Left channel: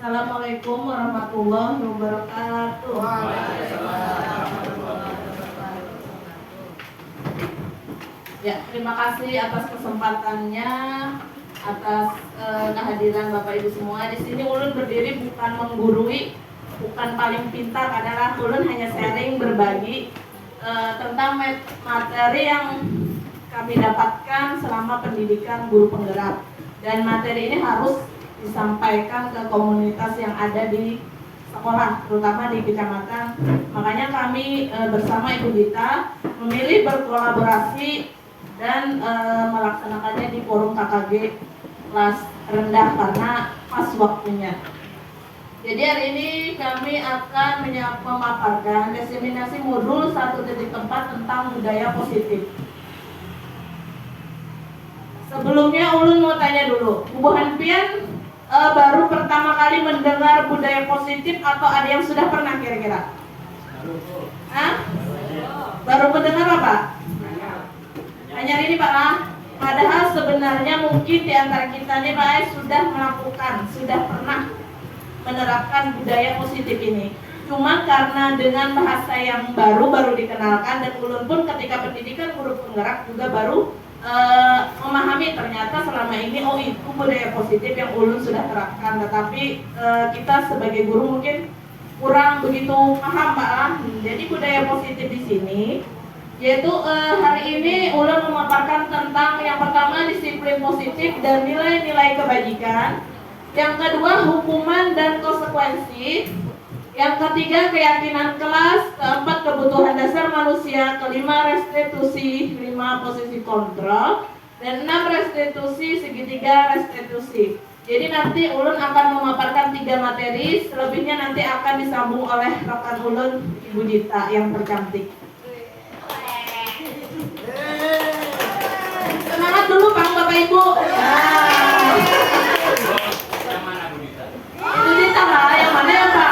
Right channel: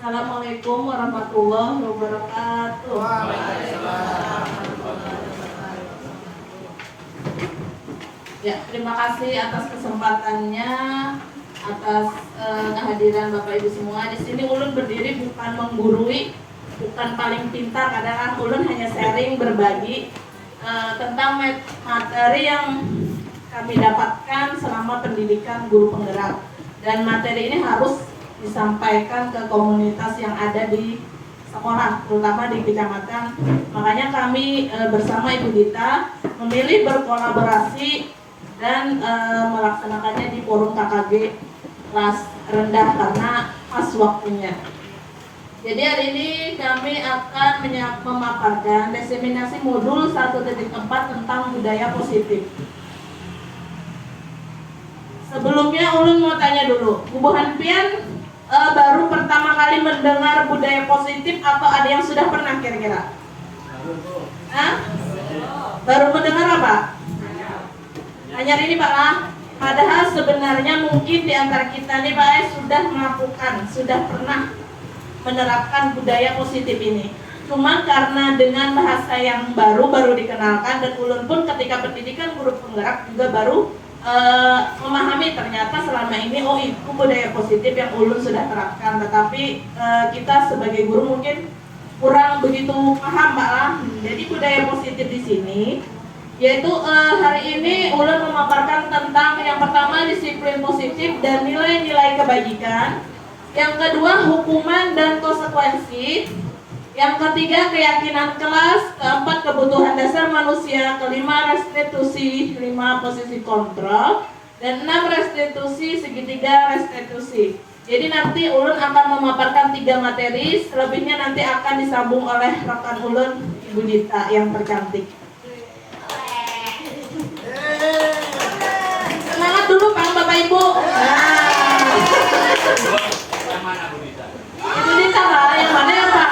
Assalamualaikum warahmatullahi wabarakatuh. Ya, terima kasih atas kesempatannya, atas kehadiran Bapak Ibu semua. Di sini ulun berdiri bukan menggurui, bukan paling pintar, kadang ulun hanya sharing, berbagi tentang materi yang kami dapatkan selama pendidikan guru penggerak. Dan materi ini harus disampaikan ke komunitas yang ada di sekolah, terutama di kecamatan. Makanya kami bersama Ibu Dita memilih berkolaborasi dan melaksanakannya di forum KKG kelas rendah karena pas waktunya. Jadi hari ini kami akan memaparkan diseminasi modul 1.4 tentang budaya positif. Sebelumnya ulun mau tanya dulu, Bu Hanpian baru pertama kali mendengar budaya positif atau ada yang sudah pernah kira-kira? Baru mendengar apa? Hanya ini Pak lah. Padahal sebenarnya mungkin di antara kita nih Pak sudah melakukan, sudah pernah menerapkan budaya positif ini. Cuma karena dengan bahasa yang baru dikenalkan, dan ulun pun ketika pendidikan guru penggerak juga baru memahami ternyata selama ini itu budaya positif yang ulun sudah terapkan, tetapi kita sebagai guru mungkin kurang begitu paham Pak. Jadi budaya positif di sini yaitu hari ini ulun memaparkan tentang yang pertama disiplin positif dan nilai-nilai kebajikan, yang kedua hukuman dan konsekuensi, yang ketiga keyakinan kelas, keempat kebutuhan dasar manusia, kelima restitusi, 5 posisi kontrol, dan 6 restitusi, segitiga restitusi. Jadi nanti ulun akan memaparkan 3 materi, selebihnya nanti akan disambung oleh rekan ulun Ibu Dita yang tercantik. Semangat dulu Bapak Ibu. Ibu Dita lah, yang mana ya Pak?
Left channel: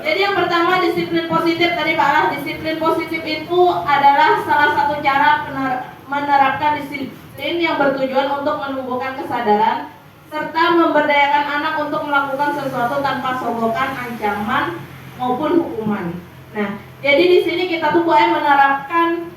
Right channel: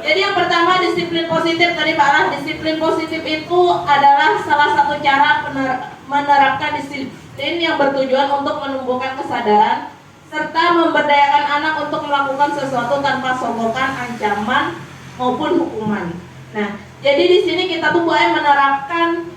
Jadi yang pertama disiplin positif tadi Pak lah. Disiplin positif itu adalah salah satu cara menerapkan disiplin yang bertujuan untuk menumbuhkan kesadaran serta memberdayakan anak untuk melakukan sesuatu tanpa sogokan, ancaman maupun hukuman. Nah, jadi di sini kita tuh boleh menerapkan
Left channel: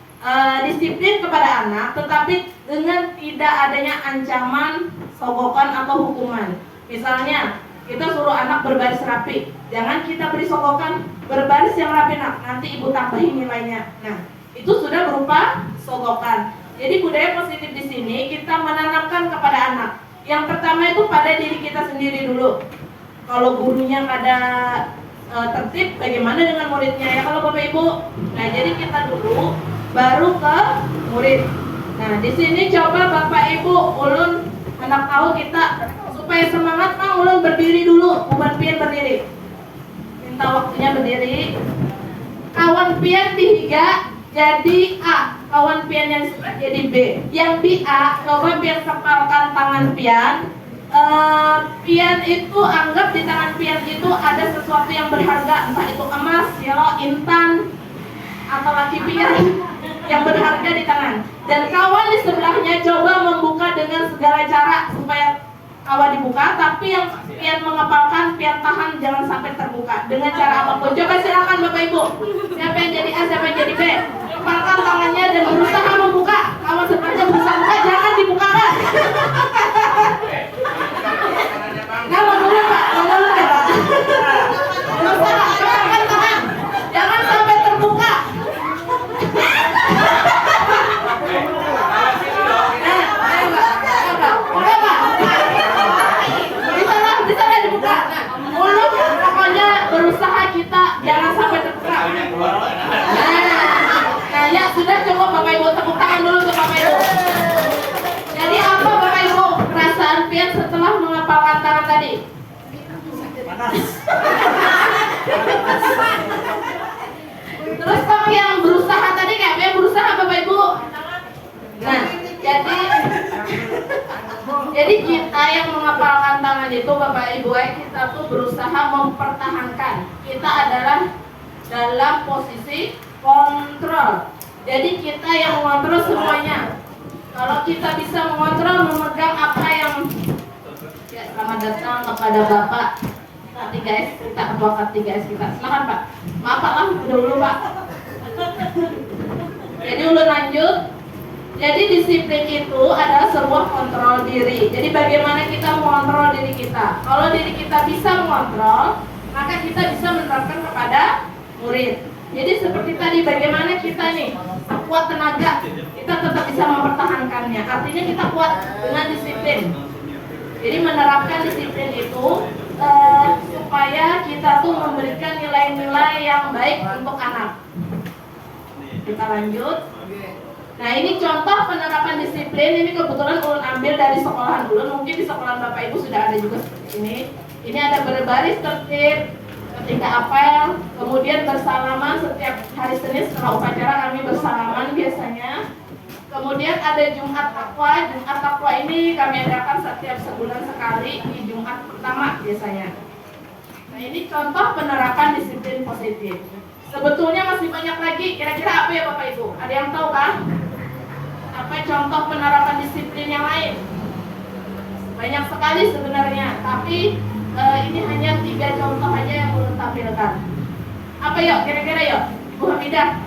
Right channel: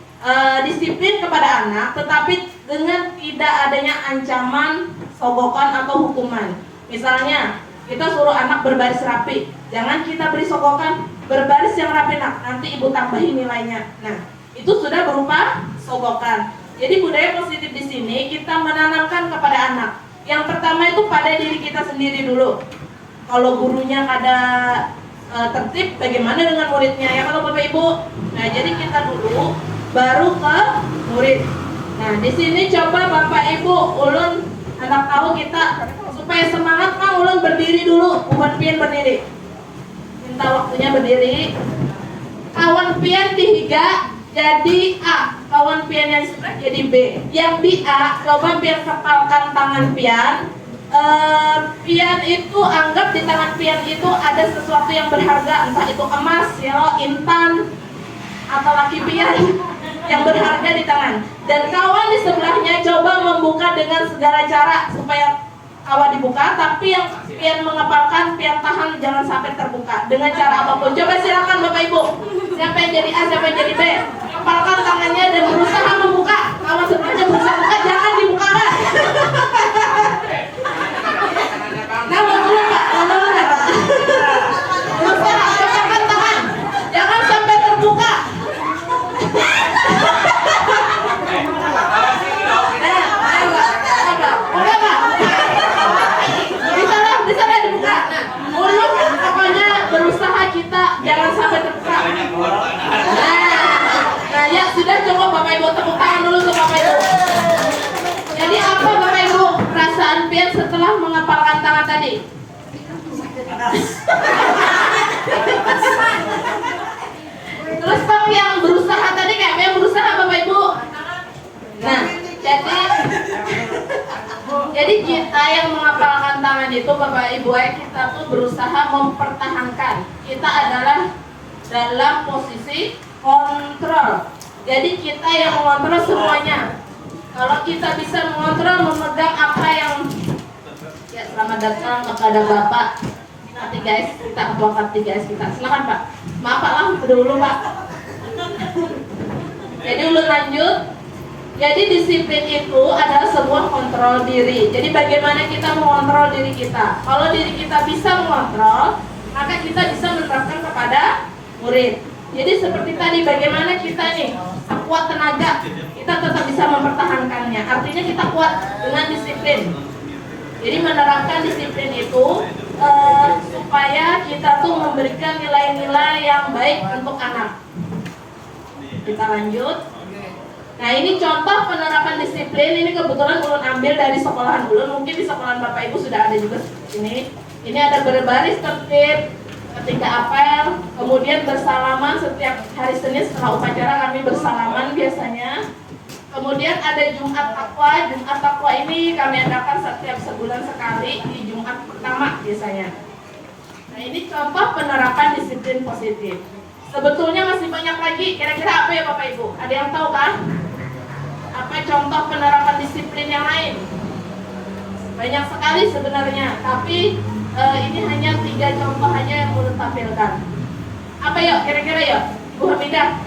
disiplin kepada anak, tetapi dengan tidak adanya ancaman, sogokan atau hukuman. Misalnya kita suruh anak berbaris rapi, jangan kita beri sogokan, berbaris yang rapi nak, nanti ibu tambahin nilainya. Nah, itu sudah berupa sogokan. Jadi budaya positif di sini kita menanamkan kepada anak. Yang pertama itu pada diri kita sendiri dulu. Kalau gurunya ada tertib, bagaimana dengan muridnya ya kalau Bapak Ibu? Nah, jadi kita dulu baru ke murid. Nah, di sini coba Bapak Ibu, ulun anak tahu kita supaya semangat Kang, ulun berdiri dulu, bukan pian berdiri. Minta waktunya berdiri. Kawan pian dihiga jadi A, kawan pian yang jadi B. Yang di A, coba pian kepalkan tangan pian. Pian itu anggap di tangan pian itu ada sesuatu yang berharga, entah itu emas, ya, intan, atau laki pian yang berharga di tangan. Dan kawan di sebelahnya coba membuka dengan segala cara supaya kawan dibuka, tapi yang pian mengepalkan, pian tahan jangan sampai terbuka dengan cara apapun. Coba silakan Bapak Ibu, siapa yang jadi A, siapa yang jadi B, kepalkan tangannya dan berusaha membuka. Kawan sebelahnya berusaha buka, jangan dibuka kan. Nah, dulu Pak, dulu Pak. Berusaha kepalkan tangan, jangan sampai terbuka. Berusaha kita jangan sampai terbuka. Nah, ya sudah, coba Bapak Ibu tepuk tangan dulu ke Bapak Ibu. Jadi apa Bapak Ibu perasaan pian setelah mengepalkan tangan tadi? Terus kalau yang berusaha tadi kayak yang berusaha Bapak Ibu. Nah, jadi kita yang mengepalkan tangan itu Bapak Ibu, kita tuh berusaha mempertahankan. Kita adalah dalam posisi kontrol. Jadi kita yang mengontrol semuanya. Kalau kita bisa mengontrol, memegang apa yang Ya, selamat datang kepada Bapak K3S kita, Ketua K3S kita. Silakan Pak. Maaf Pak lah, dulu Pak. Jadi ulun lanjut. Jadi disiplin itu adalah sebuah kontrol diri. Jadi bagaimana kita mengontrol diri kita. Kalau diri kita bisa mengontrol, maka kita bisa menerapkan kepada murid. Jadi seperti tadi, bagaimana kita nih kuat tenaga, kita tetap bisa mempertahankannya. Artinya kita kuat dengan disiplin. Jadi menerapkan disiplin itu supaya kita tuh memberikan nilai-nilai yang baik untuk anak. Kita lanjut. Nah, ini contoh penerapan disiplin. Ini kebetulan ulun ambil dari sekolahan ulun. Mungkin di sekolahan Bapak Ibu sudah ada juga seperti ini. Ini ada berbaris tertib ketika apel, kemudian bersalaman setiap hari Senin setelah upacara kami bersalaman biasanya. Kemudian ada Jumat Takwa. Jumat Takwa ini kami adakan setiap sebulan sekali di Jumat pertama biasanya. Nah, ini contoh penerapan disiplin positif. Sebetulnya masih banyak lagi. Kira-kira apa ya Bapak Ibu? Ada yang tahu kah? Apa contoh penerapan disiplin yang lain? Banyak sekali sebenarnya. Tapi ini hanya 3 contoh aja yang belum tampilkan. Apa yuk? Kira-kira yuk, Bu Hamidah.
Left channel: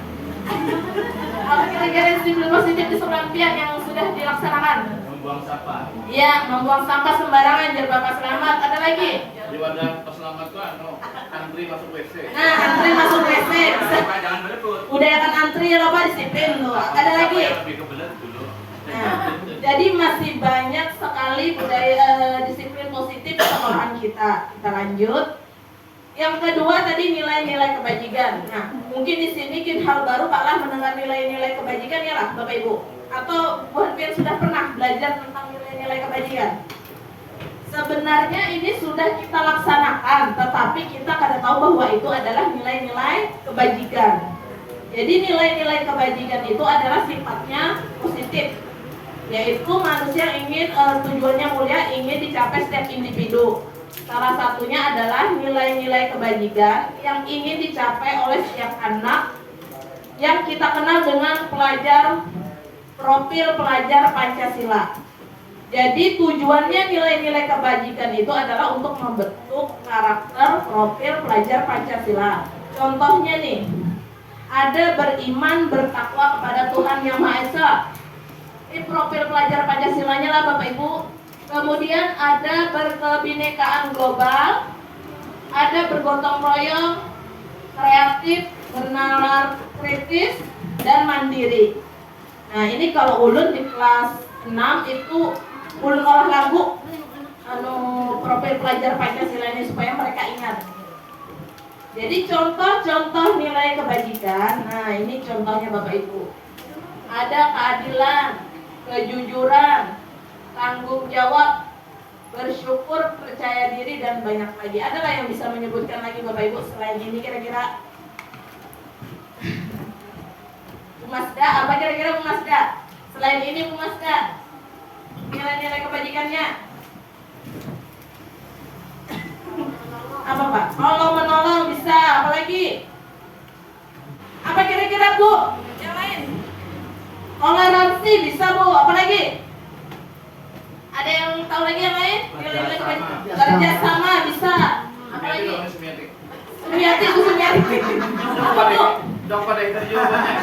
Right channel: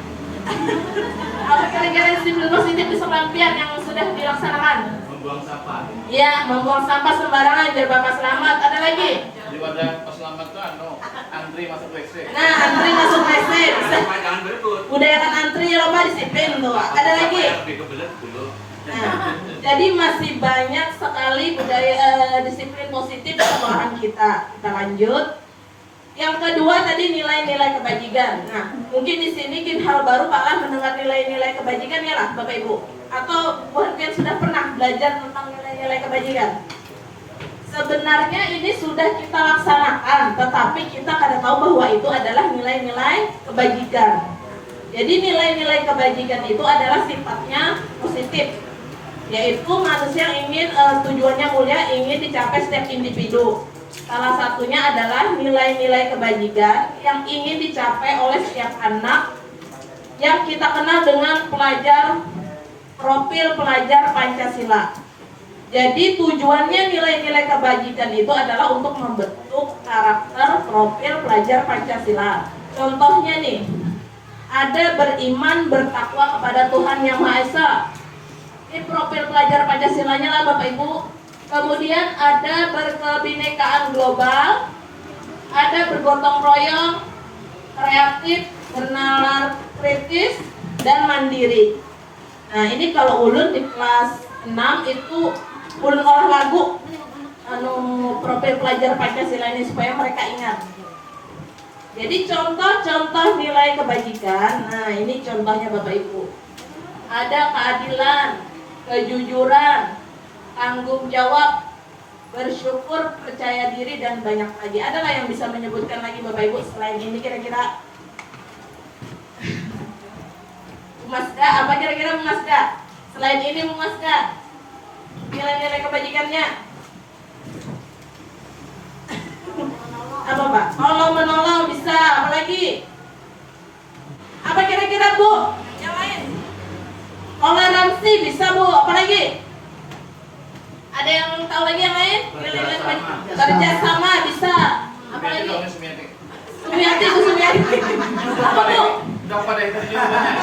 Apa kira-kira disiplin positif di sekolah impian yang sudah dilaksanakan? Membuang sampah. Iya, membuang sampah sembarangan biar Bapak selamat. Ada lagi? Di wadah peselamat tuh antri masuk WC. Nah, antri masuk WC. Bisa Jangan berebut. budayakan antri ya Bapak, disiplin tuh. Ada lagi? Nah, jadi masih banyak sekali budaya disiplin positif di sekolahan kita. Kita lanjut. Yang kedua tadi nilai-nilai kebajikan. Nah, mungkin di sini hal baru Pak lah mendengar nilai-nilai kebajikan ya lah Bapak Ibu. Atau mungkin sudah pernah belajar tentang nilai-nilai kebajikan. Sebenarnya ini sudah kita laksanakan, tetapi kita kada tahu bahwa itu adalah nilai-nilai kebajikan. Jadi nilai-nilai kebajikan itu adalah sifatnya positif, yaitu manusia ingin tujuannya mulia, ingin dicapai setiap individu. Salah satunya adalah nilai-nilai kebajikan yang ingin dicapai oleh setiap anak yang kita kenal dengan profil pelajar Pancasila. Jadi tujuannya nilai-nilai kebajikan itu adalah untuk membentuk karakter profil pelajar Pancasila. Contohnya nih, ada beriman bertakwa kepada Tuhan Yang Maha Esa. Ini profil pelajar Pancasilanya lah Bapak Ibu. Kemudian ada berkebinekaan global, ada bergotong royong, kreatif, bernalar kritis, dan mandiri. Nah, ini kalau ulun di kelas 6 itu ulun olah lagu profil pelajar Pancasila ini supaya mereka ingat. Jadi contoh-contoh nilai kebajikan. Nah, ini contohnya Bapak Ibu. Ada keadilan, kejujuran, tanggung jawab, bersyukur, percaya diri, dan banyak lagi. Ada nggak yang bisa menyebutkan lagi Bapak Ibu selain ini kira-kira? Masda, apa kira-kira Masda? Selain ini Masda, nilai-nilai kebajikannya apa Pak? Tolong menolong bisa, apa lagi? Apa kira-kira Bu? Yang lain? Toleransi bisa Bu, apa lagi? Ada yang tahu lagi yang lain? Nilai-nilai kebajikan. Kerjasama bisa, apa lagi? Sumiati Bu, Sumiati. Apa Bu? Udah pada itu jawabannya.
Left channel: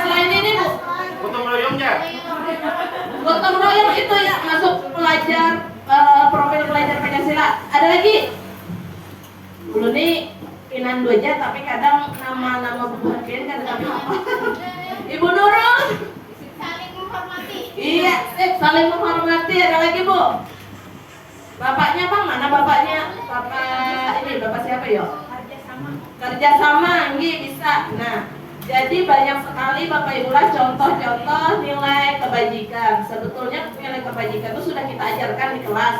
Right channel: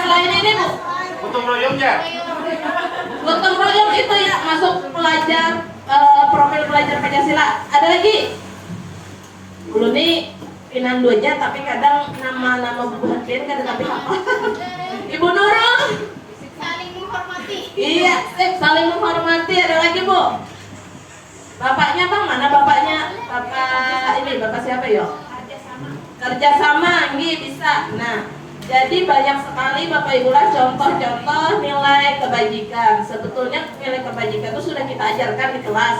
Selain ini Bu, Gotong royongnya. gotong royong itu ya masuk pelajar profil pelajar Pancasila. Ada lagi? Dulu nih Pinandu aja, tapi kadang nama-nama Bu Hadin kan tapi apa? Ibu Nurul. Saling menghormati. Iya, saling menghormati. Ada lagi Bu? Bapaknya Bang, mana bapaknya? Bapak ini, bapak siapa yo? Kerjasama, nggih bisa. Nah, jadi banyak sekali Bapak Ibu lah contoh-contoh nilai kebajikan. Sebetulnya nilai kebajikan itu sudah kita ajarkan di kelas.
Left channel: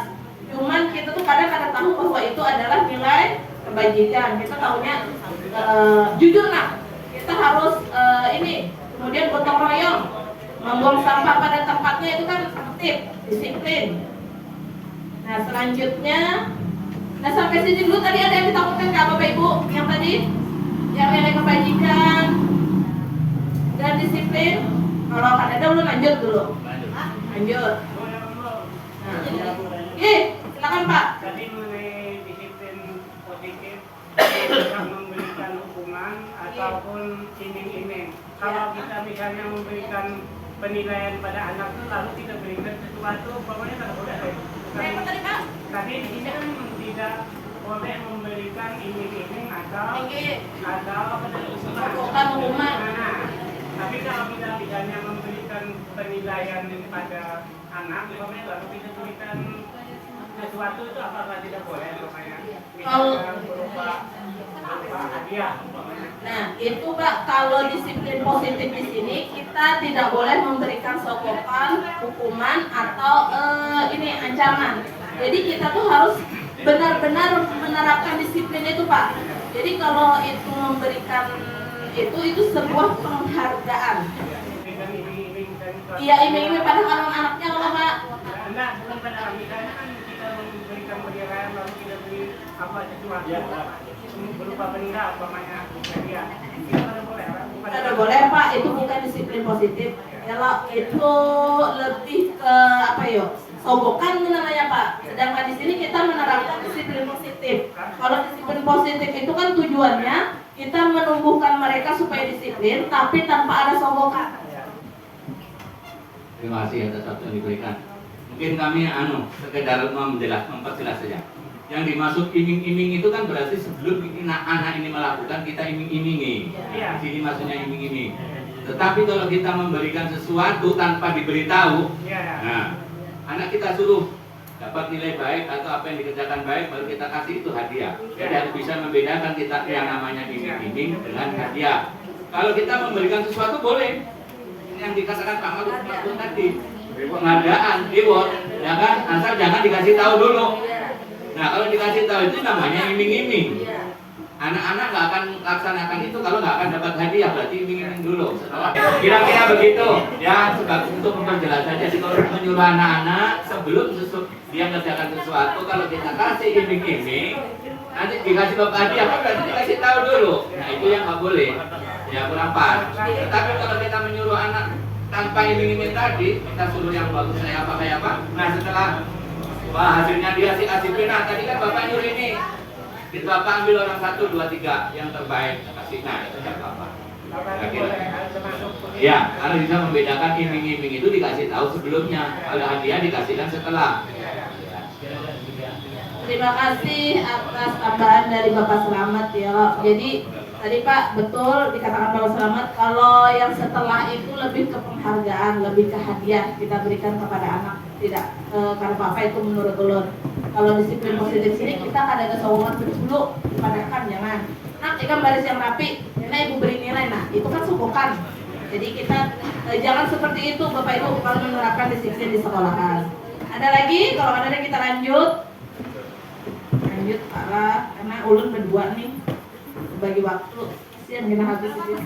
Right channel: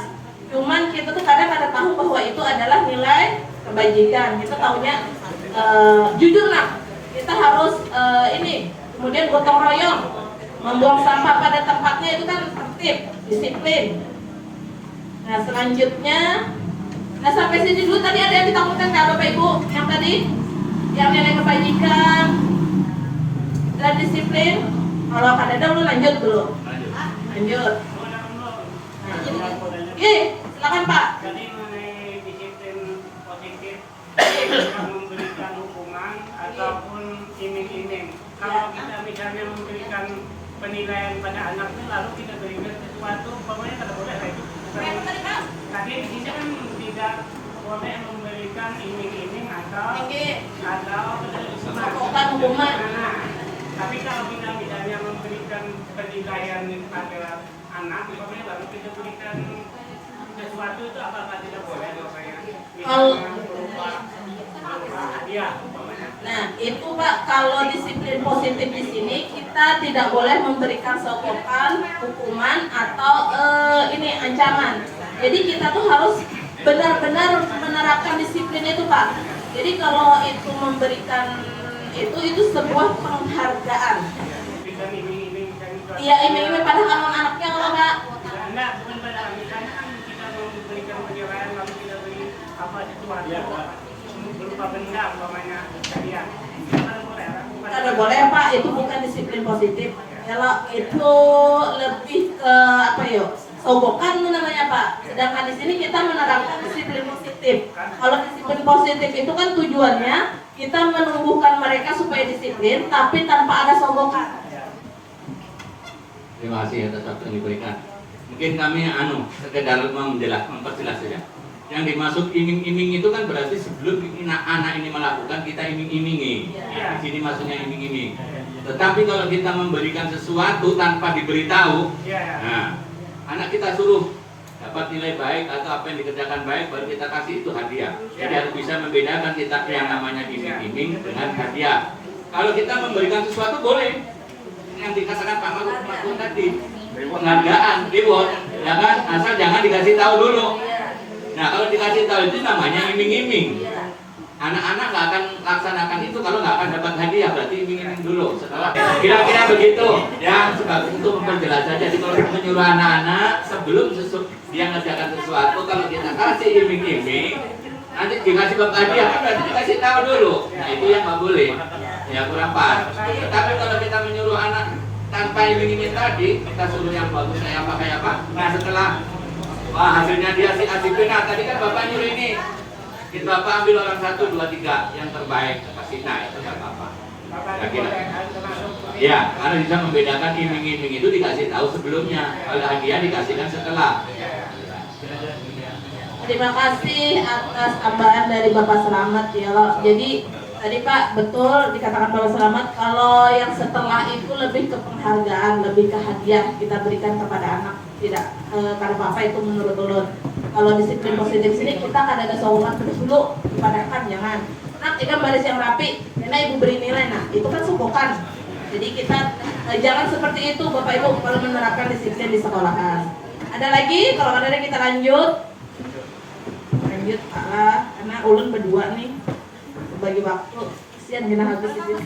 Cuman kita tuh kadang-kadang tahu bahwa itu adalah nilai kebajikan. Kita tahunya jujur lah. Kita harus ini. Kemudian gotong royong, membuang sampah pada tempatnya itu kan tertib, disiplin. Nah selanjutnya, nah sampai sini dulu tadi ada yang ditakutkan nggak Bapak Ibu? Yang tadi, yang nilai kebajikan dan disiplin. Kalau akan ada dulu lanjut dulu. Lanjut. Nah, Silakan Pak. Tadi mengenai disiplin positif, bisa memberikan hukuman ataupun iming-iming. Kalau kita misalnya memberikan penilaian pada anak itu lalu kita berikan sesuatu, pokoknya tidak boleh. Apa tadi Pak? Tadi di sini kan tidak boleh memberikan iming-iming atau Melakukan hukuman. Nah, tapi kalau kita misalnya memberikan penilaian pada anak, misalnya baru kita berikan sesuatu itu apakah tidak boleh? Kalau hadiah umpamanya. Nah, itu Pak, kalau disiplin positif di sini kita tidak boleh memberikan sogokan, hukuman atau ini ancaman. Jadi kita tuh harus benar-benar menerapkan disiplin itu Pak. Jadi kalau itu memberikan itu sebuah penghargaan. Dengan iming-iming dan Iya, iming-iming pada anak-anaknya kalau Pak. enggak, bukan pada misalnya kan kita memberikan penilaian lalu kita beri apa sesuatu Iya, Pak. berupa benda umpamanya hadiah. Itu kan boleh, Pak? Bukan. Tidak boleh Pak, itu bukan disiplin positif. Kalau itu lebih ke apa ya? Sogokan namanya Pak. Sedangkan di sini kita menerapkan disiplin positif. Kalau disiplin positif itu kan tujuannya kita menumbuhkan mereka supaya disiplin, tapi tanpa ada sogokan. Terima kasih atas waktu yang diberikan. Mungkin kami sekedar memperjelas saja. Yang dimaksud iming-iming itu kan berarti sebelum anak ini melakukan kita iming-imingi. Di sini maksudnya iming-iming. Tetapi kalau kita memberikan sesuatu tanpa diberitahu, nah, anak kita suruh dapat nilai baik atau apa yang dikerjakan baik baru kita kasih itu hadiah. Jadi harus bisa membedakan kita yang namanya iming-iming dengan hadiah. Kalau kita memberikan sesuatu boleh, yang dikatakan Pak Maruf tadi, penghargaan, reward, ya kan? Asal jangan dikasih tahu dulu. Nah kalau dikasih tahu itu namanya iming-iming. Anak-anak nggak akan laksanakan itu kalau nggak akan dapat hadiah, berarti iming-iming dulu. Setelah kira-kira begitu, ya sebagai untuk memperjelas saja. Jadi kalau menyuruh anak-anak sebelum dia mengerjakan sesuatu, kalau kita kasih iming-iming, nanti dikasih bapak hadiah, kan berarti dikasih tahu dulu. Nah itu yang nggak boleh, yang kurang pas. Tetapi kalau kita menyuruh anak tanpa iming-iming tadi, kita suruh yang bagus kayak apa. Nah setelah hasilnya dia asik nah tadi kan bapak nyuruh ini. Kita bapak ambil orang 1, 2, 3 yang terbaik kasih, nah itu nggak apa-apa. Kira-kira. Ya, karena bisa membedakan iming-iming itu dikasih tahu sebelumnya, kalau hadiah dikasihkan setelah. Terima kasih atas tambahan dari Bapak Selamat ya. Jadi tadi Pak betul dikatakan Bapak Selamat kalau yang setelah itu lebih ke penghargaan, lebih ke hadiah kita berikan kepada anak. Tidak karena Bapak itu menurut ulun. Kalau disiplin positif sini kita kan ada sokongan dulu dipadatkan jangan. Nah, ikan baris yang rapi, karena ibu beri nilai. Nah, itu kan sokongan. Jadi kita jangan seperti itu Bapak Ibu kalau menerapkan disiplin di sekolahan. Ada lagi? Kalau ada kita lanjut karena ulun berdua nih bagi waktu kesian gina habis ini.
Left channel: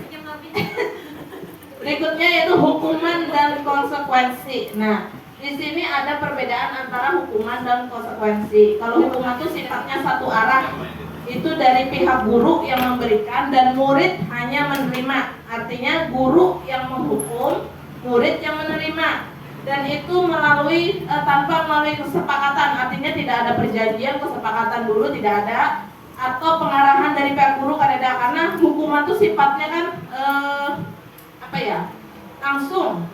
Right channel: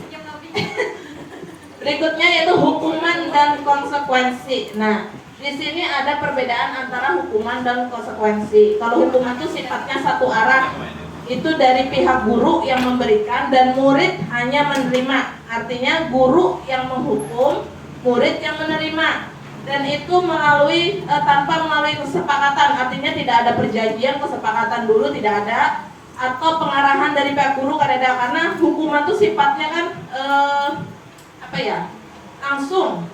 Berikutnya yaitu hukuman dan konsekuensi. Nah, di sini ada perbedaan antara hukuman dan konsekuensi. Kalau hukuman itu sifatnya satu arah, itu dari pihak guru yang memberikan dan murid hanya menerima. Artinya guru yang menghukum, murid yang menerima. Dan itu melalui tanpa melalui kesepakatan, artinya tidak ada perjanjian kesepakatan dulu tidak ada, atau pengarahan dari pihak guru kan ada, karena hukuman itu sifatnya kan langsung.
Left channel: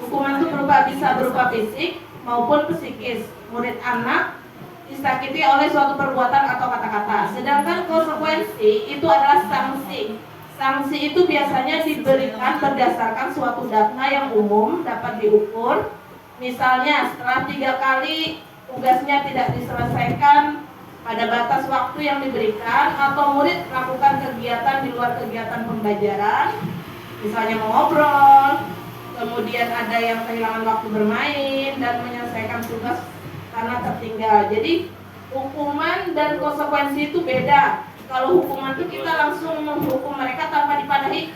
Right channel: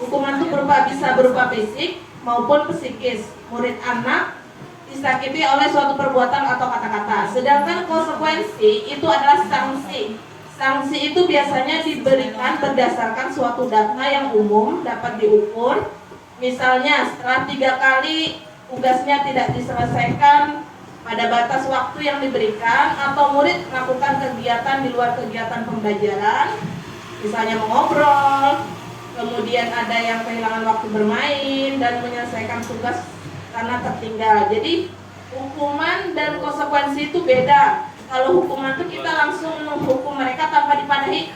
Hukuman itu bisa berupa fisik maupun psikis. Murid anak disakiti oleh suatu perbuatan atau kata-kata. Sedangkan konsekuensi itu adalah sanksi. Sanksi itu biasanya diberikan berdasarkan suatu data yang umum dapat diukur. Misalnya setelah 3 kali tugasnya tidak diselesaikan pada batas waktu yang diberikan, atau murid melakukan kegiatan di luar kegiatan pembelajaran, misalnya mengobrol, kemudian ada yang kehilangan waktu bermain dan menyelesaikan tugas karena tertinggal. Jadi hukuman dan konsekuensi itu beda. Kalau hukuman itu kita langsung menghukum mereka tanpa dipadahi,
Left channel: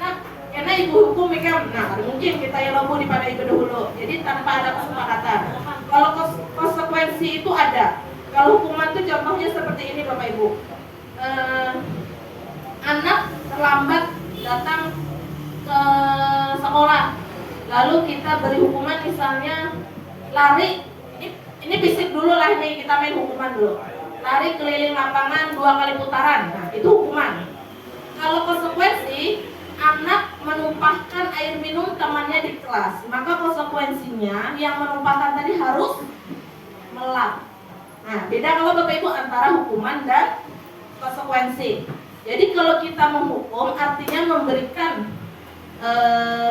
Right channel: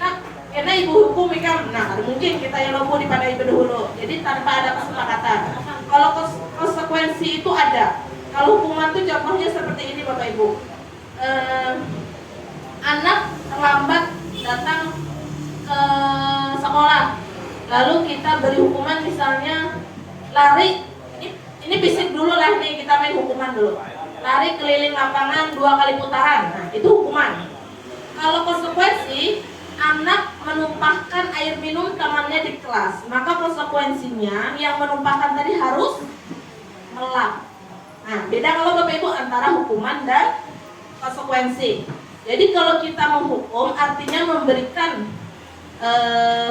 karena ibu hukum ikan, nah mungkin kita yang lobo dipadahi dahulu. Jadi tanpa ada kesepakatan. Kalau konsekuensi itu ada. Kalau hukuman itu contohnya seperti ini Bapak Ibu. Anak terlambat datang ke sekolah, lalu kita beri hukuman misalnya lari. Ini fisik dulu lah nih, kita main hukuman dulu. Lari keliling lapangan 2 kali putaran, nah itu hukuman. Kalau konsekuensi, anak menumpahkan air minum temannya di kelas, maka konsekuensinya yang menumpahkan tadi harus melap. Nah, beda kalau Bapak Ibu antara hukuman dan konsekuensi. Jadi kalau kita menghukum artinya memberikan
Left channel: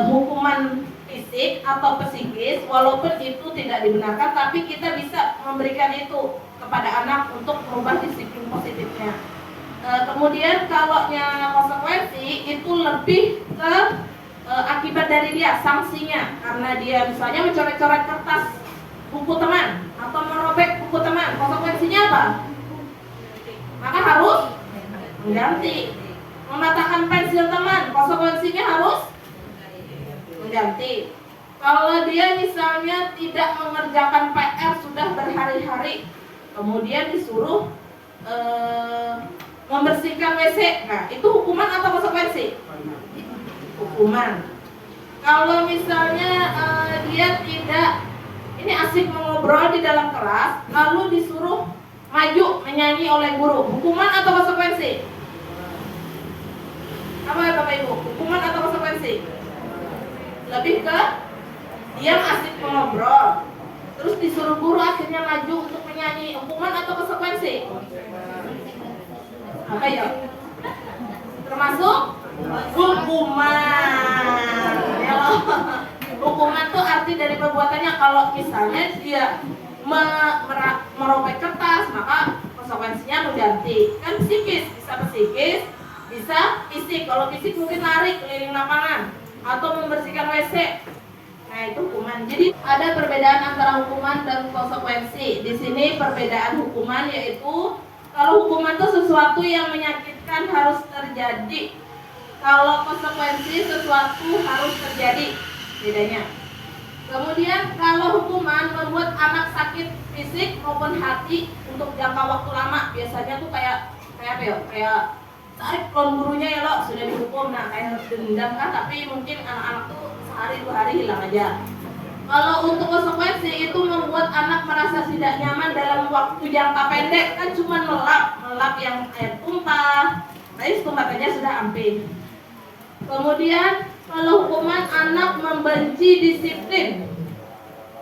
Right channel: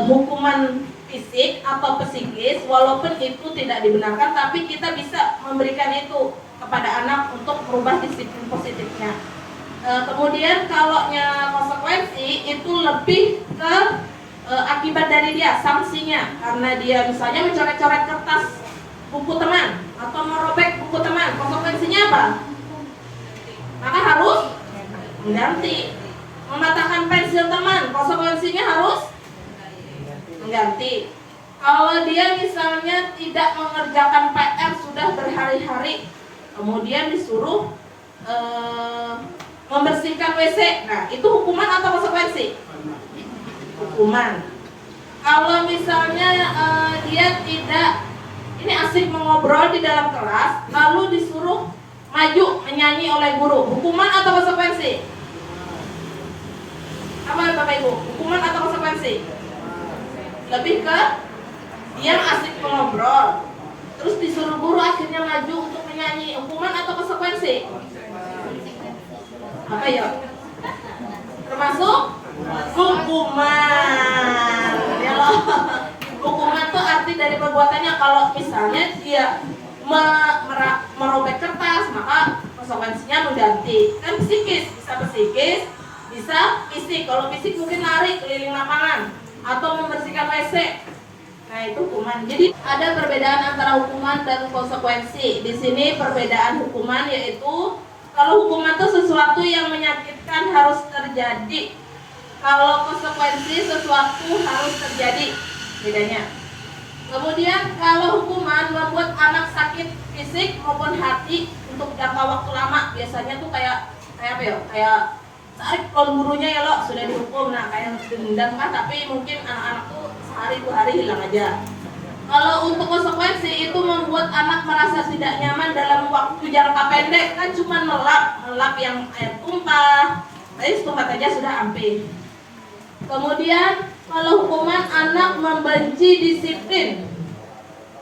hukuman fisik atau psikis, walaupun itu tidak dibenarkan, tapi kita bisa memberikan itu kepada anak untuk merubah disiplin positifnya. Kemudian kalau konsekuensi itu lebih ke akibat dari dia, sanksinya, karena dia misalnya mencoret-coret kertas buku teman atau merobek buku teman, konsekuensinya apa? Maka harus mengganti. Mematahkan pensil teman, konsekuensinya harus mengganti. Kalau dia misalnya tidak mengerjakan PR sudah berhari-hari, kemudian disuruh membersihkan WC, nah itu hukuman atau konsekuensi? Hukuman. Kalau misalnya dia tidak, ini asik mengobrol di dalam kelas, lalu disuruh maju menyanyi oleh guru, hukuman atau konsekuensi? Apa ya Bapak Ibu? Hukuman atau konsekuensi? Lebih ke dia asik mengobrol, terus disuruh guru akhirnya maju untuk menyanyi, hukuman atau konsekuensi? Apa ya? Termasuk hukuman. Ya loh. Hukuman tuh arti dari perbuatannya. Kalau misalnya dia merobek kertas, maka konsekuensinya mengganti. Kan psikis, bisa psikis, bisa fisik. Kalau fisik mungkin lari keliling lapangan atau membersihkan WC. Nah, itu hukuman. Jadi ada perbedaan antara hukuman dan konsekuensi. Di sini perbedaan hukuman yaitu kalau hukuman itu sesuatu yang menyakitkan harus terjadi. Kalau konsekuensi sesuatu harus terjadi. Bedanya. Kemudian kalau hukuman membuat anak sakit fisik maupun hati untuk jangka waktu lama, biasanya tuh kayak apa ya? Kayak tarik kalau gurunya ya lo sudah dihukum, nah kayak dendam kan, tapi mungkin anak-anak tuh sehari 2 hari hilang aja. Kalau untuk konsekuensi itu membuat anak merasa tidak nyaman dalam waktu jangka pendek, kan cuma melap yang air tumpah, tapi setempat aja sudah amping. Kemudian kalau hukuman anak membenci disiplin,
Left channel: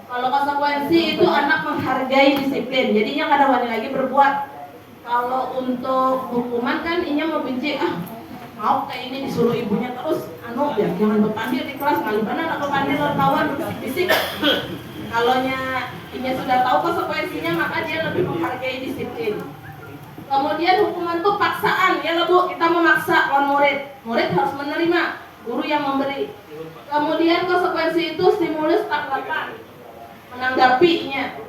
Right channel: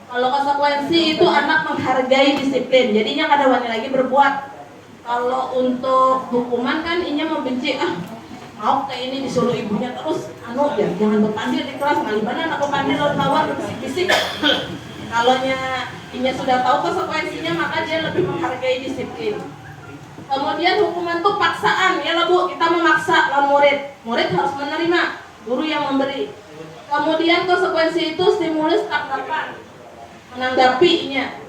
kalau konsekuensi itu anak menghargai disiplin, jadinya kada wani lagi berbuat. Kalau untuk hukuman kan inya membenci, mau kayak ini disuruh ibunya terus, jangan berpandil di kelas, malibana anak berpandil lawan kawan berbisik-bisik. Kalau inya sudah tahu konsekuensinya, maka dia lebih menghargai disiplin. Kemudian hukuman itu paksaan, ya lah Bu, kita memaksa lawan murid harus menerima, guru yang memberi. Kemudian konsekuensi itu stimulus tanggapan, menanggapinya.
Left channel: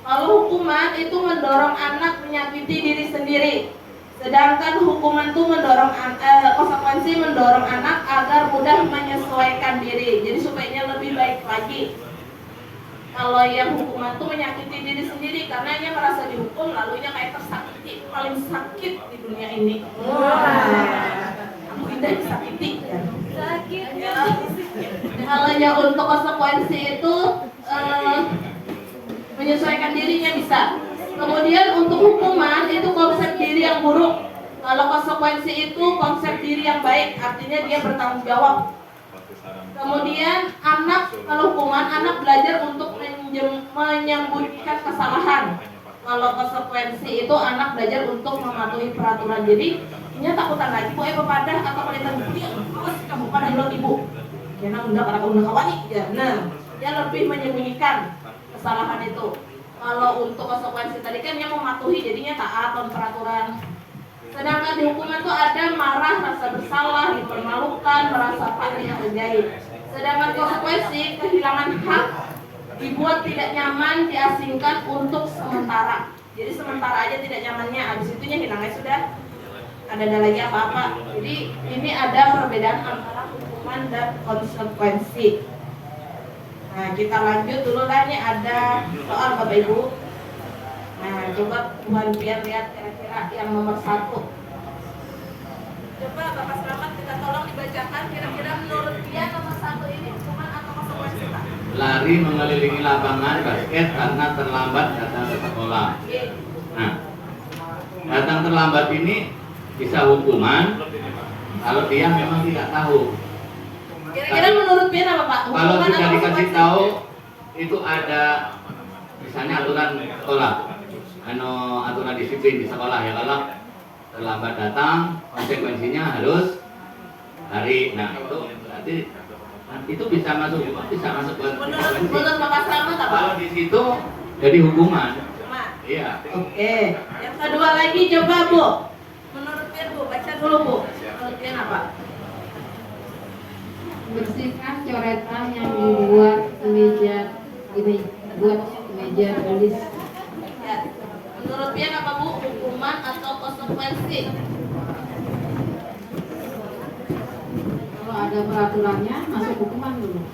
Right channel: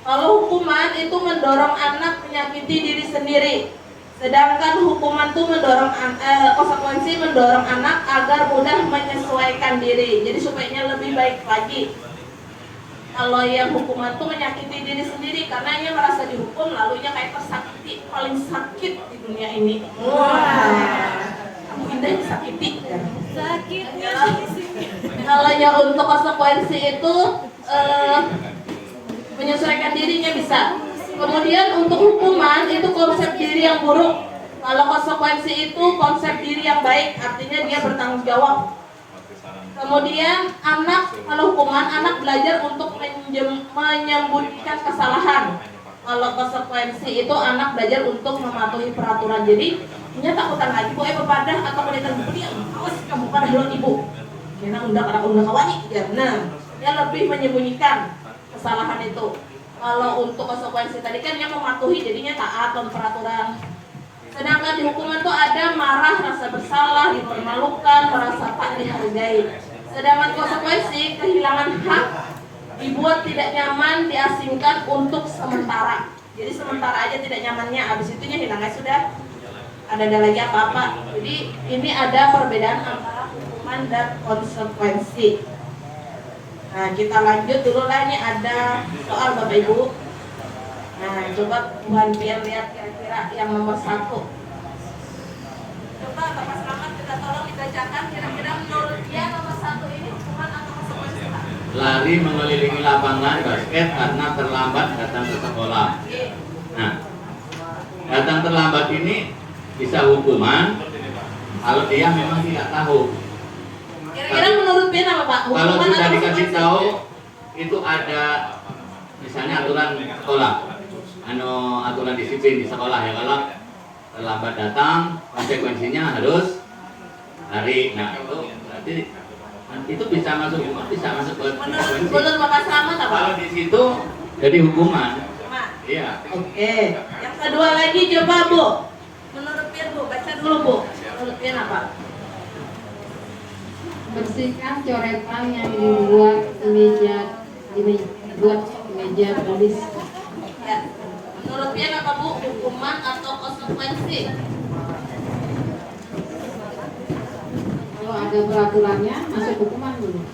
Kalau hukuman itu mendorong anak menyakiti diri sendiri, sedangkan hukuman itu konsekuensi mendorong anak agar mudah menyesuaikan diri, jadi supaya lebih baik lagi. Kalau yang hukuman itu menyakiti diri sendiri karena ia merasa dihukum, lalu ia kayak tersakiti, paling sakit di dunia ini. Kamu indah disakiti ya? Sakit ya. Kalau yang untuk konsekuensi itu menyesuaikan dirinya bisa. Kemudian untuk hukuman itu konsep diri yang buruk. Kalau konsekuensi itu konsep diri yang baik, artinya dia bertanggung jawab. Kemudian kalau hukuman anak belajar untuk menyembunyikan kesalahan. Kalau konsekuensi itu anak belajar untuk mematuhi peraturan. Jadi nya takutan lagi bu pepadah atau penelitian bukti, awas kamu pada lo ibu. Jangan undang kawani ya. Nah, dia lebih menyembunyikan kesalahan itu. Kalau untuk konsekuensi tadi kan dia mematuhi, jadinya taat dan peraturan. Sedangkan di hukuman itu ada marah, rasa bersalah, dipermalukan, merasa tak dihargai. Sedangkan konsekuensi kehilangan hak, dibuat tidak nyaman, diasingkan untuk sementara. Jadi sementara aja tidak nyamannya, habis itunya hilangnya sudah ada lagi apa-apa. Jadi ini ada perbedaan antara hukuman dan konsekuensi. Nah, kita lanjut dulu lah, ini ada soal Bapak Ibu. Nah, coba Tuhan biar lihat kira-kira yang nomor 1. Coba Bapak Selamat kita tolong dibacakan kira-kira menurut dia nomor 1 ini hukuman atau konsekuensi Pak? lari mengelilingi lapangan basket karena terlambat datang ke sekolah. Nah, datang terlambat ini bisa hukuman kalau dia memang tidak tahu. Kira-kira menurut Ben apa Pak? Kalau Hukuman sudah atau dikasih sanksi? tahu itu ada misalnya aturan sekolah, aturan disiplin di sekolah ya, kalau terlambat datang konsekuensinya harus lari. Nah itu berarti itu bisa masuk buat konsekuensi. Menurut Bapak Slamet apa? Kalau di situ jadi hukuman. Hukuman. Iya. Oke. Yang kedua lagi coba Bu. Menurut Ben Bu, baca dulu Bu. Menurut Ben apa? Bersihkan coretan yang dibuat di meja tulis. Ya. Menurut Ben apa Bu? Hukuman atau konsekuensi? Kalau ada peraturannya masuk hukuman dulu.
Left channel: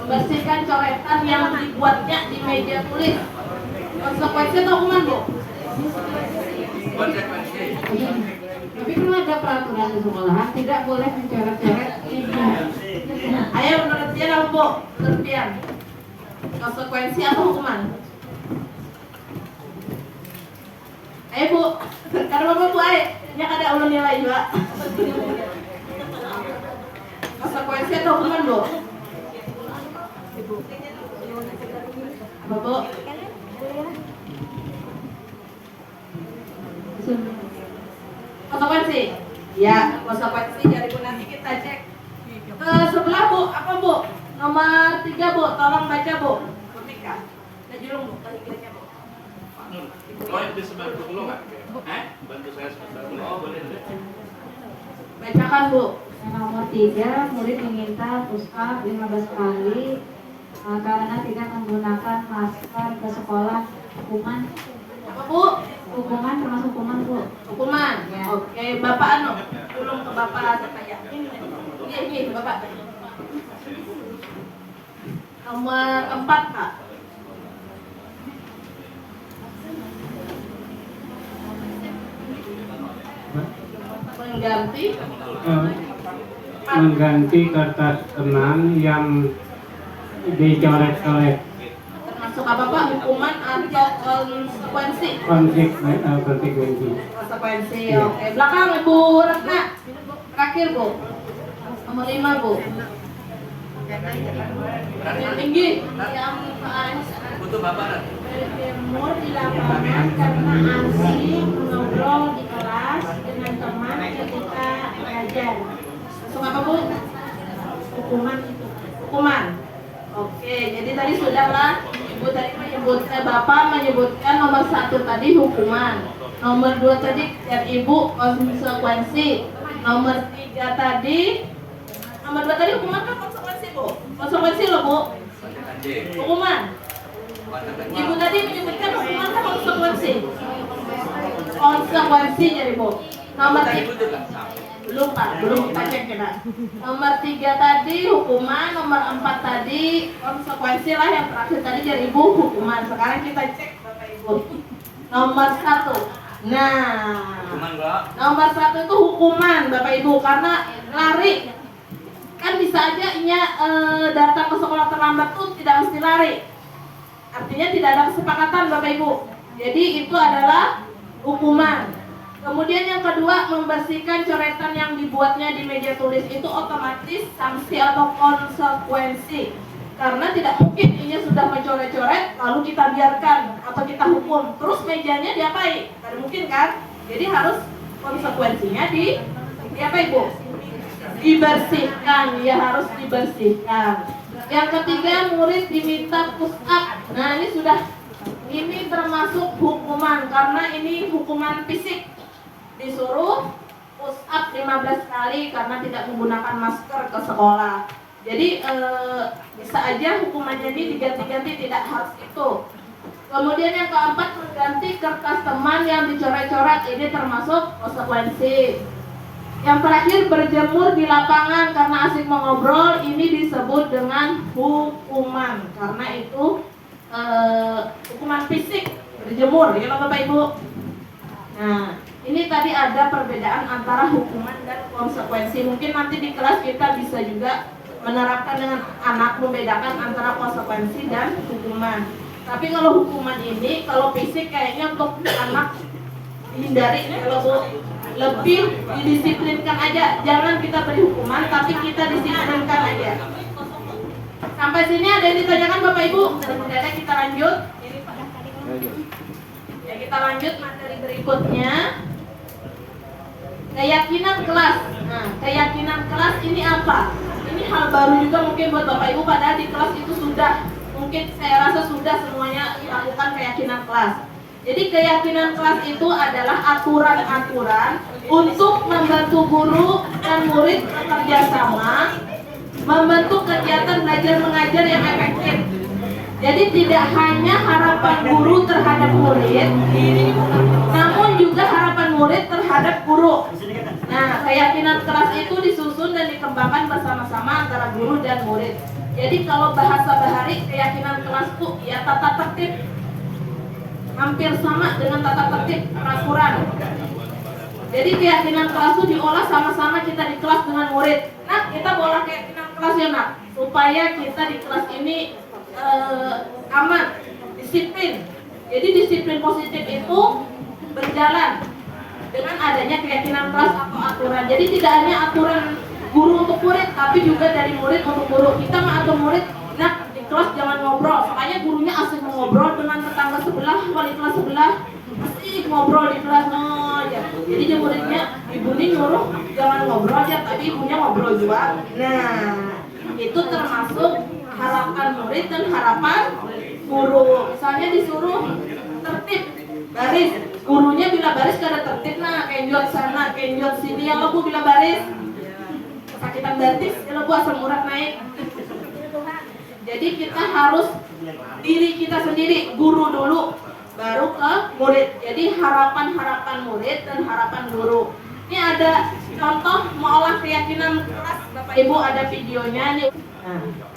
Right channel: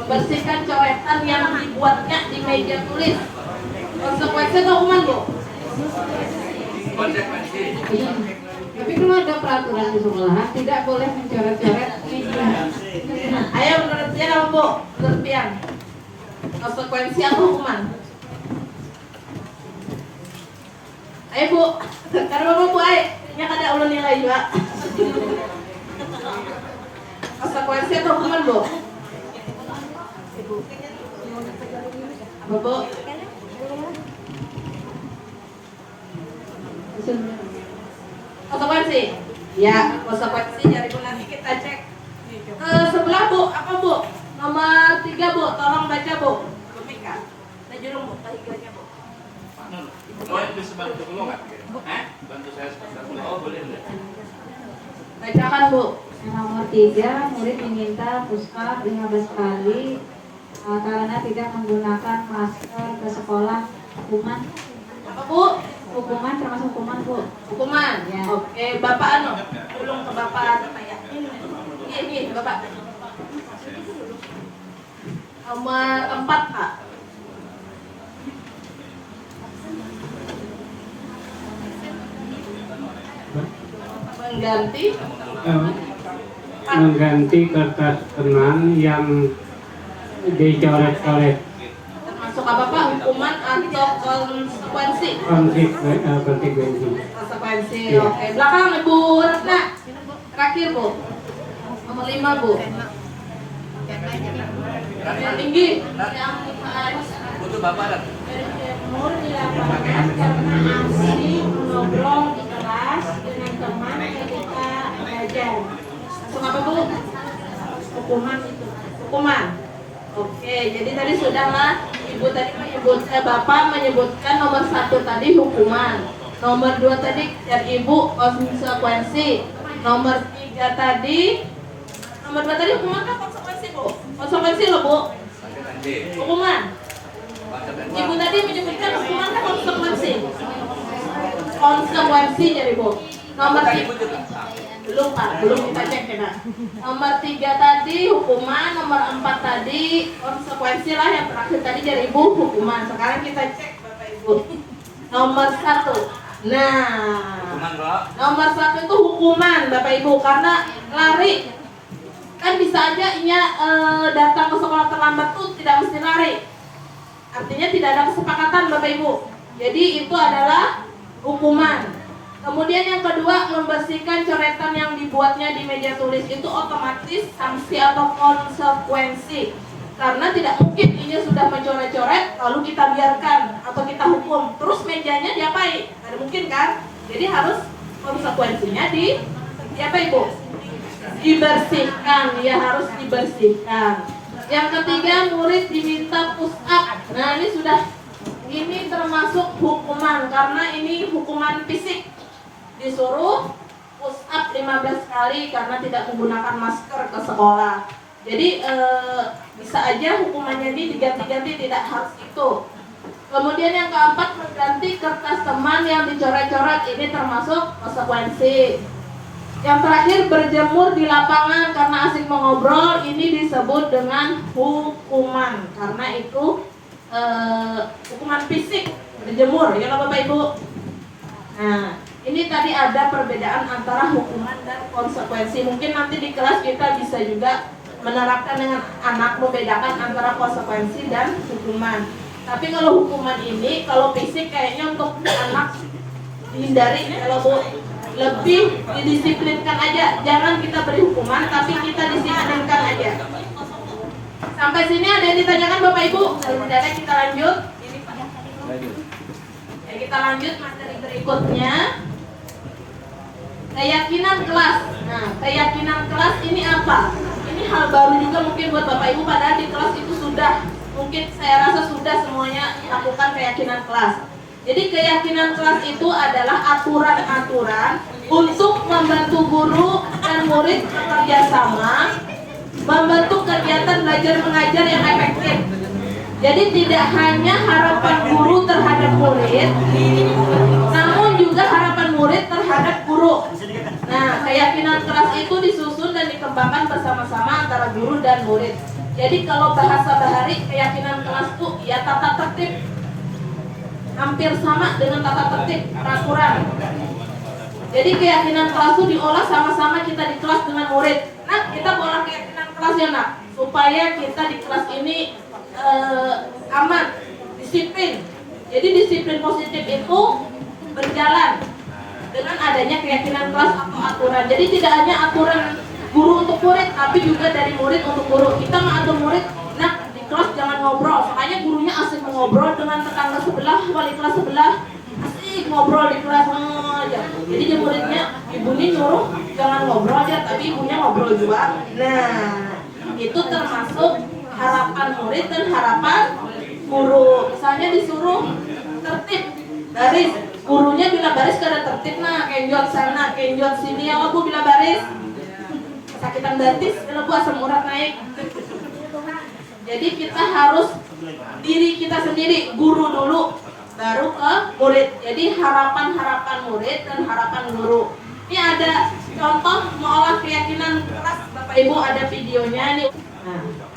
Membersihkan coretan yang dibuatnya di meja tulis. Konsekuensi atau hukuman Bu? Konsekuensi. Iya. Tapi kalau ada peraturan di sekolahan tidak boleh mencoret-coret meja. Ayo menurut Ben apa Bu? Menurut Ben. Konsekuensi atau hukuman? Ayo Bu. Karena Bapak Bu ayo. Nya kada ulun nilai juga. Konsekuensi atau hukuman Bu? Apa Bu? Konsekuensi? Ya, konsekuensi dari Bu nanti kita cek. Sebelah Bu, apa Bu? Nomor 3 Bu, tolong baca Bu. Butika. Najulung Bu, bahiganya Bu. Pak Nur, boleh disebantu dulu nggak? Bantu saya sebentar boleh? Oh boleh. Bacakan Bu. Yang nomor 3, murid diminta push up 15 kali karena tidak menggunakan masker ke sekolah. Hukuman. Apa Bu? Hukuman termasuk hukuman Bu. Hukuman. Ya. Oke, Bapak anu, tolong ke Bapak anu kayak. Iya, Bapak. Nomor 4 Pak. Mengganti kertas kenang yang dicoret-coret. Termasuk apa Pak? Hukuman atau konsekuensi? Konsekuensi. Konsekuensi. Iya. Oke, belakang Ibu Retna. Terakhir Bu. Nomor 5 Bu. Yang tinggi. Yang Butuh bapak dan Berjemur di lapangan karena asik mengobrol di kelas dengan teman ketika belajar. masuk apa Bu? Hukuman itu. Hukuman. Oke, jadi tadi sudahlah Ibu tadi Bapak menyebutkan nomor 1 tadi hukuman, nomor 2 tadi dan Ibu konsekuensi, nomor 3 tadi hukuman kan konsekuensi Bu? Konsekuensi loh Bu, konsekuensi. hukuman. Konsekuensi. Ibu tadi menyebutkan hukuman kan konsekuensi. Konsekuensi jadi Bu. Nomor Bukan 3 ibu juga. belum Pak, belum kita cek kita. Nomor 3 tadi hukuman, nomor 4 tadi konsekuensi lah, yang terakhir tadi dari Ibu hukuman. Sekarang kita cek Bapak Ibu. Nomor 1. Nah, Hukuman Mbak. nomor 1 itu hukuman Bapak Ibu karena lari. Kan bisa aja datang ke sekolah terlambat tuh tidak mesti lari. Artinya tidak ada kesepakatan Bapak Ibu. Jadi itu adalah hukuman. Kemudian yang kedua, membersihkan coretan yang dibuatnya di meja tulis itu otomatis sanksi atau konsekuensi. Karena tidak mungkin ini sudah mencoret-coret lalu kita biarkan atau kita hukum, terus mejanya diapain? Tidak mungkin kan? Jadi harus konsekuensinya di apa Ibu? Dibersihkan, ya harus dibersihkan. Yang ketiga, murid diminta push up. Nah ini termasuk hukuman karena ini hukuman fisik. Disuruh push up 15 kali karena tidak menggunakan masker ke sekolah. Jadi bisa aja hukumannya ini diganti-ganti, tidak harus itu. Kemudian yang keempat, mengganti kertas teman yang dicoret-coret, ini termasuk konsekuensi. Yang terakhir, berjemur di lapangan karena asik mengobrol, ini disebut dengan hukuman karena itu hukuman fisik, berjemur ya Bapak Ibu. Nah, ini tadi ada perbedaan antara hukuman dan konsekuensi. Mungkin nanti di kelas kita bisa juga menerapkan dengan anak, membedakan antara konsekuensi dan hukuman. Tapi kalau hukuman ini, kalau fisik kayaknya untuk anak hindari, kalau Bu lebih didisiplinkan aja, jangan kita beri hukuman, tapi kita disiplinkan aja. Sampai sini ada yang ditanyakan Bapak Ibu? Kalau tidak ada kita lanjut. Ya, kita lanjut materi berikutnya. Keyakinan kelas. Nah, keyakinan kelas ini apa? Ini hal baru juga mungkin buat Bapak Ibu, padahal di kelas itu sudah, mungkin saya rasa sudah semuanya lakukan keyakinan kelas. Jadi keyakinan kelas itu adalah aturan-aturan untuk membantu guru dan murid bekerja sama, membentuk kegiatan belajar mengajar yang efektif. Jadi tidak hanya harapan guru terhadap murid, namun juga harapan murid terhadap guru. Nah, keyakinan kelas itu disusun dan dikembangkan bersama-sama antara guru dan murid. Jadi kalau bahasa bahari, keyakinan kelas itu ya tata tertib, hampir sama dengan tata tertib peraturan. Jadi keyakinan kelas itu diolah sama-sama kita di kelas dengan murid. Nah, kita olah keyakinan kelas ya nak, supaya kita di kelas ini aman, disiplin. Jadi disiplin positif itu berjalan dengan adanya keyakinan kelas atau aturan. Jadi tidak hanya aturan guru untuk murid, tapi juga dari murid untuk guru. Kita mengatur murid, nah di kelas jangan ngobrol. Makanya gurunya asik ngobrol dengan tetangga sebelah, wali kelas sebelah, asik ngobrol di kelas aja. Jadi di muridnya, ibu ini nyuruh jangan ngobrol aja, tapi ibunya ngobrol juga. Nah, itu termasuk harapan murid dan harapan guru. Misalnya disuruh tertib, baris. Gurunya bila baris kada tertib, nah kenjot sana, kenjot sini, yang aku bila baris kesakitan batis, kalau bu asam urat naik. Jadi kita harus diri kita sendiri, guru dulu, baru ke murid. Jadi harapan-harapan murid dan harapan guru. Ini ada contoh mengolah keyakinan kelas, Bapak Ibu ada videonya nih. Nah,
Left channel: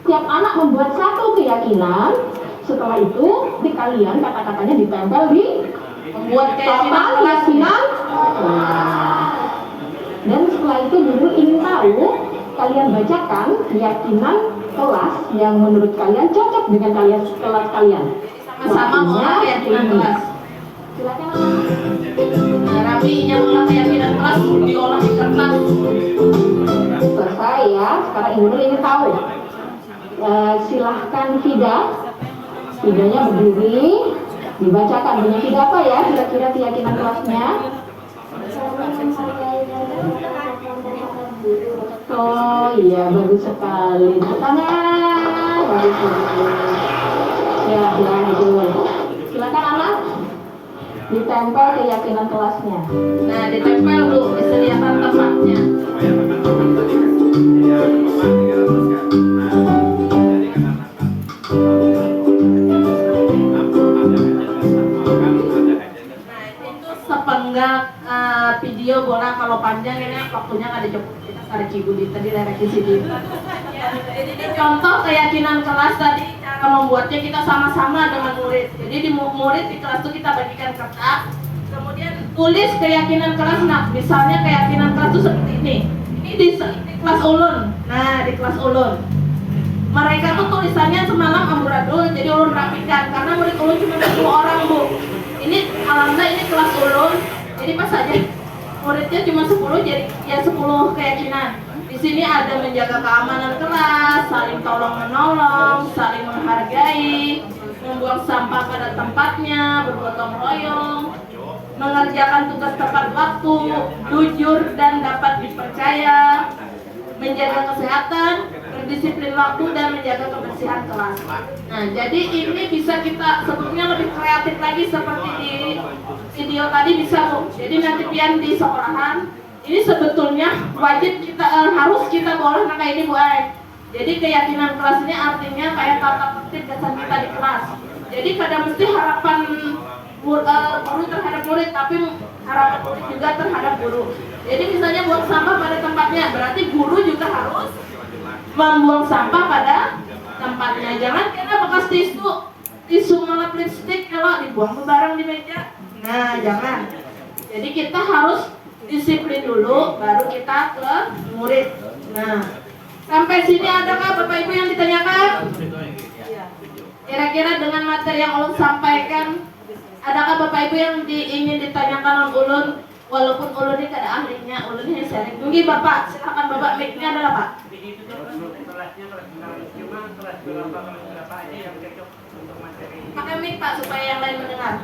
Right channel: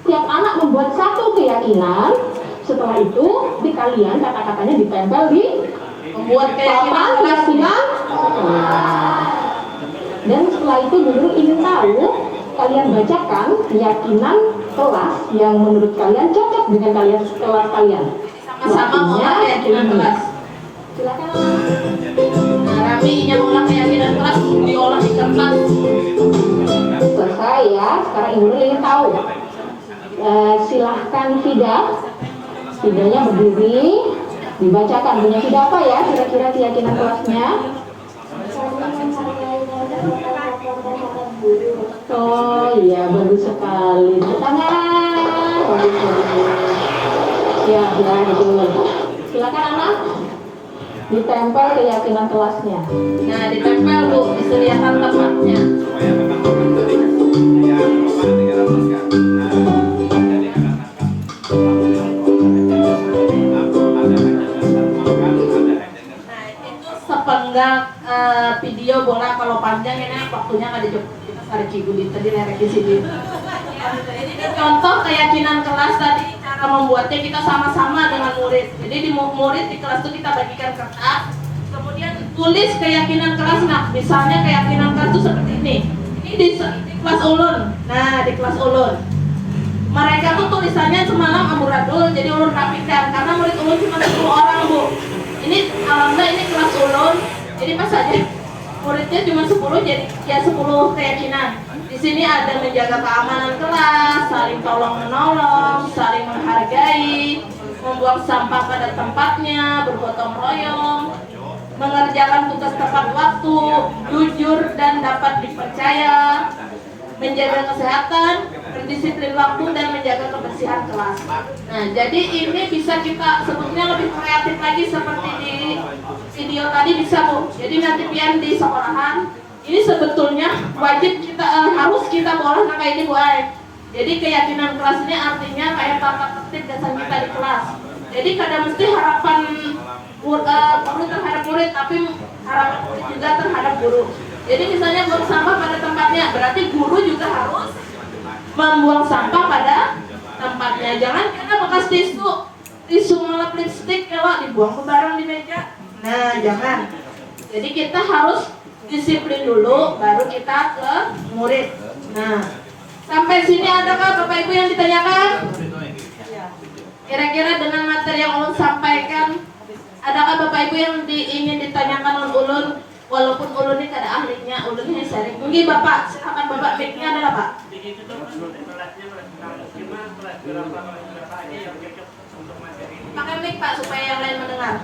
Tiap anak membuat satu keyakinan, setelah itu di kalian kata-katanya ditempel di membuat keyakinan papan kelas. keyakinan. Dan setelah itu guru ingin tahu kalian bacakan keyakinan kelas yang menurut kalian cocok dengan kalian kelas kalian. Sama-sama mengolah keyakinan kelas. Silakan. Nah, rapinya mengolah keyakinan kelas diolah di kertas. Selesai ya. Sekarang ibu ingin tahu. Silahkan Fidanya berdiri, dibacakan punya Fida apa ya kira-kira keyakinan kelasnya. Oh iya, bagus sekali. Tangan, bagus. Ya itu. Silakan anak, ditempel keyakinan kelasnya. Nah, ditempel Bu, disediakan tempatnya. Sepenggal video bola kalau panjang ini waktunya kada cukup, kita cari cigu di tadi lerekin sini. Jadi contoh keyakinan kelas tadi, cara membuatnya kita sama-sama dengan murid. Jadi di murid di kelas itu kita bagikan kertas, kemudian tulis keyakinan kelas. Nah, misalnya keyakinan kelas itu seperti ini. Ini di kelas ulun. Nah, di kelas ulun. Mereka tuh tulisannya semalam amburadul, jadi ulun rapikan karena murid ulun cuma 10 orang Bu. Ini alhamdulillah ini kelas ulun, jadi pas aja muridnya cuma 10, jadi ya 10 keyakinan. Di sini ada menjaga keamanan kelas, saling tolong menolong, saling menghargai, membuang sampah pada tempatnya, bergotong royong, mengerjakan tugas tepat waktu, jujur dan dapat dipercaya, menjaga kesehatan, berdisiplin waktu, dan menjaga kebersihan kelas. Nah, jadi ini bisa kita sebetulnya lebih kreatif lagi seperti di video tadi bisa Bu. Jadi nanti pian di sekolahan ini sebetulnya wajib kita harus kita boleh nah kayak ini Bu. Jadi keyakinan kelas ini artinya kayak tata tertib dasar kita di kelas. Jadi kadang mesti harapan guru terhadap murid, tapi harapan murid juga terhadap guru. Jadi misalnya buang sampah pada tempatnya, berarti guru juga harus membuang sampah pada tempatnya. Jangan kita bekas tisu melap lipstik kalau dibuang bareng di meja. Nah, jangan. Jadi kita harus disiplin dulu, baru kita ke murid. Nah, Sampai sini adakah Bapak Ibu yang ditanyakan? Kira-kira dengan materi yang ulun sampaikan, adakah Bapak Ibu yang ingin ditanyakan oleh ulun? Walaupun ulun ini kada ahlinya, ulun ini sharing. Mungkin Bapak, silakan Bapak, mic-nya adalah Pak. Begitu juga kelasnya cuma kelas berapa aja yang cocok untuk materi ini. Pakai mic Pak supaya yang lain mendengar.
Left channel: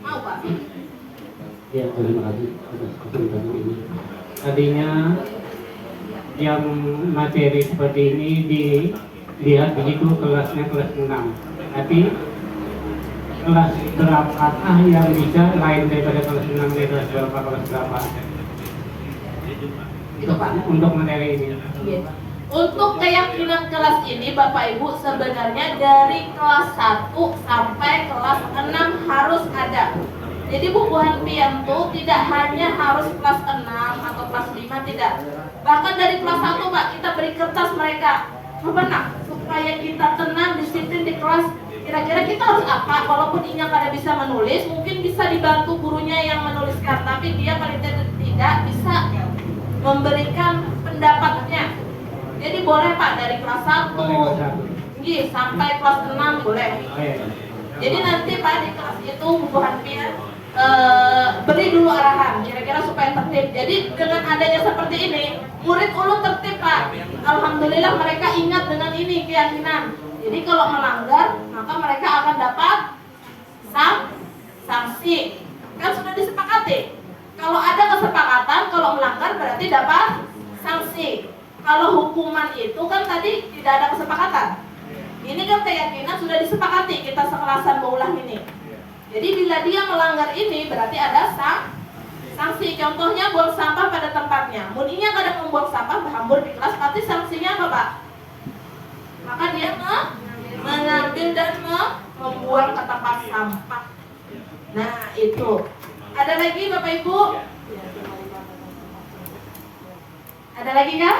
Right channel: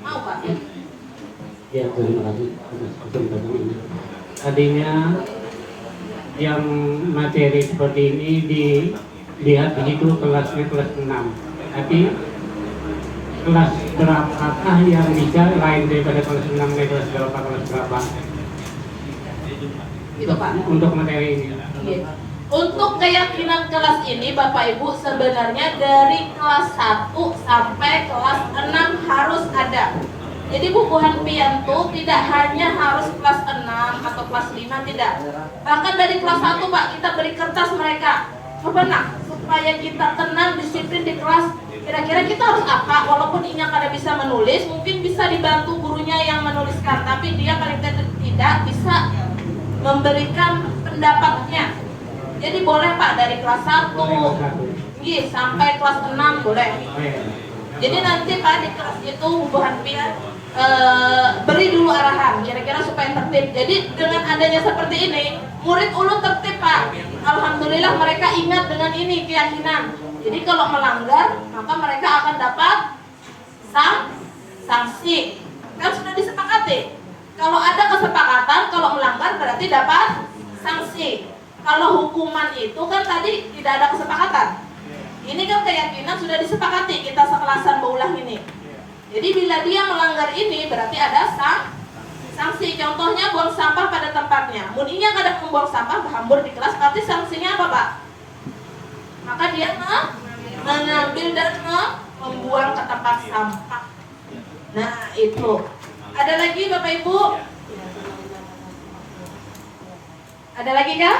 Mau Pak? Ya, terima kasih atas kesempatan ini. Tadinya yang materi seperti ini dilihat begitu kelasnya kelas 6. Tapi kelas berapakah yang bisa lain daripada kelas 6 dan kelas berapa? Itu Pak. Untuk materi ini. Untuk keyakinan kelas ini Bapak Ibu sebenarnya dari kelas 1 sampai kelas 6 harus ada. Jadi bubuhan pian tuh tidak hanya harus kelas 6 atau kelas 5, tidak. Bahkan dari kelas 1 Pak, kita beri kertas mereka. Coba nak, supaya kita tenang, disiplin di kelas. Kira-kira kita harus apa? Walaupun Inya kada bisa menulis, mungkin bisa dibantu gurunya yang menuliskan. Tapi dia paling tidak bisa memberikan pendapatnya. Jadi boleh Pak dari kelas 1 sampai kelas 6 boleh. Jadi nanti Pak di kelas itu bubuhan pian beri dulu arahan kira-kira supaya tertib. Jadi dengan adanya seperti ini, murid ulun tertib Pak. Alhamdulillah mereka ingat dengan ini keyakinan. Jadi kalau melanggar maka mereka akan dapat sanksi. Kan sudah disepakati. Kalau ada kesepakatan kalau melanggar berarti dapat sanksi. Kalau hukuman itu kan tadi tidak ada kesepakatan. Ini kan keyakinan sudah disepakati kita sekelasan baulah ini. Jadi bila dia melanggar ini berarti ada sanksi. Contohnya buang sampah pada tempatnya. Muninya kada membuang sampah berhambur di kelas, berarti sanksinya apa Pak? Maka dia mengambil dan membuang ke tempat sampah. Nah itu. Ada lagi Bapak Ibu? Ada lagi kah?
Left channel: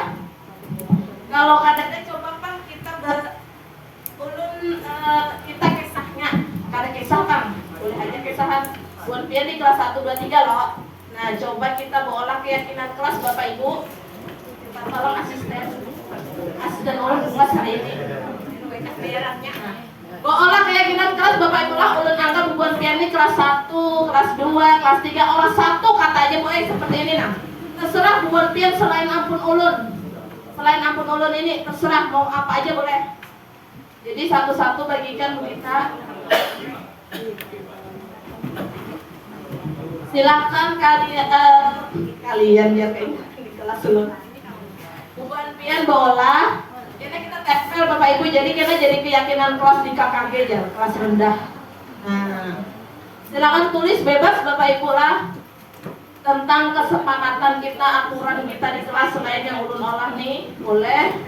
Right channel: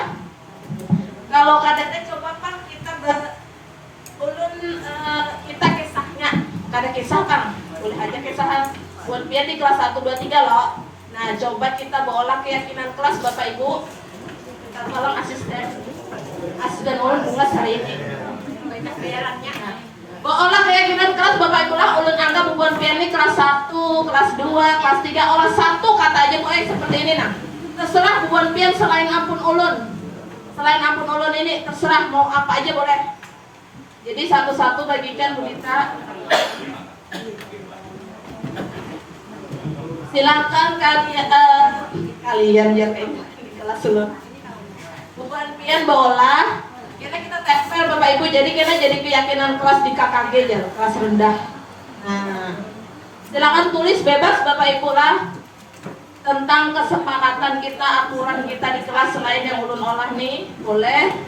Kalau kadang coba Pak kita kita kisahnya, kada kisah Kang, boleh aja kisahan buat pian di kelas 1, 2, 3 loh. Nah coba kita bawa keyakinan kelas Bapak Ibu. Kita tolong asisten ulun bungas hari ini banyak bayarannya. Nah, bawa keyakinan kelas Bapak Ibu lah. Ulun anggap bubuhan pian ini kelas 1, kelas 2, kelas 3, olah 1 kata aja boleh seperti ini nah. Terserah bubuhan pian selain ampun ulun. Selain ampun ulun ini terserah mau apa aja boleh. Jadi satu-satu bagikan kita. Silakan kalian ya di kelas ulun. Bubuhan pian bawa. Kita tempel Bapak Ibu. Jadi kita jadi keyakinan kelas di KKG aja, kelas rendah. Nah, silakan tulis bebas Bapak Ibu lah. Tentang kesepakatan kita, aturan kita di kelas selain yang ulun olah nih, boleh.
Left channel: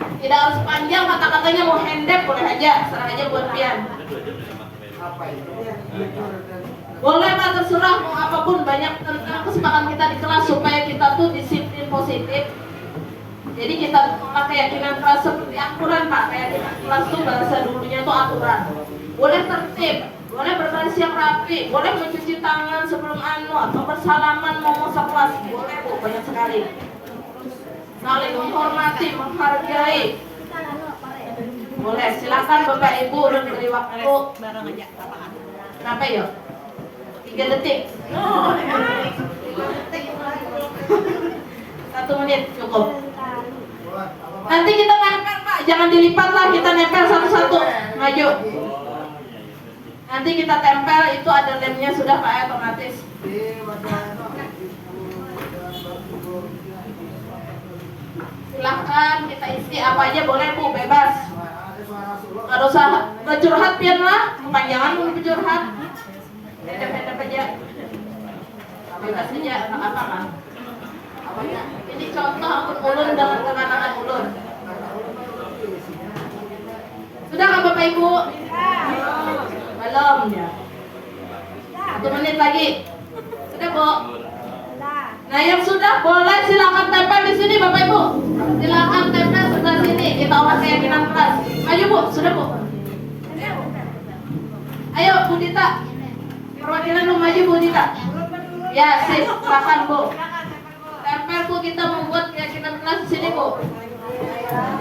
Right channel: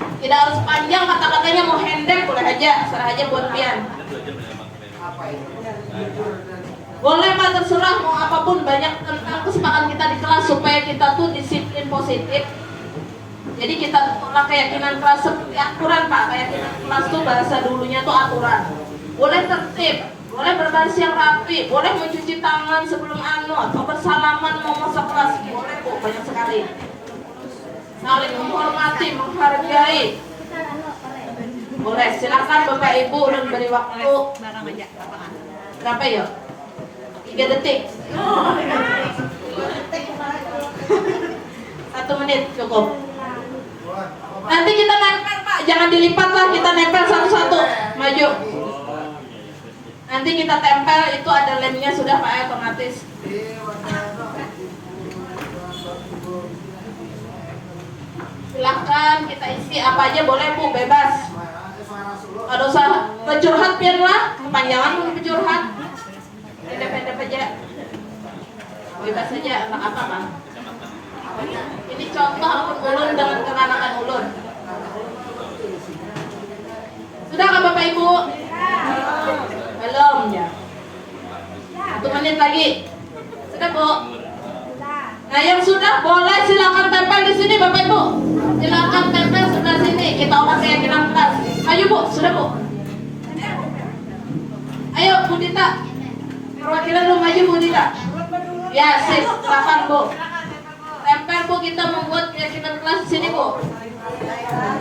Tidak harus panjang kata-katanya, mau hendek boleh aja, serah aja buat pian. Boleh Pak, terserah mau apapun, banyak tentang kesepakatan kita di kelas supaya kita tuh disiplin positif. Jadi kita olah keyakinan kelas seperti aturan Pak, kayak kelas tuh bahasa dulunya tuh aturan. Boleh tertib. Boleh berbaris yang rapi, boleh mencuci tangan sebelum atau bersalaman mau masuk kelas, boleh Bu, banyak sekali. Saling menghormati, menghargai. Boleh, silakan Bapak Ibu udah beri waktu. Berapa ya? 3 detik. 1 menit cukup. Nanti kita nempel Pak, jangan dilipat lah, kita nempel satu-satu. Maju. Nanti kita tempel, itu ada lemnya sudah Pak, otomatis. Silahkan kita isi apa aja boleh Bu, bebas. Gak usah bercurhat pian lah, kepanjangan mau bercurhat. Pendek-pendek aja. Bebas aja, tak apa Pak. Ini contoh akun ulun dengan keranangan ulun. Sudah kan Bapak Ibu? Belum ya. 1 menit lagi. Sudah Bu? Nah yang sudah boleh silakan tempel di sini Bapak Ibu. Silakan tempel sebelah sini. Kita olah keyakinan kelas. Ayo Bu, sudah Bu. Ayo Bu Dita. Perwakilan lu maju Bu Dita. Ya, sip, silakan Bu. Tempel Bu, kita membuat keyakinan kelas di sini Bu.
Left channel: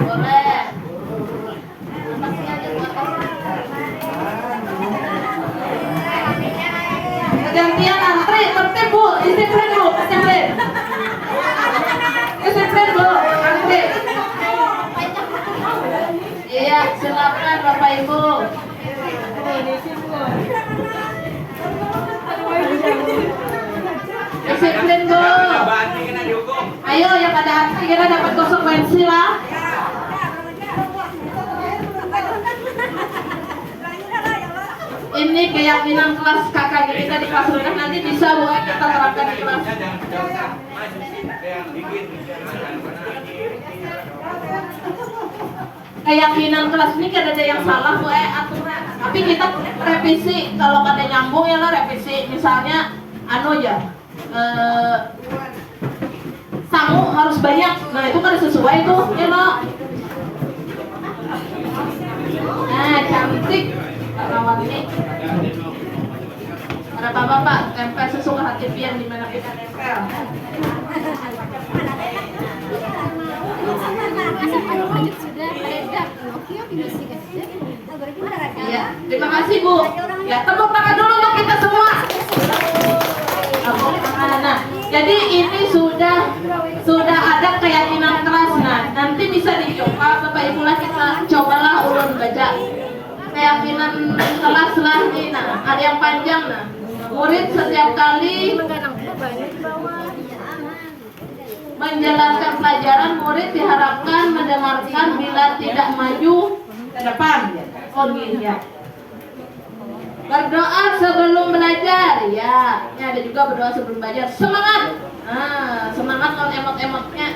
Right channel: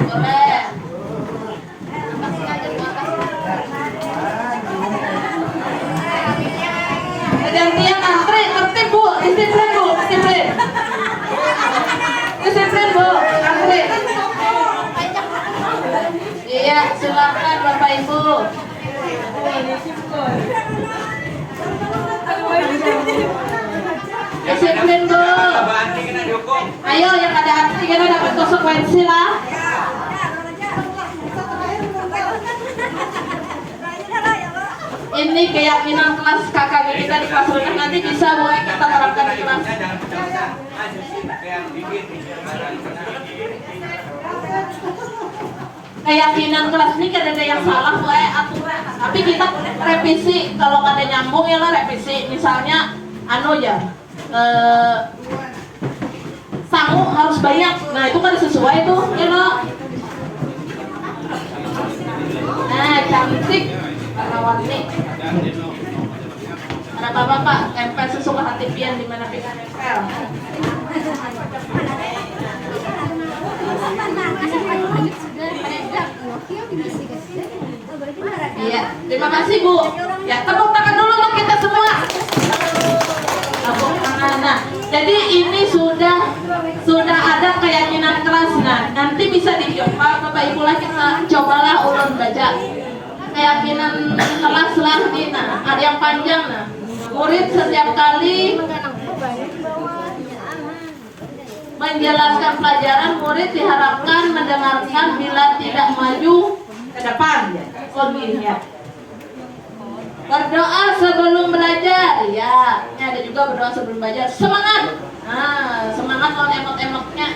Boleh. Gantian antri, tertib Bu, disiplin Bu, disiplin. Disiplin Bu, antri. Iya, silakan Bapak Ibu. Disiplin Bu. Ayo yang ada antri kita dapat konsekuensi lah. Ini keyakinan kelas kakak kita di kelas rendah, nanti bisa boleh kita terapkan di kelas. Keyakinan kelas ini kan ada yang salah boleh aturan, tapi kita revisi kalau ada nyambung ya lah revisi. Misalnya ya sangu harus banyak, nah itu kan sesuai tuh ya loh. Nah cantik warna-warni. Ada bapak-bapak tempel sesuka hati pian di mana kita tempel. Iya, terima kasih Bu. Ya tepuk tangan dulu untuk kita semua. Nah, jadi ini sudah ada keyakinan kelas. Nah, nanti bisa dicoba Bapak Ibu lah kita cobalah ulun baca keyakinan kelas lagi. Nah, ada yang panjang. Nah, murid setiap kali menjelaskan pelajaran, murid diharapkan mendengarkan bila tidak maju ke depan. Oh ya. Berdoa sebelum belajar, ya. Ini ada juga berdoa sebelum belajar. Semangat. Nah, semangat non emot-emotnya.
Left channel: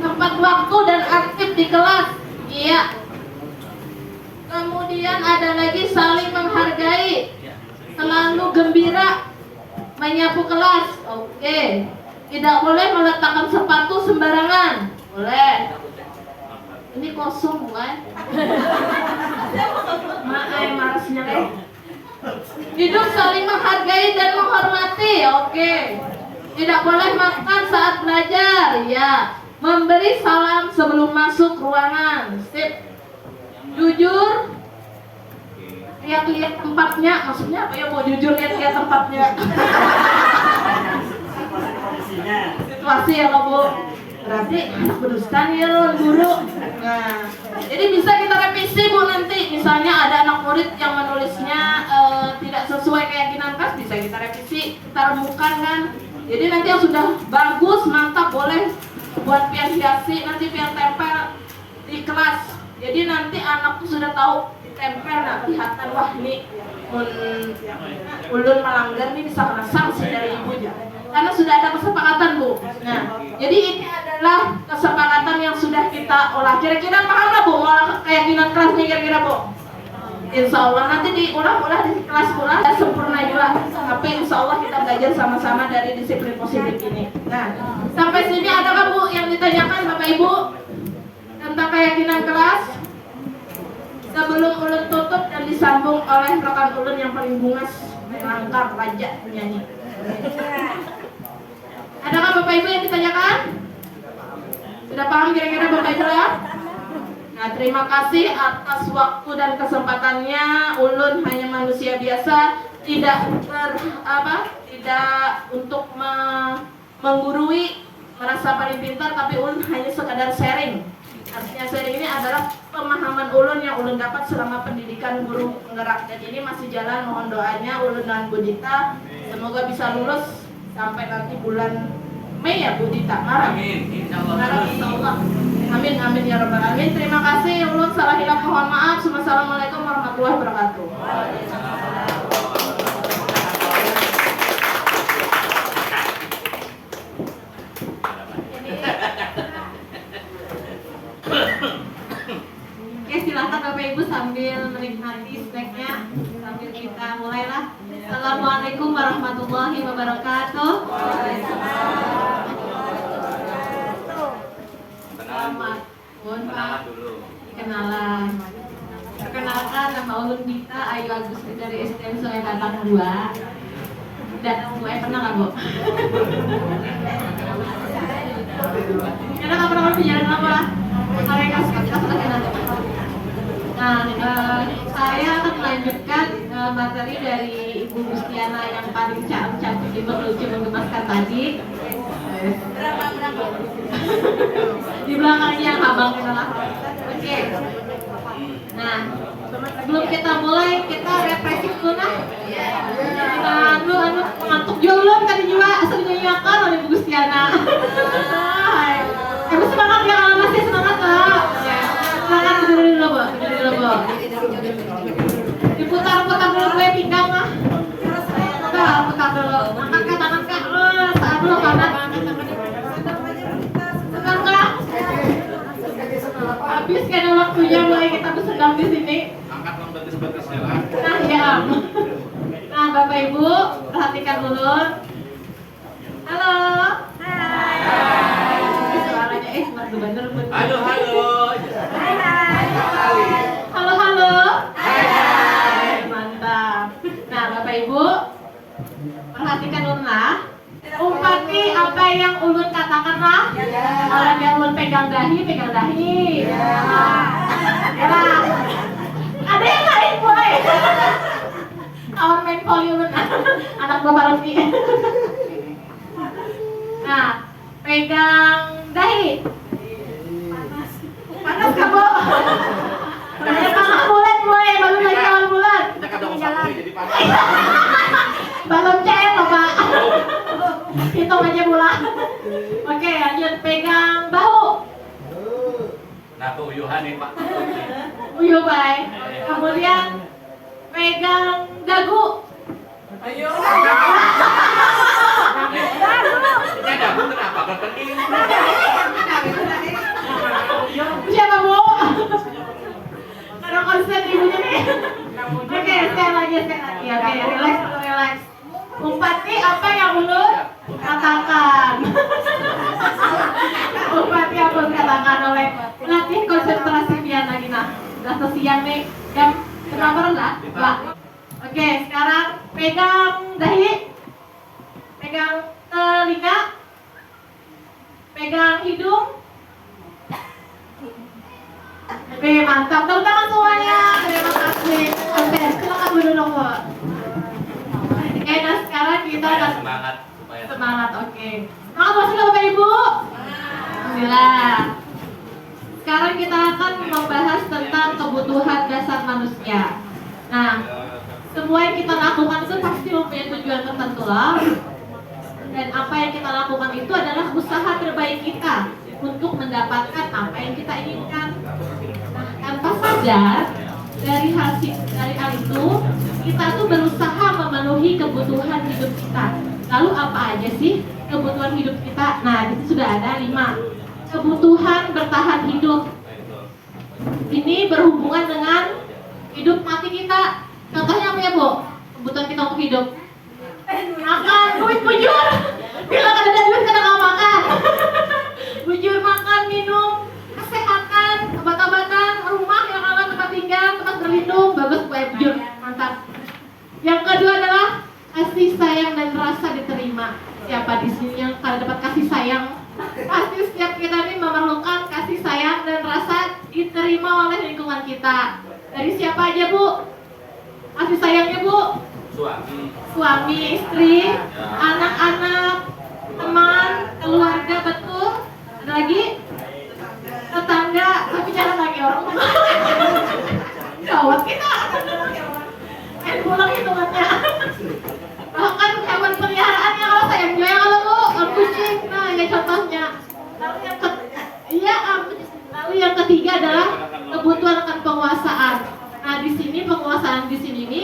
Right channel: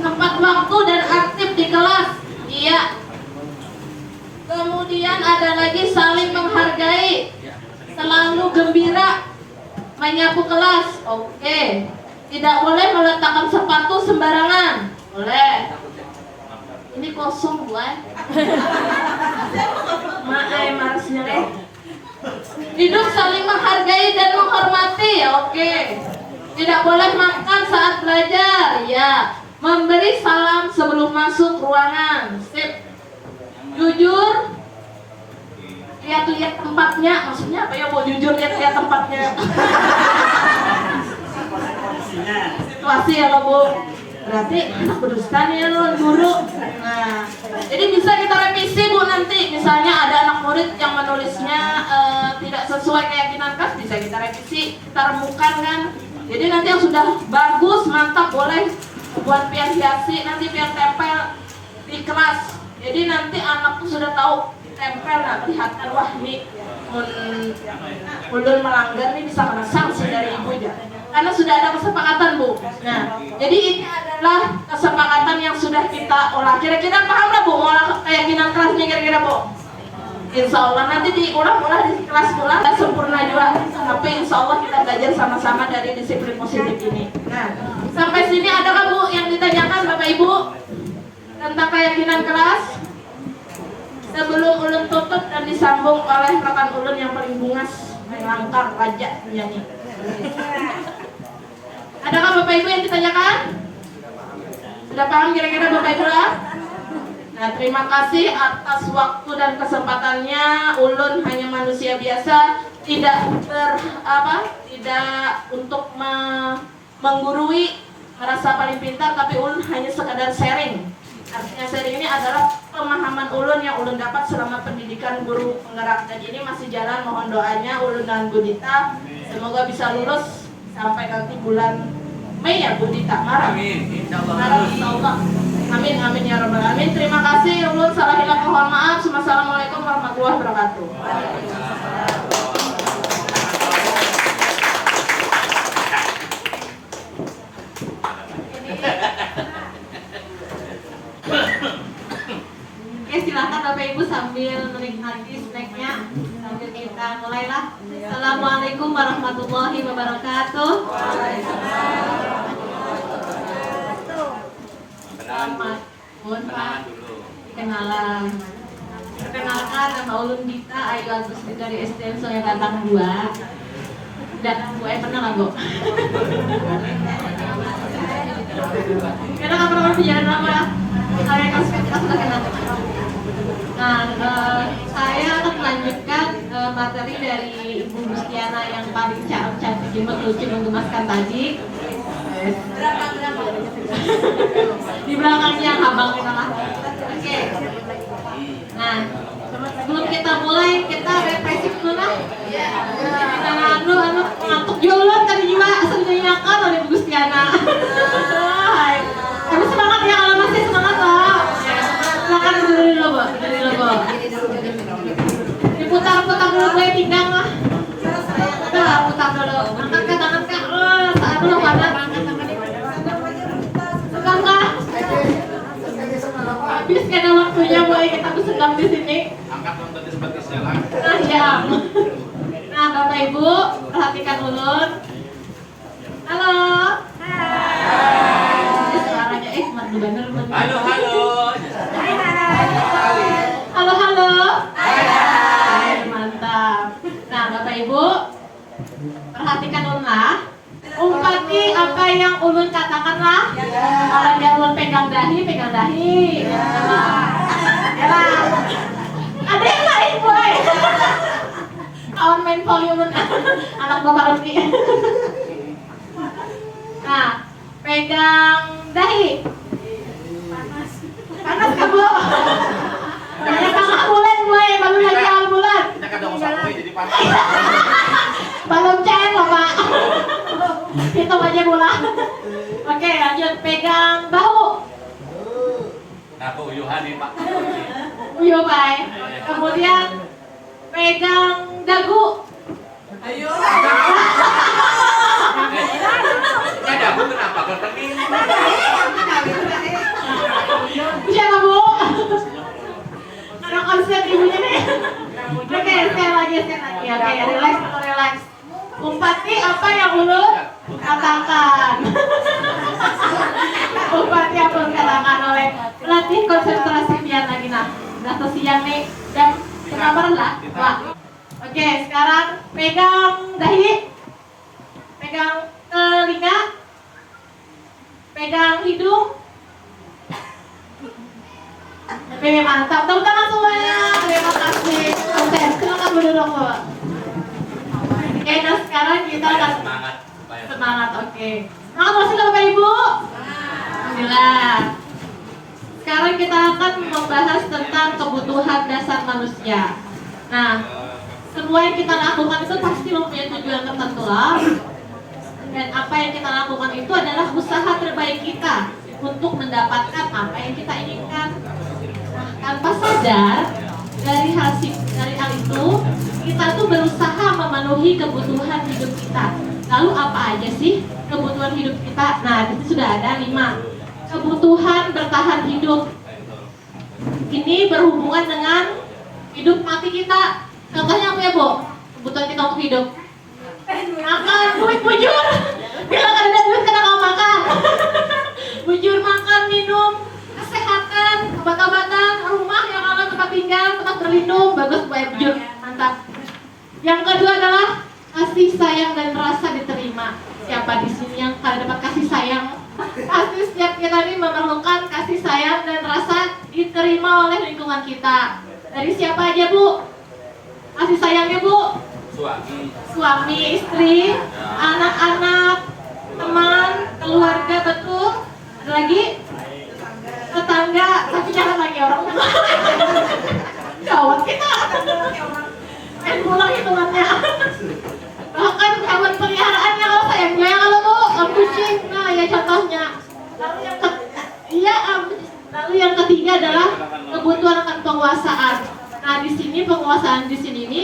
Tepat waktu dan aktif di kelas. Iya. Kemudian ada lagi saling menghargai. Selalu gembira menyapu kelas. Oke. Tidak boleh meletakkan sepatu sembarangan. Boleh. Ini kosong, Bu. Marsnya deh. Hidup saling menghargai dan menghormati. Oke. Tidak boleh makan saat belajar. Ya. Memberi salam sebelum masuk ruangan. Sip. Jujur. Lihat-lihat tempatnya. Maksudnya apa ya? Mau jujur lihat-lihat tempatnya. Situasi ya Bu. Berarti anak berdusta nih ya guru. Nah, jadi bisa kita revisi Bu nanti. Misalnya ada anak murid yang menulisnya tidak sesuai keyakinan kelas, bisa kita revisi, kita remukan kan. Jadi nanti yang sudah bagus, mantap boleh buat pian hiasi, nanti pian tempel di kelas. Jadi nanti anak tuh sudah tahu ditempel, nah kelihatan wah nih ulun melanggar nih bisa kena sanksi dari ibu ya. Karena sudah ada kesepakatan Bu. Nah, jadi ini adalah kesepakatan yang sudah kita olah. Kira-kira paham lah Bu, keyakinan kelas nih kira-kira Bu. Insya Allah nanti diulang-ulang di kelas pula sempurna juga. Tapi insya Allah kita belajar sama-sama dari disiplin positif ini. Nah, sampai sini adakah Bu yang ditanyakan Bapak Ibu tentang keyakinan kelas? Sebelum ulun tutup dan disambung oleh rekan ulun yang paling bungas, melangkah raja penyanyi. Adakah Bapak Ibu yang ditanyakan? Sudah paham kira-kira Bapak Ibu ya? Nah, terima kasih atas waktu dan kesempatannya. Ulun hanya manusia biasa, tidak untuk menggurui, merasa paling pintar, tapi ulun hanya sekadar sharing. Artinya sharing ini adalah pemahaman ulun yang ulun dapat selama pendidikan guru penggerak. Dan ini masih jalan, mohon doanya ulun dan Bu Dita semoga bisa lulus sampai nanti bulan Mei ya Bu Dita. Amin. Insyaallah. Amin amin ya rabbal alamin. Terima kasih ulun, salah hilap mohon maaf. Assalamualaikum warahmatullahi wabarakatuh. Oke, silakan Bapak Ibu sambil menikmati snacknya sambil kita mulailah. Assalamualaikum warahmatullahi wabarakatuh. Kenalan dulu. Kenalan. Perkenalkan, nama ulun Dita Ayu Agus dari STM Sungai Batang 2. Udah, Bu Ai pernah nggak Bu? Karena nggak pernah berbicara apa? Saya kasih nanti. Nah, saya akan melanjutkan materi dari Ibu Gustiana yang paling cantik itu lucu menggemaskan tadi. Di belakangnya abang salah. Oke. Nah, sebelum kita mulai kita represif dulu lah. Anu ngantuk jolon tadi juga asal dinyanyikan oleh Ibu Gustiana. Tapi semangat ya kalau masih semangat lah. Silakan dari dulu Bu. Diputar-putar dulu gue pinggang lah. Udah putar dulu. Angkat tangan kak. Saat dulu banget. Enggak. Habis kan waktunya mulai kita bersedang di sini. Angkat yang tadi sebagai siaran. Nah ya. Nah Bapak Ibu perhatikan dulu. Halo. Suaranya nggak bener. Halo. Halo. Mantap. Nah Bapak Ibu perhatikan dulu lah. Umpati apa yang ulun katakan lah. Kalau dia ulun pegang dahi. Ya. Ada yang lain boy. Kawan main volume anak Bapak Rudi. Nah, pegang dahi. Panas kan Bu? Banyak tengah bulan boy, baru lagi awal bulan. Kita kadang sampai jadi panas. Belum cair loh Pak. Hitung aja bulan. Oke lanjut, pegang bahu. Nah, uyuhan nih Pak. Uyuh baik. Kemudian pegang dagu. Ayo. Ya dagu kenapa ketening? Siapa Bu? Karena konsep ibunya nih. Oke, sekali lagi. Oke, relax. Umpati apa yang ulun katakan. Umpati apa yang katakan oleh pelatih konsentrasi pian lagi nah. Udah siang nih jam berapa lah? Oke, sekarang pegang dahi, pegang telinga, pegang hidung. Oke, mantap. Tepuk tangan semuanya. Terima kasih. Oke, silakan duduk Bu. Oke, nah sekarang kita akan semangat. Oke. Makasih Bapak Ibu. Alhamdulillah. Sekarang kita akan membahas tentang kebutuhan dasar manusia. Nah, semua yang kita lakukan itu pasti mempunyai tujuan tertentu lah. Dan apa yang kita lakukan itu adalah usaha terbaik kita untuk mendapatkan apa yang kita inginkan. Nah, tanpa sadar dari hal itu kita tuh berusaha memenuhi kebutuhan hidup kita. Lalu apa aja sih kebutuhan hidup kita? Nah, itu sudah ada 5. Kebutuhan bertahan hidup. Ini berhubungan dengan hidup mati kita. Contohnya apa ya Bu? Kebutuhan kita untuk hidup. Makan, duit bujur. Bila ada duit karena nggak makan. Bujur makan, minum, kesehatan, obat-obatan, rumah yang aman, tempat tinggal, tempat berlindung, bagus supaya bujur, mantap. Yang kedua adalah kasih sayang dan rasa diterima. Siapa di sini yang pada dapat kasih sayang? Pasti setiap kita ini memerlukan kasih sayang dan rasa diterima oleh lingkungan kita. Dari siapa aja Bu? Kasih sayangnya Bu? Suami, istri, anak-anak, teman, keluarga, betul. Ada lagi? Tetangga, tapi jangan lagi orang mana. Gawat kita. Main pulang hitungannya. Bahkan hewan peliharaannya kalau sayangnya kalau Bu, kucing. Nah, ya contohnya. Lalu yang ketiga adalah kebutuhan akan penguasaan. Nah, di sini penguasaan di sini ini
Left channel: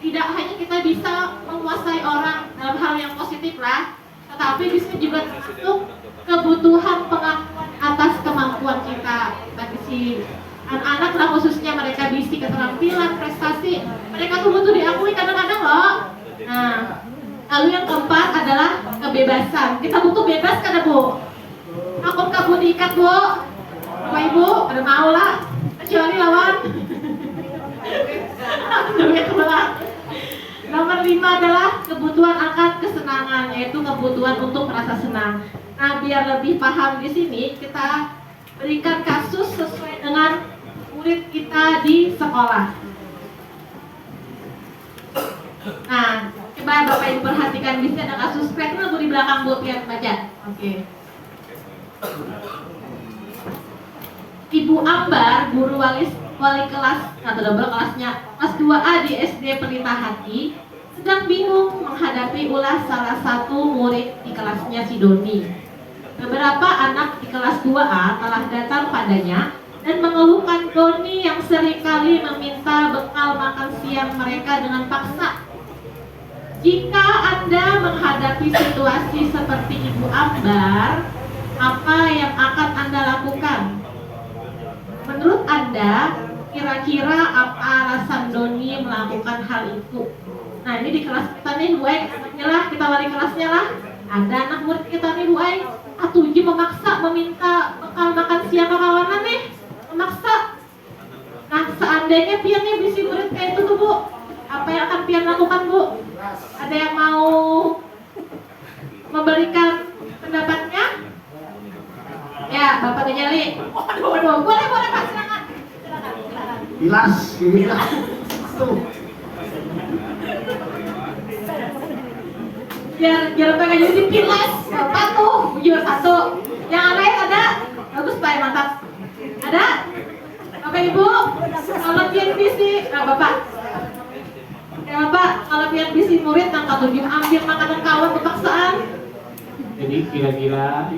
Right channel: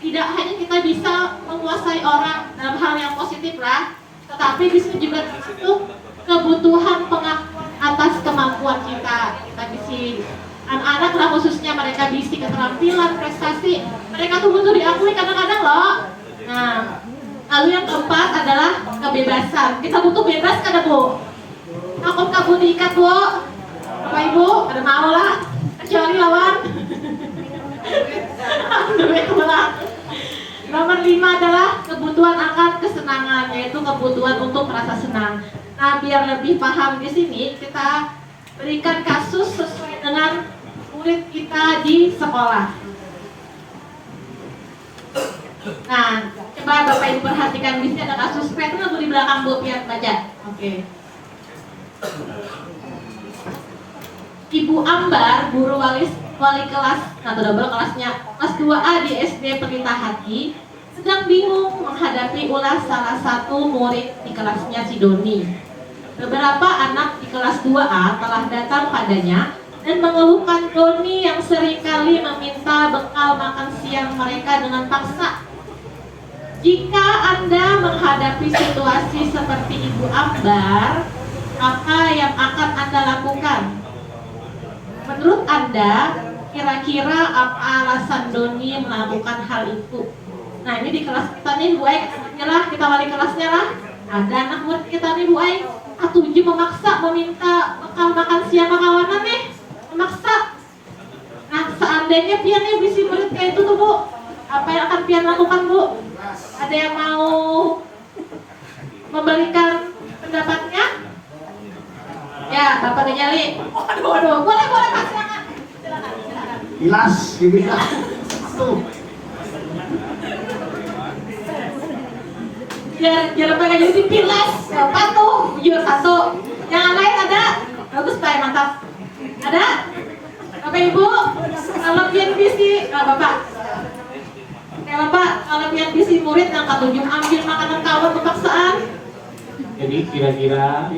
tidak hanya kita bisa menguasai orang dalam hal yang positif lah, tetapi di sini juga termasuk kebutuhan pengakuan atas kemampuan kita. Kita bisi anak-anak lah khususnya mereka bisi keterampilan, prestasi. Mereka tuh butuh diakui kadang-kadang loh. Nah, lalu yang keempat adalah kebebasan. Kita butuh bebas kan Bu? Takut kabut diikat Bu? Bapak Ibu, ada mau lah. Kecuali lawan. Duit pulang. Nah Nomor 5 adalah kebutuhan akan kesenangan, yaitu kebutuhan untuk merasa senang. Nah, biar lebih paham di sini, kita berikan kasus sesuai dengan murid kita di sekolah. Nah, coba Bapak Ibu perhatikan di sini ada kasus kreatif Bu di belakang Bu, biar baca. Oke. Ibu Ambar, guru wali kelas atau double kelasnya kelas 2A di SD Pelita Hati, sedang bingung menghadapi ulas salah satu murid di kelasnya si Doni. Beberapa anak di kelas 2A telah datang padanya dan mengeluhkan Doni yang seringkali meminta bekal makan siang mereka dengan paksa. Jika Anda menghadapi situasi seperti Ibu Ambar, apa yang akan Anda lakukan? Menurut Anda, kira-kira apa alasan Doni melakukan hal itu? Nah, ini di kelas kita nih Bu Aing, lah kita wali kelasnya lah. Ada anak murid kita nih Bu Aing, A7 memaksa meminta bekal makan siang ke kawanan nih, memaksa. Nah, seandainya Pian nih bisi murid kayak itu tuh Bu, apa yang akan Pian lakukan Bu? Ada yang mau memberikan pendapatnya? Ya, Bapak Gejali. Waduh, boleh Pak, silakan. Jelas, gila. Tuh. Biar Bapak Gejali pilas. Bapak tuh, jujur satu. Yang lain ada? Bagus Pak, mantap. Ada? Bapak Ibu, kalau Pian bisi, nah Bapak. Ya Bapak, kalau Pian bisi murid angka 7 ambil makanan kawan kepaksaan. Jadi kira-kira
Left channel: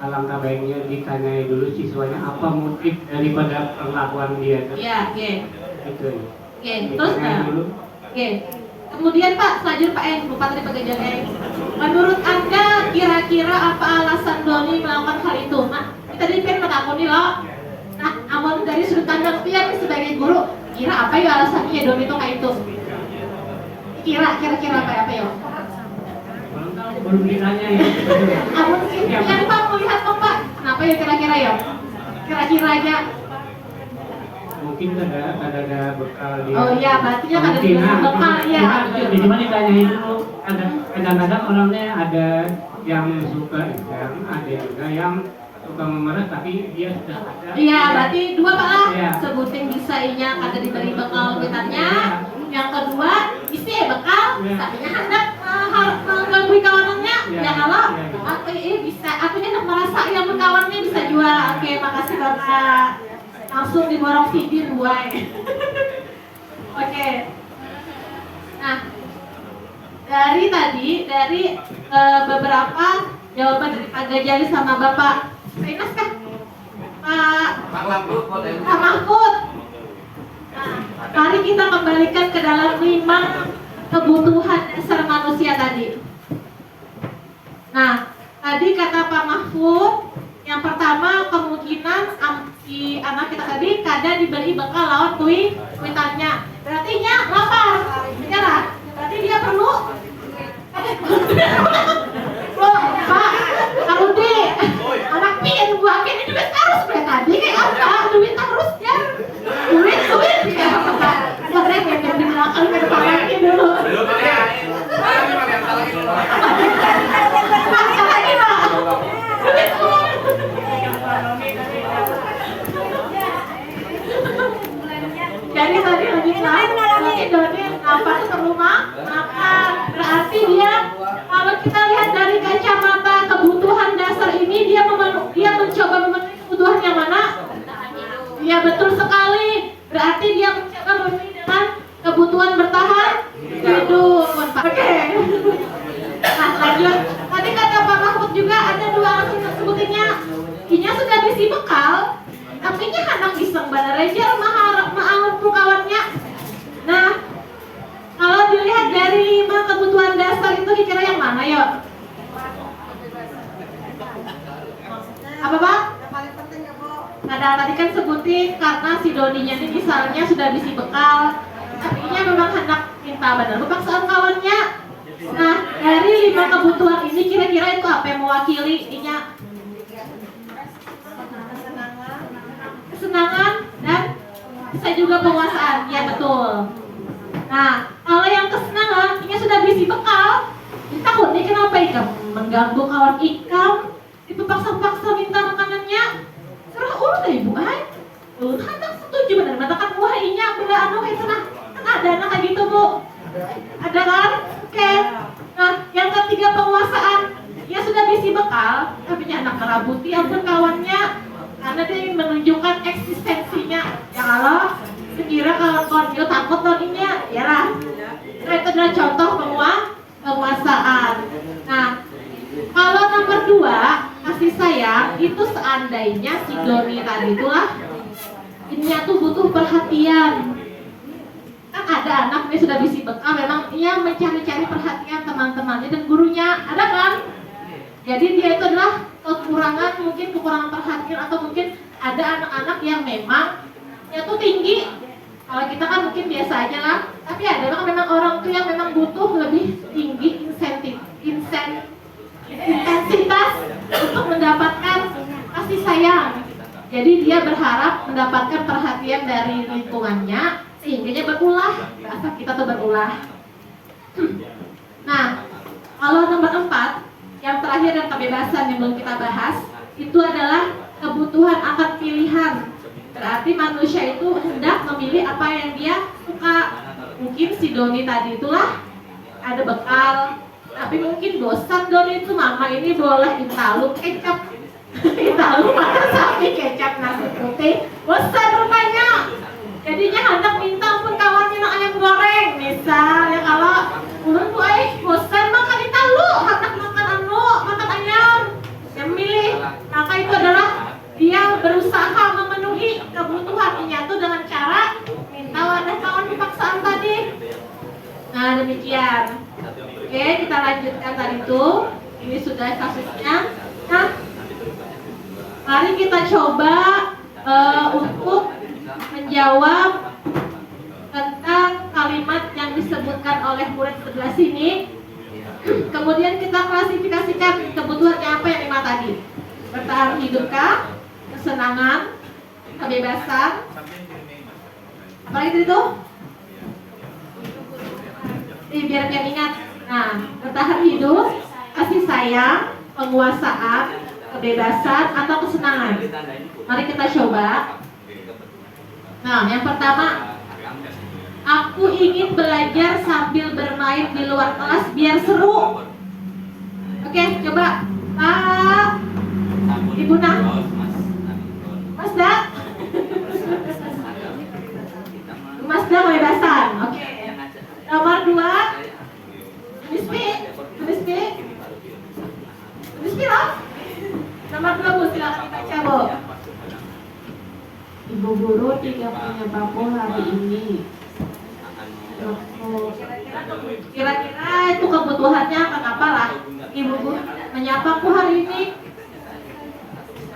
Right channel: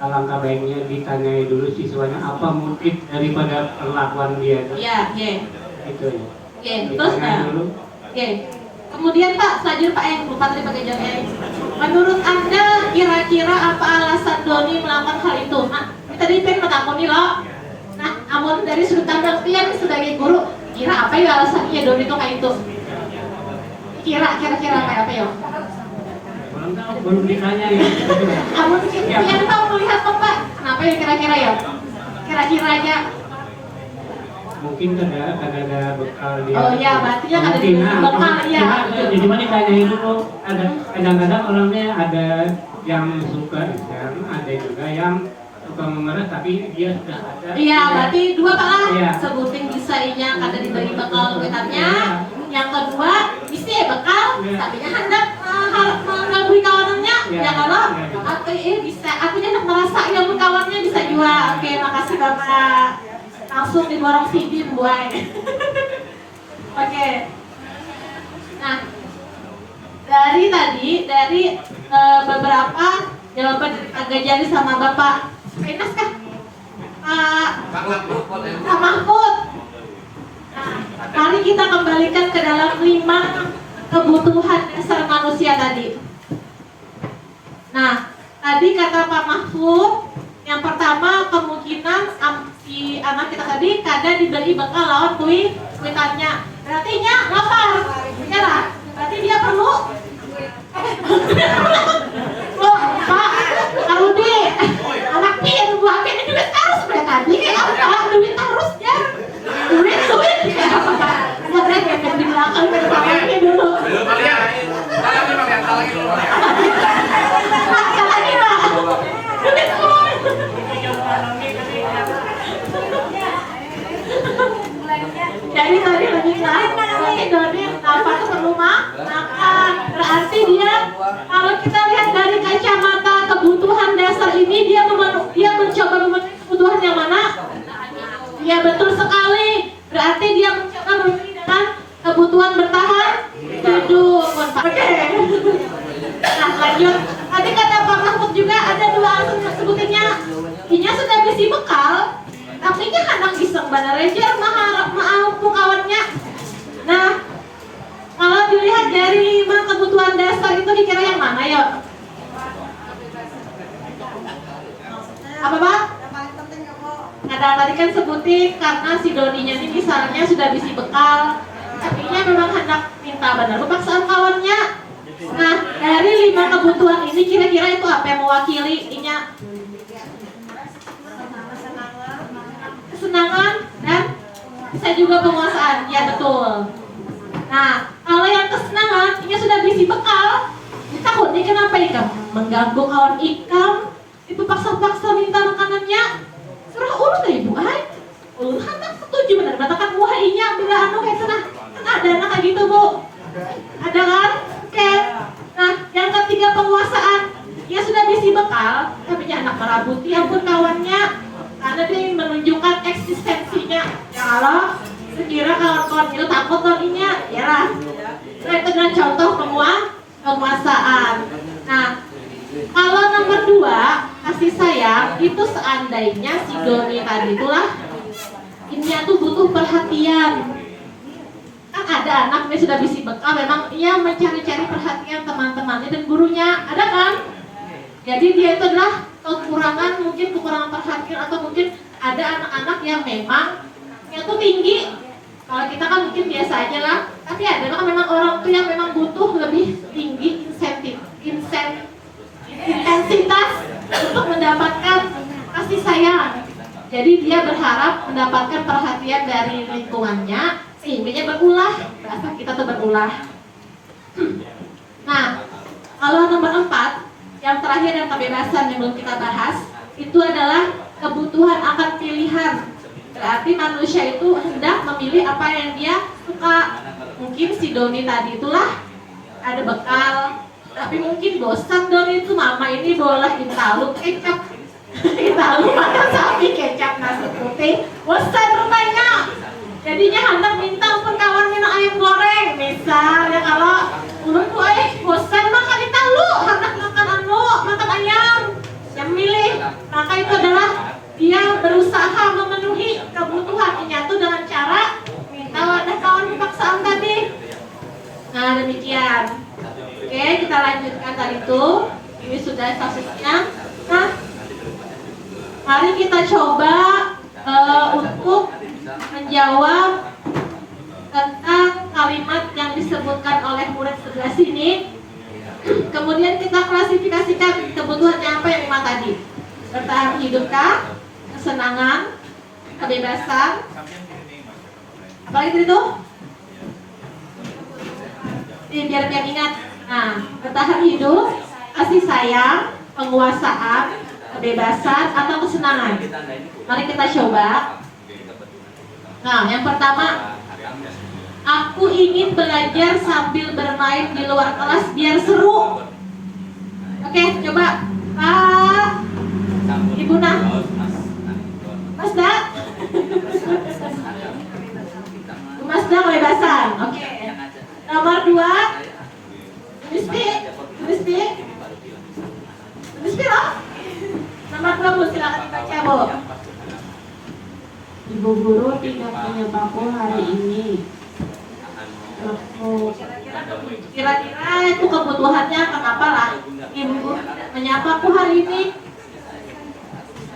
alangkah baiknya ditanyai dulu siswanya apa motif daripada perlakuan dia itu. Iya, iya. Itu ya. Oke, terus Ditanyai dulu. Oke. Kemudian Pak, selanjutnya Pak Eng, lupa tadi Pak Eng. Menurut Anda kira-kira apa alasan Doni melakukan hal itu? Nah, tadi Pian menakuni loh. Nah, amun dari sudut pandang Pian sebagai guru, kira apa ya alasannya Doni itu kayak itu? Kira-kira apa ya? Belum ditanya ya. Amun Pian Pak melihat kok Pak, kenapa ya kira-kira ya? Kira-kira aja. Mungkin ada bekal dia. Oh iya, berarti ya ada Mungkin, bekal ya. Jadi mana ditanyain dulu. Kadang-kadang orangnya ada yang suka, ada juga yang suka memarah tapi dia sudah ada. Iya, berarti dua Pak lah. Iya. Sebutin bisa inya ada dibagi bekal wetannya. Yang kedua, isi bekal, tapi hendak mengganggu kawanannya. Iya. Ya kalau Iya. artinya bisa, artinya hendak merasa yang kawannya bisa juga. Oke, makasih Bapak. Langsung diborong sidin buai. Oke. Nah, dari beberapa jawaban dari Pak Gajali sama Bapak Inas kan? Pak Mahfud. Nah, mari kita kembalikan ke dalam 5 kebutuhan dasar manusia tadi. Nah, tadi kata Pak Mahfud, yang pertama kemungkinan si anak kita tadi kada diberi bekal lawan kuitannya. Berarti nya lapar. Ya lah. Berarti dia perlu loh, Pak, Rudi, anak Pian buah Pian ini duit harus kayak tadi kayak apa? Duit harusnya. Duit. Sebenarnya yang di belakang ke depannya dulu. Belum ya. Kita lagi dulu. Pakai lagi Pak. Duit. Jadi tadi mengingat si Doni apa itu perlu makan. Berarti dia kalau kita lihat dari kacamata kebutuhan dasar ini dia mencoba memenuhi kebutuhan yang mana? Iya betul sekali. Berarti dia mencoba memenuhi dengan kebutuhan bertahan hidup. Oke. Nah lanjut. Tadi kata Pak Mahfud juga ada 2 alasan sebutinnya. Inya sudah bisi bekal. Tapi nya anak iseng bener aja mahal kawannya. Nah, kalau dilihat dari 5 kebutuhan dasar itu dikira yang mana ya? Apa Pak? Ada tadi kan sebutin karena si Doninya ini misalnya sudah bisi bekal, tapi nya memang hendak minta bener paksaan kawannya. Nah, dari 5 kebutuhan ini kira-kira itu apa yang mewakili inya? Kesenangan dan bisa juga penguasaan, ya betul. Nah, kalau yang kesenangan sudah berisi bekal, takutnya kenapa ikam? Mengganggu kawan ikam, itu paksa-paksa minta makanannya. Serah ulun lah ibu, ulun hendak setuju benar, matakan wah inya bila anu kayak sana. Kan ada anak kayak gitu bu, ada kan? Oke. Nah, yang ketiga penguasaan, dia sudah berisi bekal, tapi anak merabuti ampun kawannya, karena dia menunjukkan eksistensinya. Ya kalau sekira kawan-kawan itu takut lainnya, ya lah. Nah, itu adalah contoh penguasaan. Nah, kalau nomor 2, kasih sayang, itu seandainya si Doni tadi itulah, ini tuh butuh perhatian. Kan ada anak dia sudah bisi bekal, memang ia mencari-cari perhatian teman-temannya dan gurunya, ada kan? Jadi dia itu adalah kekurangan, mungkin kekurangan perhatian, atau mungkin ada anak-anak yang memang yang tuh tinggi. Kalau kita kan mungkin biasa aja lah, tapi ada kan memang orang tuh yang memang butuh lebih tinggi intensitas untuk mendapatkan kasih sayang. Jadi dia berharap mendapatkan perhatian dari lingkungannya, sehingga berulah, bahasa kita tuh berulah. Nah, kalau nomor 4, yang terakhir dan kebebasan yang belum kita bahas, itu adalah kebutuhan akan pilihan. Berarti manusia itu hendak memilih apa yang dia suka. Mungkin si Doni tadi itulah ada bekal, tapi mungkin bosan Doni itu, mama ini boleh intalu kecap, intalu makan sapi kecap nasi putih, bosan rupanya. Jadinya hendak minta untuk kawan minum ayam goreng, misalnya. Kalau ulun bosan makan intalu, hendak makan ayam, yang milih. Maka itu adalah dia berusaha memenuhi kebutuhannya itu dengan cara minta wadah kawan paksaan tadi. Nah, demikian. Oke, kita lanjutkan tadi itu. Ini sudah kasusnya. Nah, mari kita coba untuk menjawab tentang kalimat yang disebutkan oleh murid sebelah sini. Kemudian kita klasifikasikan kebutuhannya apa yang 5 tadi. Bertahan hidupkah, kesenangan, kebebasan, apa itu? Biar ingat. Nah, bertahan hidup, kasih sayang, penguasaan, kebebasan, atau kesenangan. Mari kita coba. Nah, yang pertama, aku ingin belajar sambil bermain di luar kelas biar seru. Oke, coba Pak Ibu Nah, Mas Da, Mas Da kebebasan. Oke. Nomor 2, Rizky loh. Nomor 2 Bu, silakan dibaca Bu. Ibu guru tidak punya paku hari ini. Kira-kira itu kebutuhannya kenapa lah ibu menyapaku hari ini?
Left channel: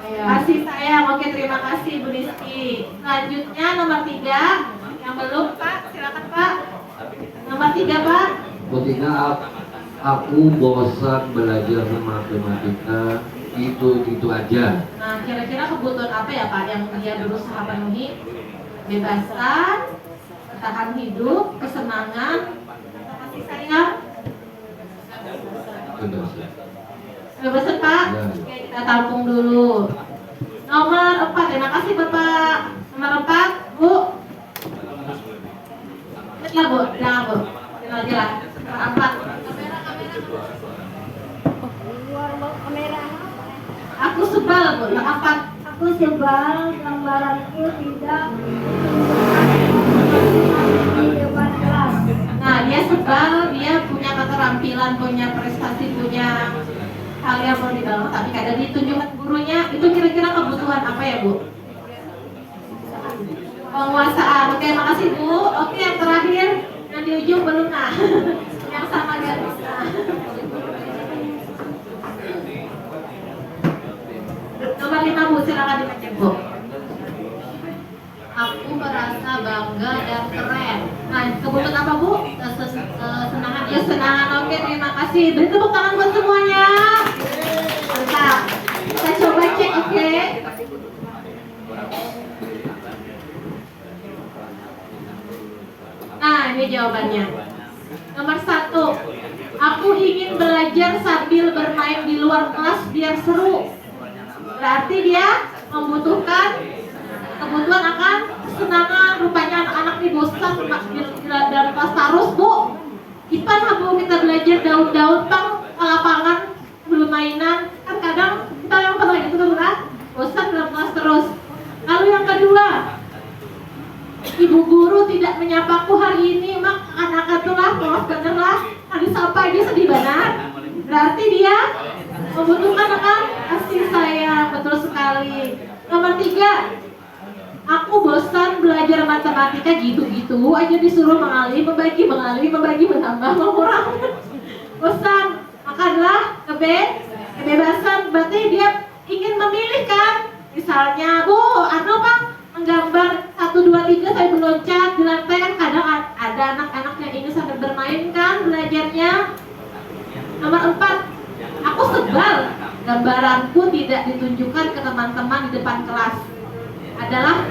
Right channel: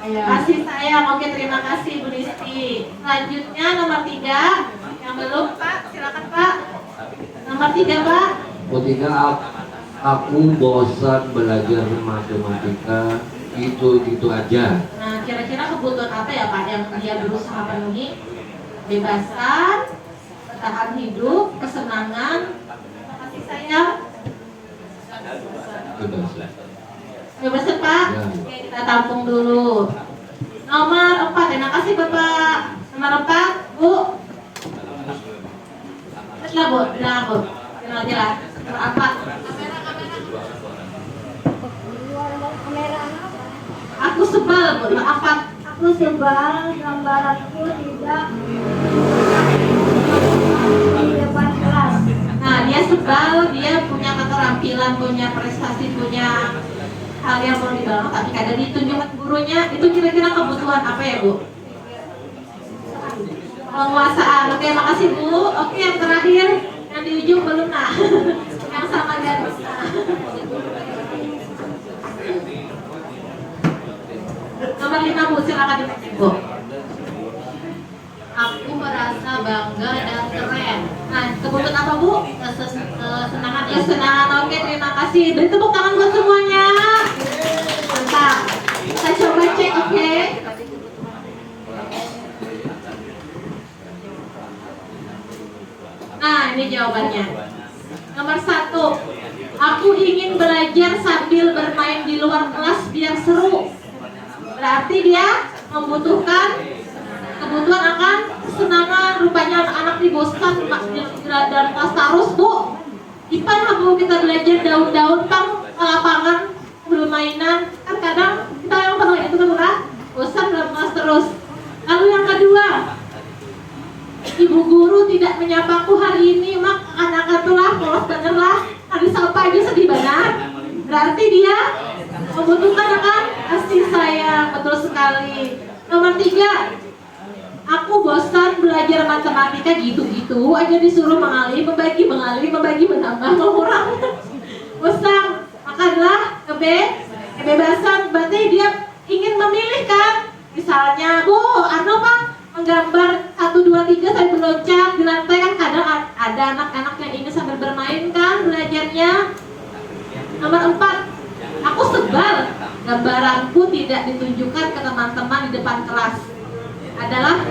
Kasih sayang. Oke, terima kasih Bu Rizky. Selanjutnya nomor 3 yang belum, Pak, silakan Pak. Nomor 3 Pak. Ketika aku bosan belajar matematika, itu aja. Nah, kira-kira kebutuhan apa ya Pak yang dia berusaha penuhi? Kebebasan, bertahan hidup, kesenangan, kasih sayang. Kebebasan Pak. Ya. Oke, kita tampung dulu. Nomor 4, terima kasih Bapak. Nomor 4, Bu. Lah Bu, lah Bu. Lagi lah. Nomor 4. Aku sebal Bu, apa? Aku sebal gambaranku tidak di depan kelas. Nah, dia sebal, dia punya keterampilan, punya prestasi, punya hal yang perlu dibangun, tapi kadang ditunjukkan gurunya. Itu kira-kira kebutuhan apa ya Bu? Penguasaan. Oke, makasih Bu. Oke, yang terakhir yang di ujung belum nah. Yang sama dia bisa. Nomor 5 Bu, silakan diketik Bu. Aku merasa bangga dan keren. Nah, kebutuhan apa Bu? Kesenangan. Ya, kesenangan. Oke, terima kasih. Beri tepuk tangan buat semuanya. Mantap. Kita coba cek, oke? Nah, ini jawabannya. Nomor 1, Aku ingin belajar sambil bermain di luar kelas biar seru. Berarti dia membutuhkan kebutuhan akan kesenangan. Rupanya anak-anak di bosan dalam kelas terus, Bu. Ipan aku kita belajar daun-daun pang ke lapangan belum mainan. Kan kadang kita yang pernah itu kan bosan dalam kelas terus. Lalu yang kedua, ibu guru tidak menyapaku hari ini, mak anak itulah polos dengerlah, ada sapa aja sedih banget. Berarti dia membutuhkan akan kasih sayang, betul sekali. Nomor 3, aku bosan belajar matematika gitu-gitu aja disuruh mengalih, membagi, menambah, mengurang. Bosan, makanlah kebebasan, berarti dia ingin memilih kan. Misalnya, Bu, Pak menggambar 1, 2, 3 sampai meloncat di lantai kan kadang ada anak-anak yang ingin sambil bermain kan belajarnya. Nomor 4, aku sebal gambaranku tidak ditunjukkan ke teman-teman di depan kelas. Adalah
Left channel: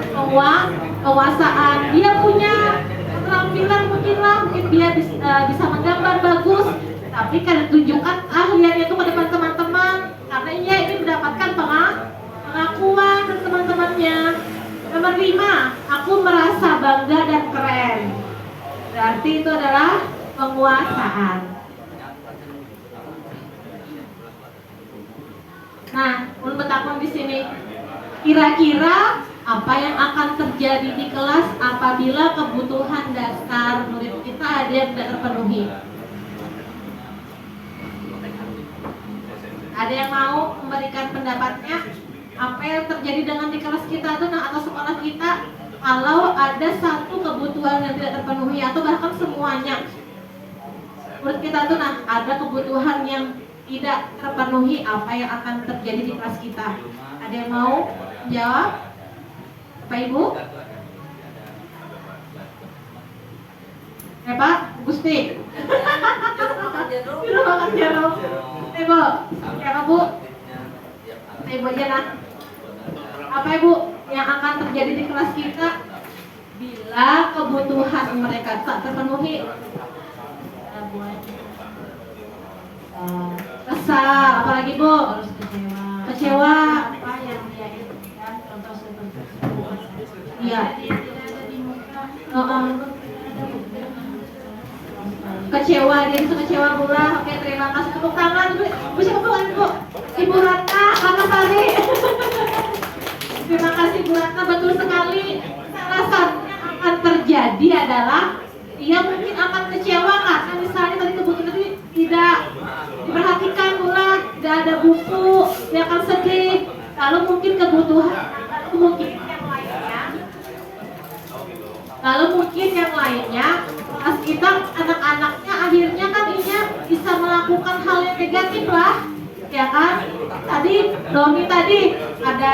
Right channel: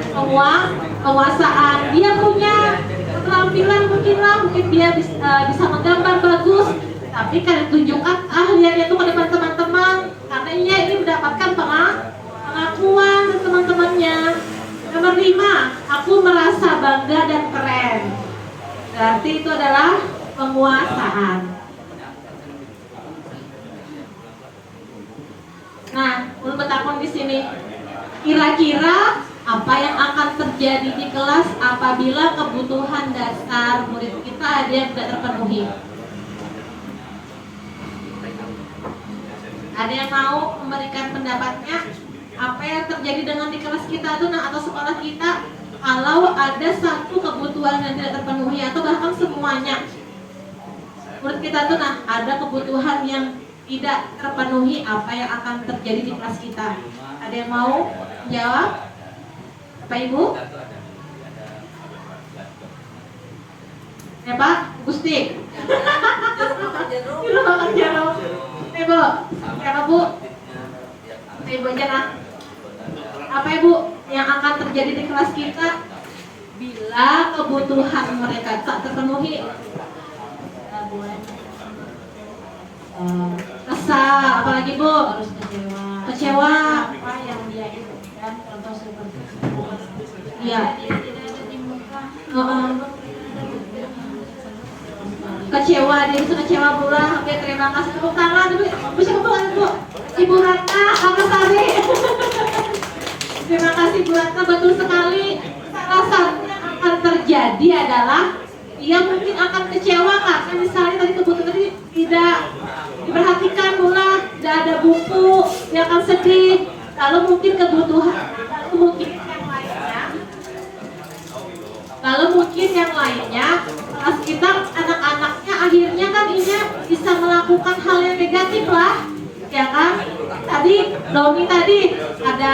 penguasaan. Dia punya keterampilan mungkin dia bisa menggambar bagus, tapi kan ditunjukkan keahliannya itu ke depan teman-teman karena ia ini mendapatkan pengakuan dari teman-temannya. Nomor 5, aku merasa bangga dan keren. Berarti itu adalah penguasaan. Nah, ulun bertakon di sini. Kira-kira apa yang akan terjadi di kelas apabila kebutuhan dasar murid kita ada yang tidak terpenuhi? Ada yang mau memberikan pendapatnya? Apa yang terjadi dengan di kelas kita tuh atau sekolah kita kalau ada satu kebutuhan yang tidak terpenuhi atau bahkan semuanya menurut kita tuh ada kebutuhan yang tidak terpenuhi, apa yang akan terjadi di kelas kita? Ada yang mau jawab? Pak Ibu? Ya Pak, Gusti. Ibu, siapa Bu? Ibu aja lah. Apa Ibu yang akan terjadi di kelas kita bila kebutuhan mereka tak terpenuhi? Kesal, apalagi Bu? Harus kecewa. Yang dia itu kan contoh seperti iya. Kecewa, dia itu kecewa pula. Oke, terima kasih. Tepuk tangan dulu. Siapa Bu? Ibu Ratna, Kakak Sari. Terima kasih Bu Ratna, betul sekali. Salah satu yang akan terjadi adalah dia mungkin akan kecewa karena misalnya tadi kebutuhan tadi tidak diperhatikan pula, tidak ada buku, dia akan sedih. Lalu mungkin kebutuhan, lalu mungkin yang lainnya, kelas kita anak-anaknya akhirnya kan ini bisa melakukan hal yang negatif lah, ya kan? Tadi Doni tadi ada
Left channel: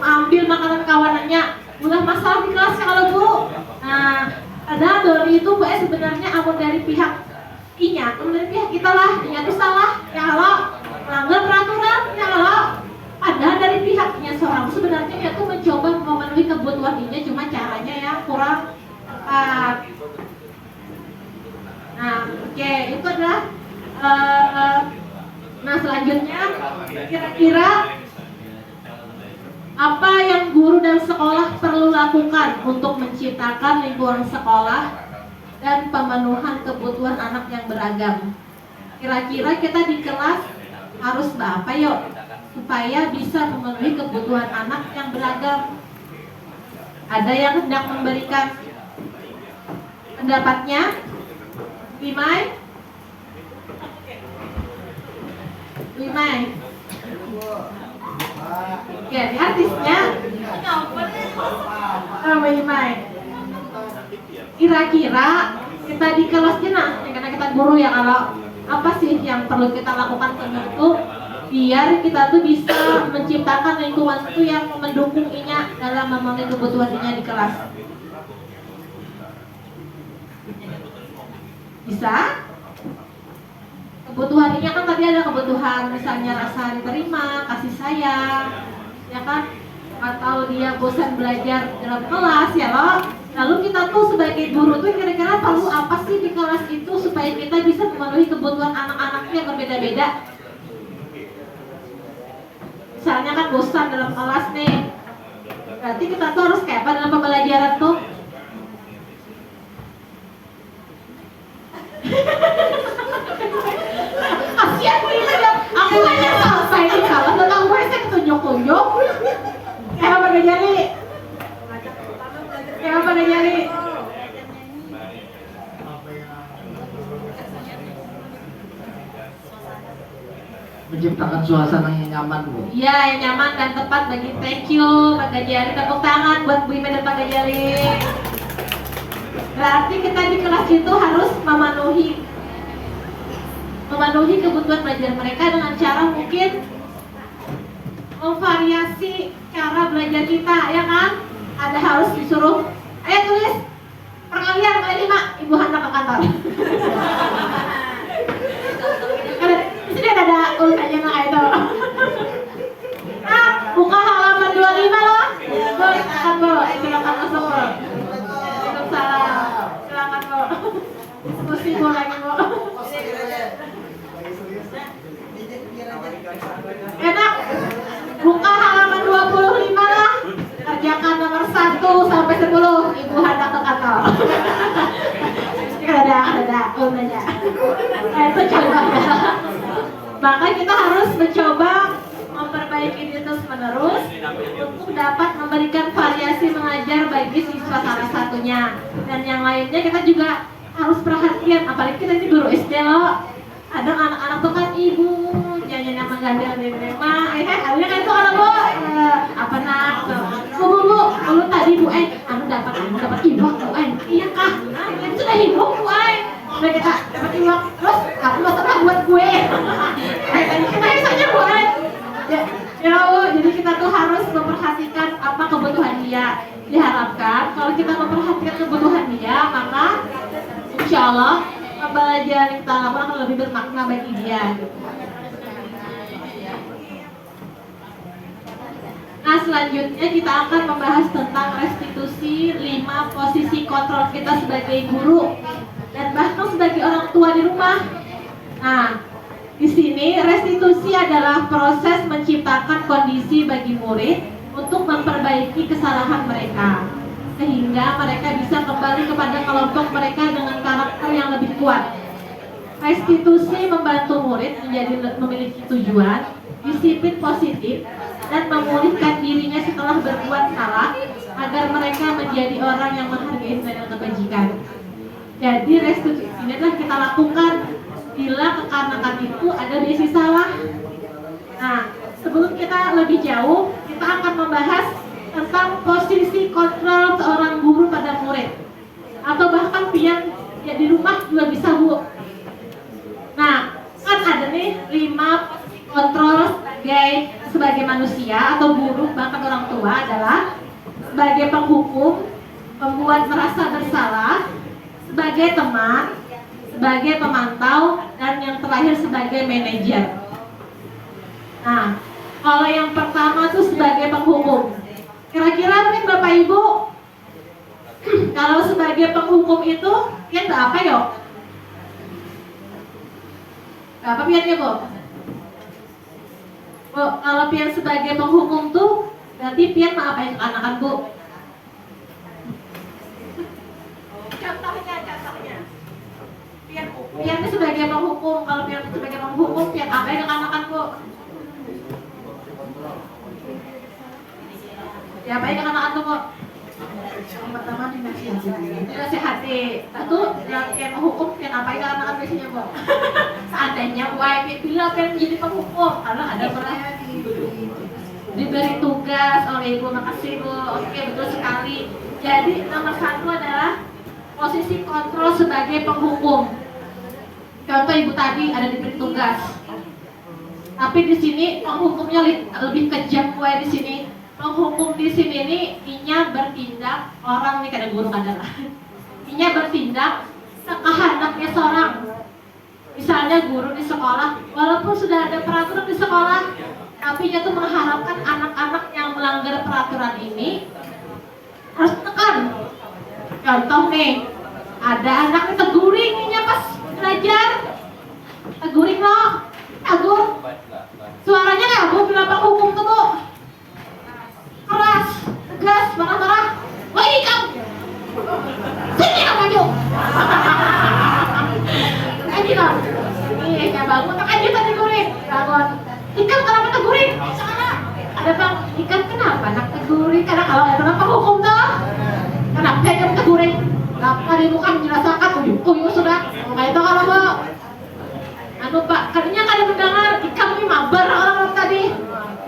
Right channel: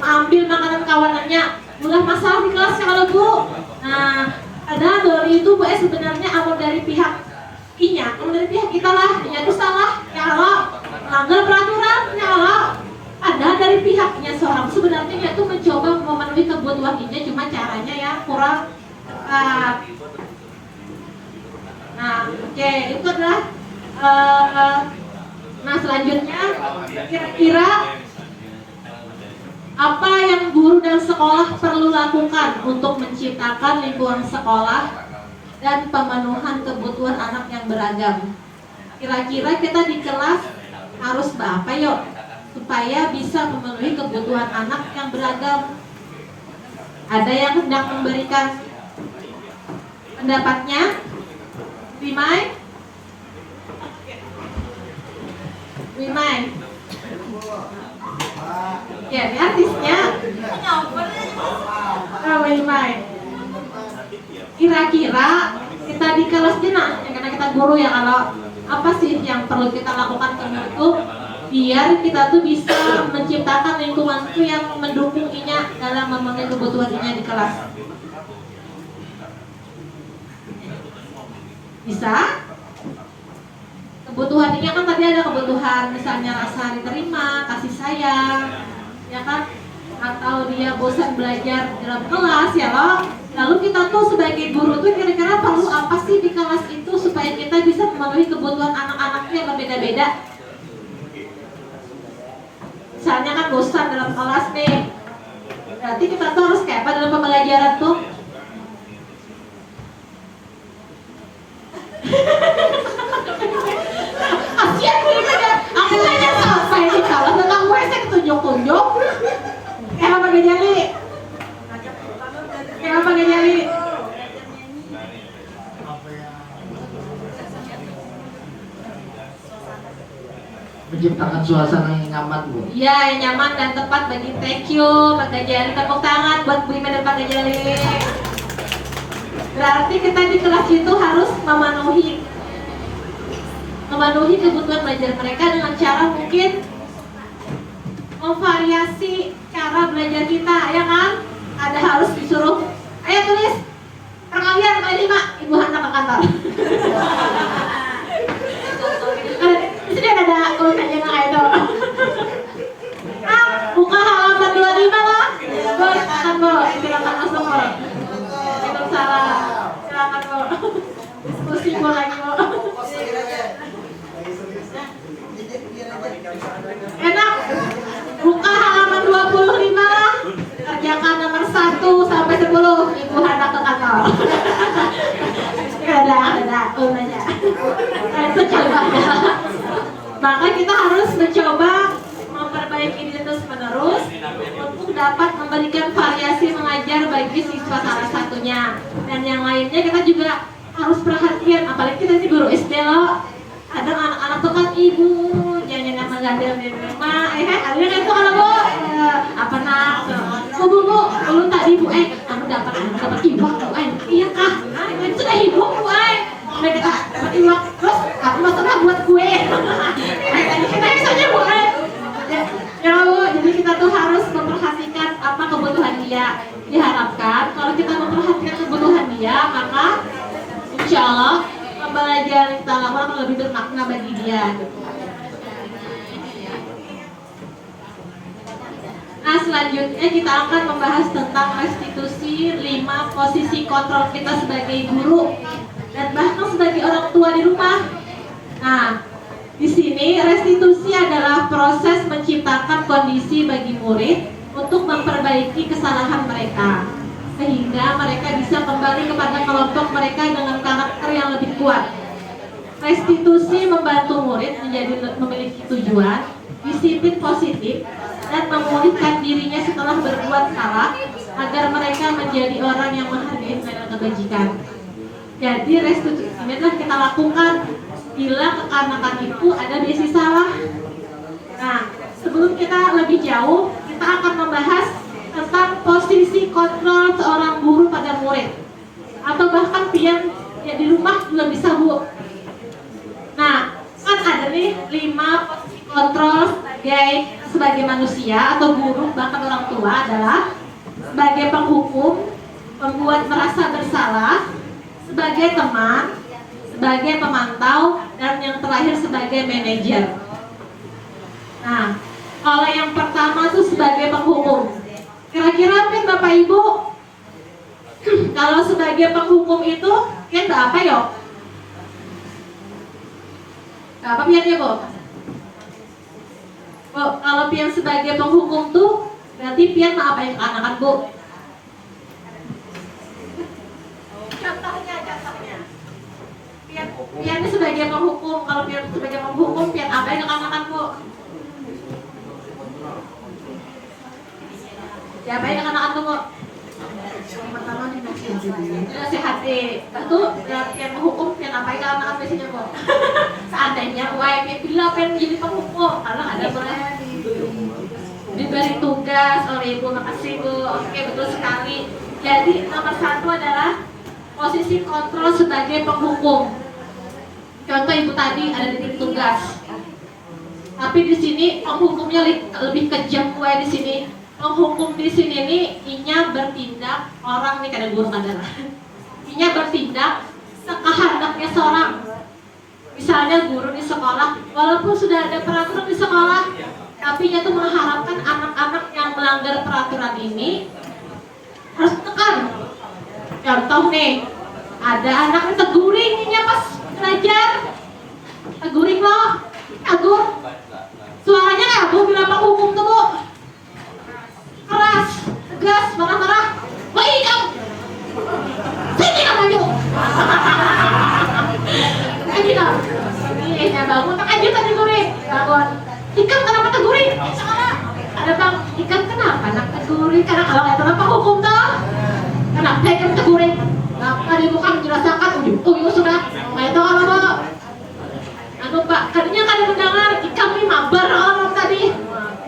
ambil makanan kawanannya, ulah masalah di kelas kalau Bu. Nah, ada Doni itu Bu sebenarnya awal dari pihak inya, dari pihak kita lah, inya itu salah, ya Allah, melanggar peraturan, ya Allah. Ada dari pihaknya seorang sebenarnya yaitu mencoba memenuhi kebutuhan inya, cuma caranya yang kurang tepat. Nah, oke, itu adalah nah selanjutnya kira-kira apa yang guru dan sekolah perlu lakukan untuk menciptakan lingkungan sekolah dan pemenuhan kebutuhan anak yang beragam? Kira-kira kita di kelas harus apa yuk supaya bisa memenuhi kebutuhan anak yang beragam? Ada yang hendak memberikan pendapatnya? Wimai? Ya, ini artisnya. Wimai. Kira-kira kita di kelas kita, karena kita guru ya, kalau apa sih yang perlu kita lakukan untuk biar kita tuh bisa menciptakan lingkungan itu yang mendukungnya dalam memenuhi kebutuhannya di kelas? Bisa? Kebutuhannya kan tadi ada kebutuhan misalnya rasa diterima, kasih sayang, ya kan? Atau dia bosan belajar dalam kelas, ya loh. Lalu kita tuh sebagai guru tuh kira-kira perlu apa sih di kelas itu supaya kita bisa memenuhi kebutuhan anak-anaknya yang berbeda-beda. Misalnya kan bosan dalam kelas nih, berarti kita tuh harus kayak apa dalam pembelajaran tuh? Kasian gue aja, aku aja selesai di kelas tentang gue saya tunjuk-tunjuk. Kayak apa gak jadi? Kayak apa gak jadi? Menciptakan suasana yang nyaman, Bu. Iya, yang nyaman dan tepat bagi thank you Pak Gajari. Tepuk tangan buat Bu Ime dan Pak Gajari. Berarti kita di kelas itu harus memenuhi kebutuhan belajar mereka dengan cara mungkin memvariasi cara belajar kita, ya kan? Ada harus disuruh, ayo tulis perkalian kali 5, Ibu hantar ke kantor. Di sini ada urusannya kayak itu. Buka halaman 25 loh. Bu, silakan Bu, silakan masuk Bu. Waalaikumsalam. Silakan Bu. Diskusi Bu lagi Bu. Enak. Buka halaman 25 lah. Kerjakan nomor 1 sampai 10. Ibu hantar ke kantor. Ada. Oh, nanya. Itu coba ya. Maka kita harus mencoba memperbaiki diri terus-menerus untuk dapat memberikan variasi mengajar bagi siswa salah satunya. Dan yang lainnya kita juga harus perhatian, apalagi kita ini guru SD loh. Kadang anak-anak tuh kan ibu jangan nama ganti nama, ada itu kan Bu, apa nak? Bu, dulu tadi Bu, anu dapat ibu Bu, iya kah? Nah, itu sudah ibu Bu, nah kita dapat ibu, terus aku masalah buat gue. Tadi kita saja Bu, ya jadi kita tuh harus memperhatikan apa kebutuhan dia. Diharapkan kalau kita memperhatikan kebutuhan dia, maka insya Allah pembelajaran kita lakukan akan lebih bermakna bagi dia. Nah, selanjutnya kita akan membahas tentang restitusi 5 posisi kontrol kita sebagai guru dan bahkan sebagai orang tua di rumah. Nah, di sini restitusi adalah proses menciptakan kondisi bagi murid untuk memperbaiki kesalahan mereka sehingga mereka bisa kembali kepada kelompok mereka dengan karakter yang lebih kuat. Restitusi membantu murid menjadi memiliki tujuan, disiplin positif, dan memulihkan dirinya setelah berbuat salah agar mereka menjadi orang yang menghargai nilai kebajikan. Jadi restitusi ini telah kita lakukan bila kekanak-kanakan itu ada basic salah. Nah, sebelum kita lebih jauh, kita akan membahas tentang posisi kontrol seorang guru pada murid atau bahkan pian ya di rumah juga bisa Bu. Nah, kan ada nih 5 posisi kontrol sebagai manusia atau guru bahkan orang tua adalah sebagai penghukum, membuat merasa bersalah, sebagai teman, sebagai pemantau, dan yang terakhir sebagai manajer. Nah, kalau yang pertama tuh sebagai penghukum. Kira-kira Pin Bapak Ibu, kalau sebagai penghukum itu Pian apa yo? Apa Pian ya Bu? Bu, kalau Pian sebagai penghukum tuh berarti Pian mau apain anak-anak Bu? Contohnya. Pian ini sebagai penghukum, kalau Pian sebagai penghukum Pian apain anak-anak Bu? Ya baik anak-anak kok. Yang pertama dinasihati. Lalu yang menghukum yang apa anak-anak biasanya kok. Seandainya baik bila pengen jadi penghukum, kalau ada melayani. Diberi tugas oleh Ibu, makasih Bu. Oke, betul sekali. Jadi nomor 1 adalah posisi kontrol sebagai penghukum. Contoh Ibu tadi ada diberi tugas. Tapi di sini penghukumnya lebih kejam di sini. Penghukum di sini nih inya bertindak orang nih kada guru adalah inya bertindak sekehendaknya seorang. Misalnya guru di sekolah, walaupun sudah ada peraturan di sekolah, tapi inya tuh mengharapkan anak-anak yang melanggar peraturan ini harus tekan. Contoh nih, ada anaknya teguringnya pas belajar, teguring loh, Agung. Suaranya kayak Bu bilang Pak hukum tuh Bu, keras, tegas, marah-marah. Woi kamu, sini kamu yuk. Saya bilang, ini kayak bangun, aja tadi teguring, bangun. Ikan kenapa teguring? Ada bang, ikan kenapa nak teguring? Karena kalau nggak kenapa hukum toh? Kenapa ikan teguring? Kenapa di muka menjelaskan? Uyuh sudah, nggak itu kalau Bu. Anu Pak, katanya kalian mendengar ikan ini mabar orang tadi.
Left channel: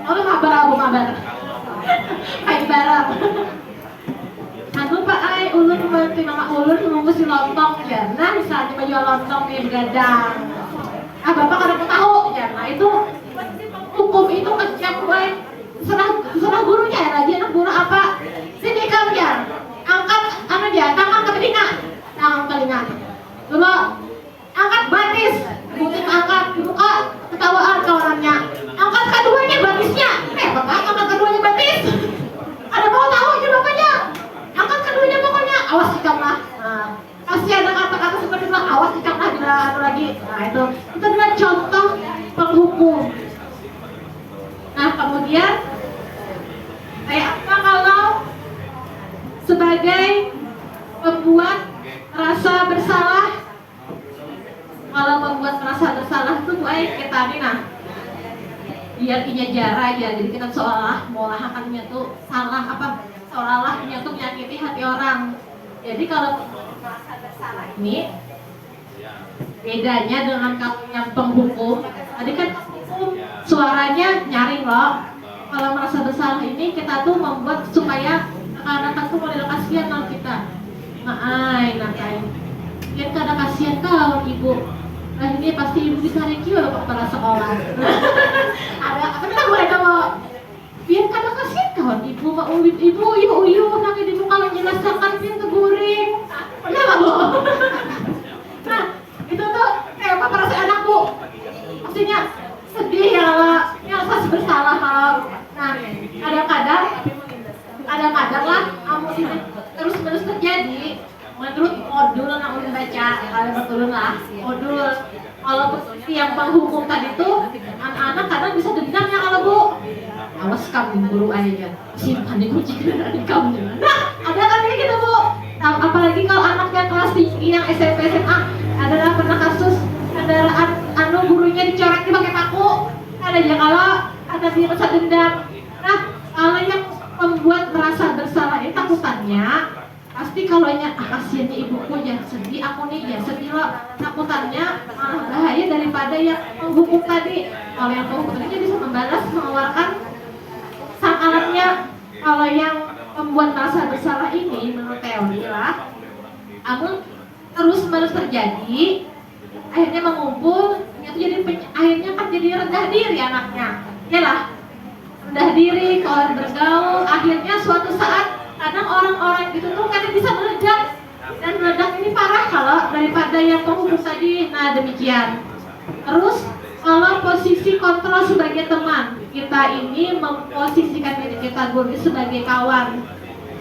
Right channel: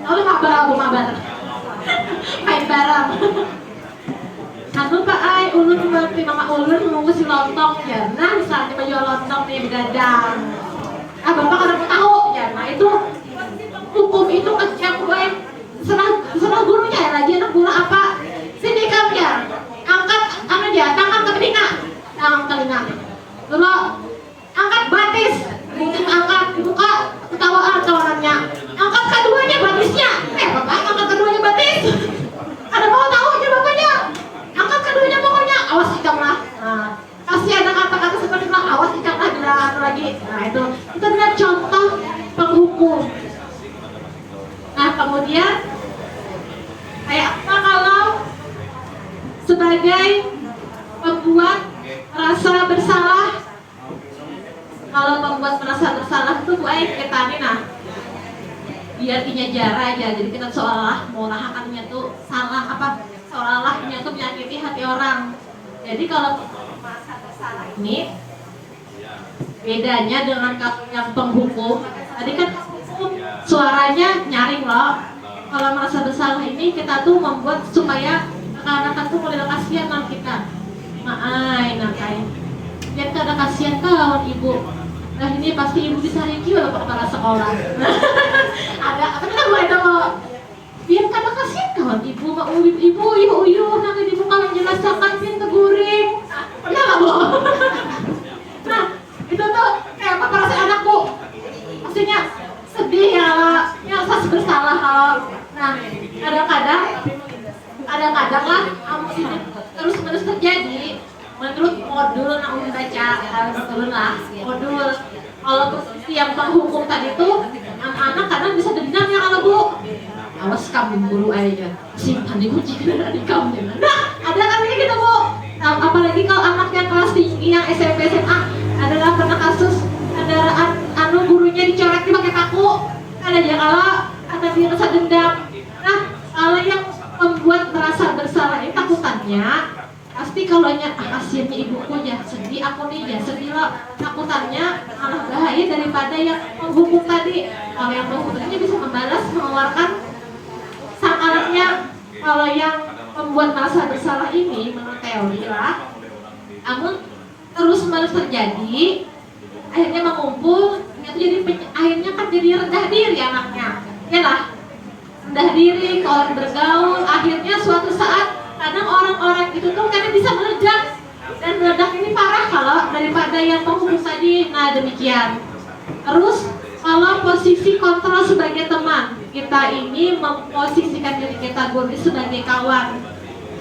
Kamu mabar apa mabar? Main barang. Anu Pak, ulun membantu mama ulun mengusi lontong ya. Nah misalnya baju lontong nih digadang. Bapak kadang tahu ya. Nah itu hukum itu kerja gue. Serah gurunya ya, rajin anak guru apa? Sini kamu ya, angkat anu dia, tangan ke telinga, Lalu angkat batis, mungkin angkat buka ketawaan kawanannya. Angkat keduanya batisnya, bapak angkat keduanya batis. Ada mau tahu aja bapaknya, angkat keduanya pokoknya, awas ikan lah. Kasih ada kata-kata seperti itu, awas ikan lah gerak lagi. Nah itu adalah contoh penghukum. Nah kemudian kayak apa kalau sebagai pembuat rasa bersalah, kalau pembuat merasa bersalah itu kita nih nah biar punya jarak aja, jadi kita seolah mengolahannya tuh salah apa, seolah-olahnya tuh menyakiti hati orang. Jadi kalau merasa bersalah ini bedanya dengan yang penghukum, tadi kan hukum suaranya nyaring loh. Kalau merasa bersalah ini kita tuh membuat supaya anak-anak tuh mulai kasihan kalau kita. Nakai. Biar kada kasihan kalau ibu. Nah ini pasti ibu bisa review loh kepala sekolah. Ada apa kita boleh mau biar kada kasihan kawan ibu mau ibu nanti di muka menjelaskan biar teguring. Pernah nggak Bu? Nah itu tuh kayak apa perasaan anak Bu? Maksudnya sedih ya rasa bersalah kalau nah kadang-kadang lah terus terjadi menurut modul yang udah baca betul lah modul kalau posisi yang penghukum tadi tuh anak-anak kadang bisa dendam ya kalau Bu awas kamu guru aja simpan di kunci dari kamu. Nah ada kan kayak gitu Bu. Nah, apalagi kalau anaknya kelas tinggi yang SMP SMA adalah pernah kasus kendaraan gurunya dicorekin pakai paku. Ada aja kalau ada dia rasa dendam. Nah kalau yang membuat merasa bersalah itu takutannya pasti kalau kasihannya ibuku ya sedih, aku nih ya sedih loh, takutannya malah bahaya daripada yang menghukum tadi. Kalau yang menghukum tadi bisa membalas mengeluarkan sang anaknya. Kalau yang membuat merasa bersalah ini menurut teori lah, namun terus menerus terjadi, akhirnya mengumpul, itu jadi akhirnya kan jadi rendah diri anaknya, ya lah, rendah diri, kalau bergaul, akhirnya suatu saat kadang orang-orang itu tuh kadang bisa meledak, dan meledak ini parah kalau daripada yang penghukum tadi. Nah demikian. Terus kalau posisi kontrol sebagai teman, kita ini memposisikan diri kita guru sebagai kawan,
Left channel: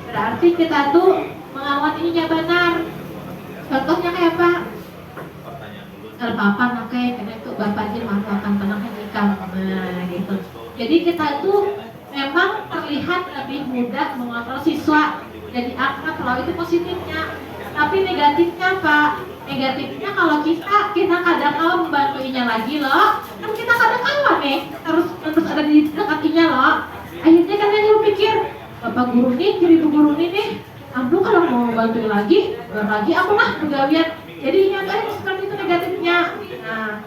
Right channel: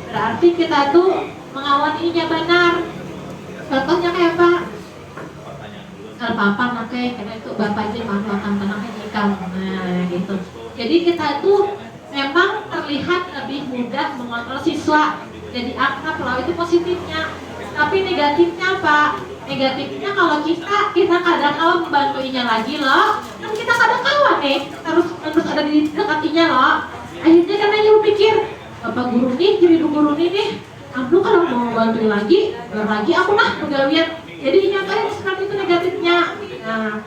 berarti kita tuh mengawaninya benar. Contohnya kayak apa? Kalau papa nakeh, karena itu bapaknya makan tenangnya nikah, nah gitu. Jadi kita tuh memang terlihat lebih mudah mengontrol siswa, jadi akrab kalau itu positifnya. Tapi negatifnya Pak, negatifnya kalau kita kadang-kadang membantuinya lagi loh, kan kita kadang kawan nih, terus ada di dekatinya loh. Akhirnya kan aja pikir, bapak guru nih, jadi ibu guru nih, aku kalau mau bantu lagi aku mah pegawaian. Jadi nyatanya seperti itu negatifnya. Nah,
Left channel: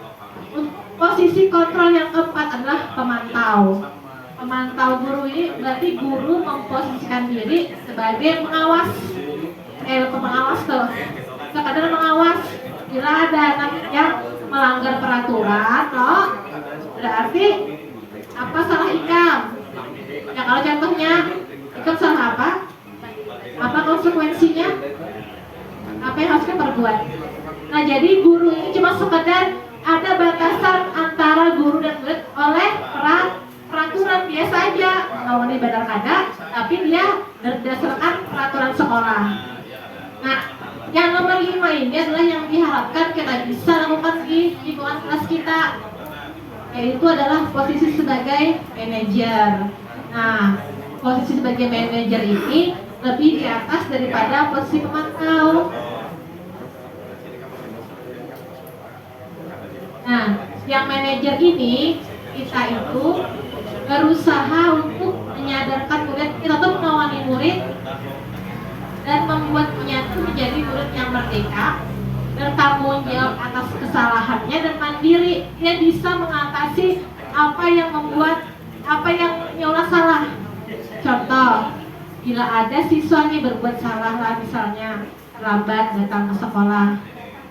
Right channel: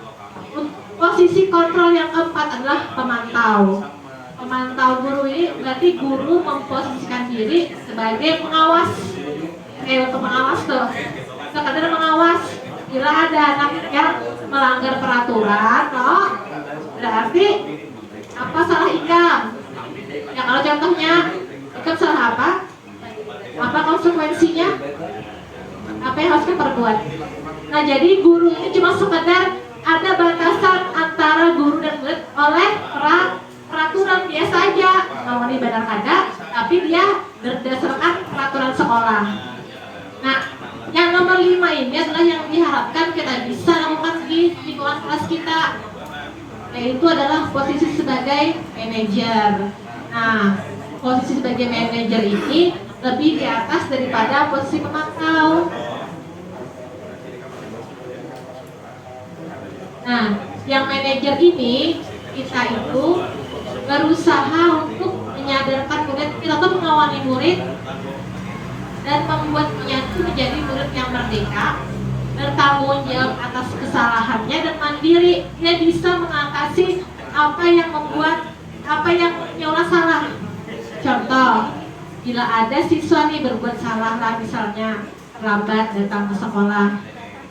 posisi kontrol yang keempat adalah pemantau. Pemantau guru ini berarti guru memposisikan diri sebagai pengawas. Pengawas tuh. Kadang mengawas bila ada anak yang melanggar peraturan, toh berarti apa salah ikam. Ya kalau contohnya ikam salah apa? Apa konsekuensinya? Apa yang harus kita perbuat? Nah jadi guru ini cuma sekedar ada batasan antara guru dan murid oleh peraturan biasa aja. Kalau ini benar kada, tapi dia berdasarkan peraturan sekolah. Yang nomor 5 ini adalah yang diharapkan kita bisa lakukan di lingkungan kelas kita, yaitu adalah posisi sebagai manajer. Nah, posisi sebagai manajer ini lebih di atas daripada posisi pemantau. Nah, yang manajer ini kita itu berusaha untuk menyadarkan murid, kita tuh mengawali murid dan membuatnya itu menjadi murid yang merdeka, bertanggung jawab atas kesalahannya dan mandiri. Dia bisa mengatasi apa yang menyolah salah. Contoh, bila ada siswa nih berbuat salah lah, misalnya terlambat datang ke sekolah,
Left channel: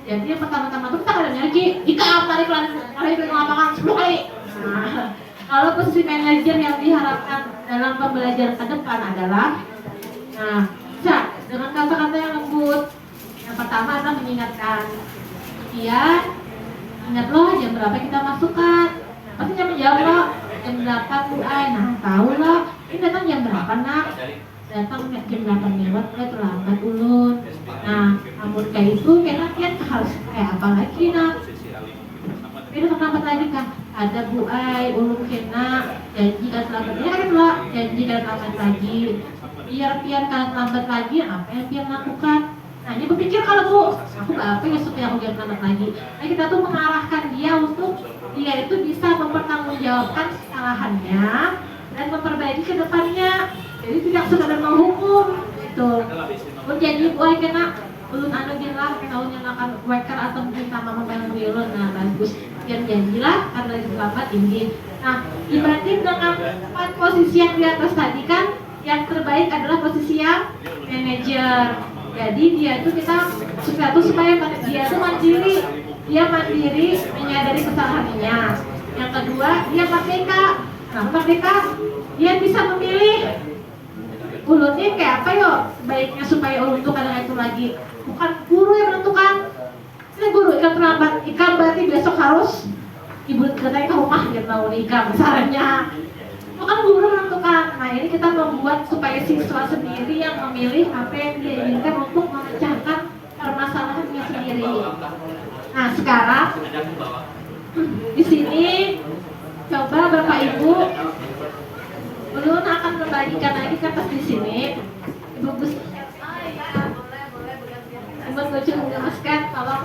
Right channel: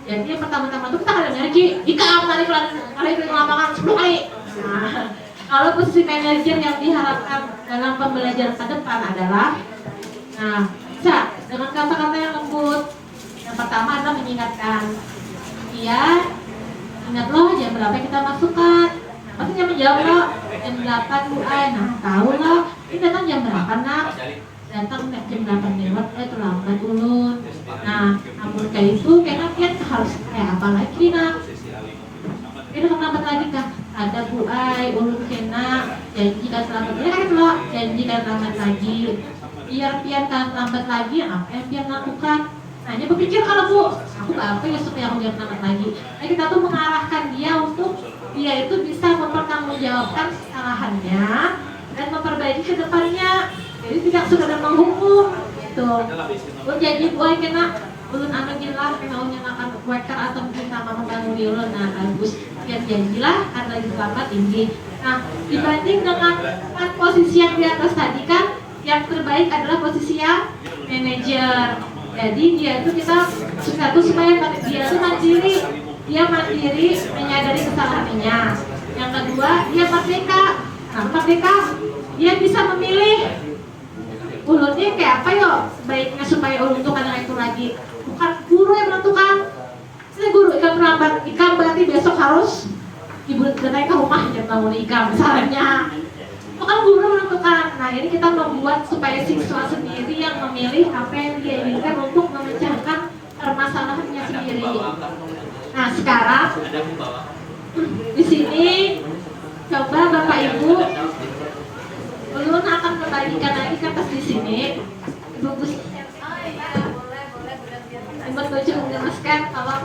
jadi yang pertama-tama itu kita ada energi, tarik ke lapangan 10 kali. Nah, kalau posisi manajer yang diharapkan dalam pembelajaran ke depan adalah, nah, bisa dengan kata-kata yang lembut. Yang pertama adalah mengingatkan, iya, ingat loh jam berapa kita masukkan. Pasti jam menjawab loh, jam 8 Bu Ai. Nah, tahu loh, ini datang jam berapa nak? Datang jam 8 lewat, terlambat ulun. Nah, ampun kayak itu, kayaknya dia harus kayak apa lagi nak? Ini terlambat lagi kah? Ada Bu Ai, ulun kena janji kan terlambat lagi loh, janji kan terlambat lagi. Biar kan terlambat lagi, apa yang biar lakukan? Nah, ini berpikir kalau Bu, aku apa ya supaya aku jangan terlambat lagi. Nah, kita tuh mengarahkan dia untuk dia itu bisa mempertanggungjawabkan kesalahannya dan memperbaiki ke depannya. Jadi tidak sekedar menghukum gitu. Ulun janji Bu Ai kena ulun anu gilah kena ulun nyalakan worker atau mungkin sama membangun ulun. Nah, bagus. Biar janjilah karena lagi terlambat ini. Nah, dibanding dengan 4 posisi yang di atas tadi kan, yang terbaik adalah posisi yang manajer. Jadi dia itu kita supaya dia itu mandiri, menyadari kesalahannya. Yang kedua, dia merdeka. Nah, merdeka, dia bisa memilih ulunnya kayak apa yo baiknya supaya ulun itu kadang itu lagi. Bukan guru yang menentukan. Ini guru ikan terlambat, ikan berarti besok harus ibu datang ke rumah dan bangun ikan misalnya. Bukan guru menentukan. Nah, ini kita membuat supaya siswa sendiri yang memilih apa yang dia inginkan untuk memecahkan permasalahannya sendiri. Nah, sekarang di sini coba Bapak Ibu, ulun akan membagikan lagi kertas di sini. Ibu Gus, Ibu Tujuh menjelaskan, tolong.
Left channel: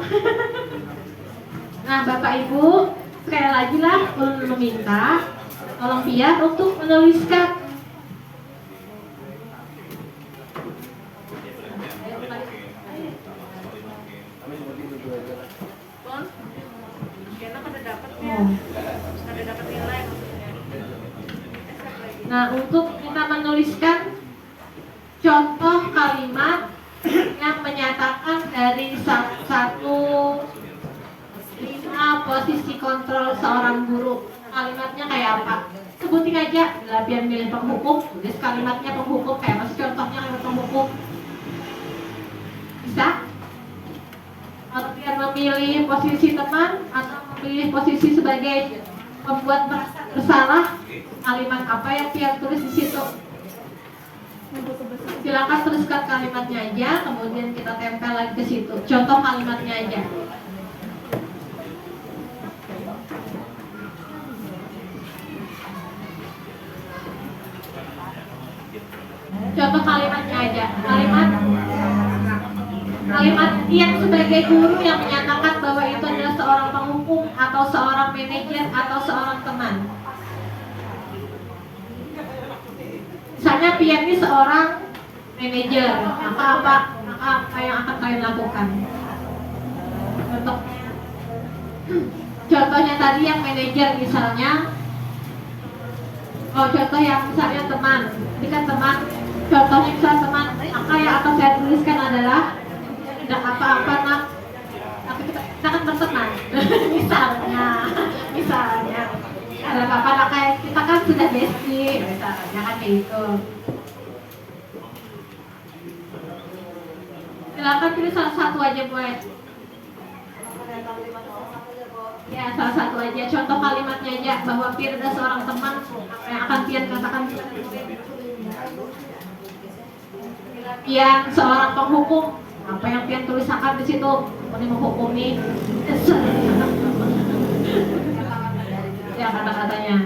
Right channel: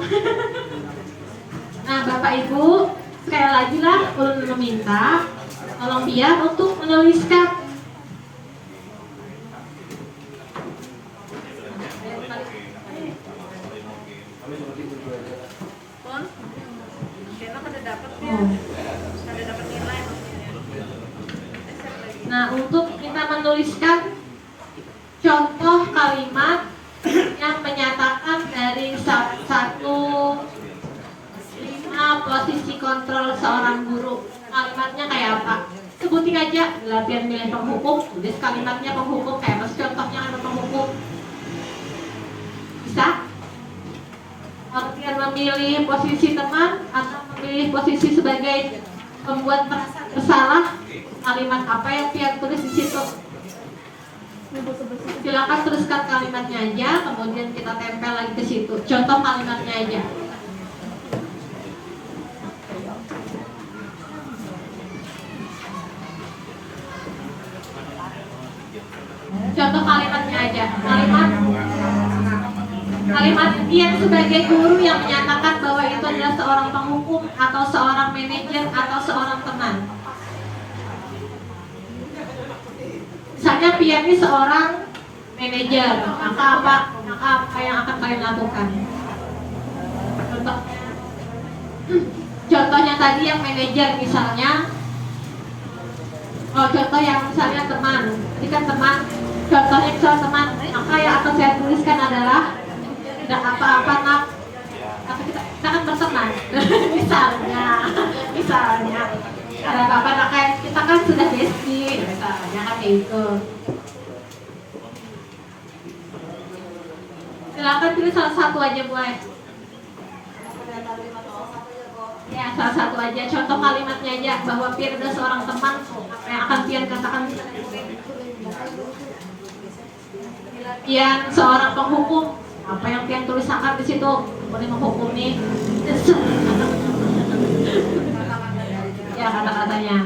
Nah, Bapak Ibu, sekali lagi lah ulun meminta tolong dia untuk menuliskan Nah, untuk kita menuliskan contoh kalimat yang menyatakan dari 5 posisi kontrol seorang guru. Kalimatnya kayak apa? Sebutin aja. Biar milih penghukum, tulis kalimatnya penghukum. Kayak mas contohnya kan penghukum. Bisa? Biar memilih posisi teman atau memilih posisi sebagai pembuat merasa bersalah. Kalimat apa yang biar tulis di situ? Silakan tuliskan kalimatnya aja, kemudian kita tempel lagi ke situ. Contoh kalimatnya aja. Contoh kalimatnya aja. Kalimat yang sebagai guru yang menyatakan bahwa itu adalah seorang penghukum atau seorang manajer atau seorang teman. Misalnya Pian ini seorang manajer, maka apa yang akan kalian lakukan? Contohnya tadi yang manajer misalnya, contoh yang misalnya teman, ini kan teman, contohnya misalnya teman, maka yang akan saya tuliskan adalah tidak apa-apa nak, tapi kita akan berteman. misalnya ada apa-apa nak, kayak kita kan sudah bestie, misalnya kan kayak itu. Silakan tulis salah satu aja boleh. Ya, salah satu aja. Contoh kalimatnya aja bahwa Pian adalah seorang teman yang akan Pian katakan. Pian seorang penghukum Apa yang pian tulis akar di situ? Boleh menghukumi. Ya kata-katanya.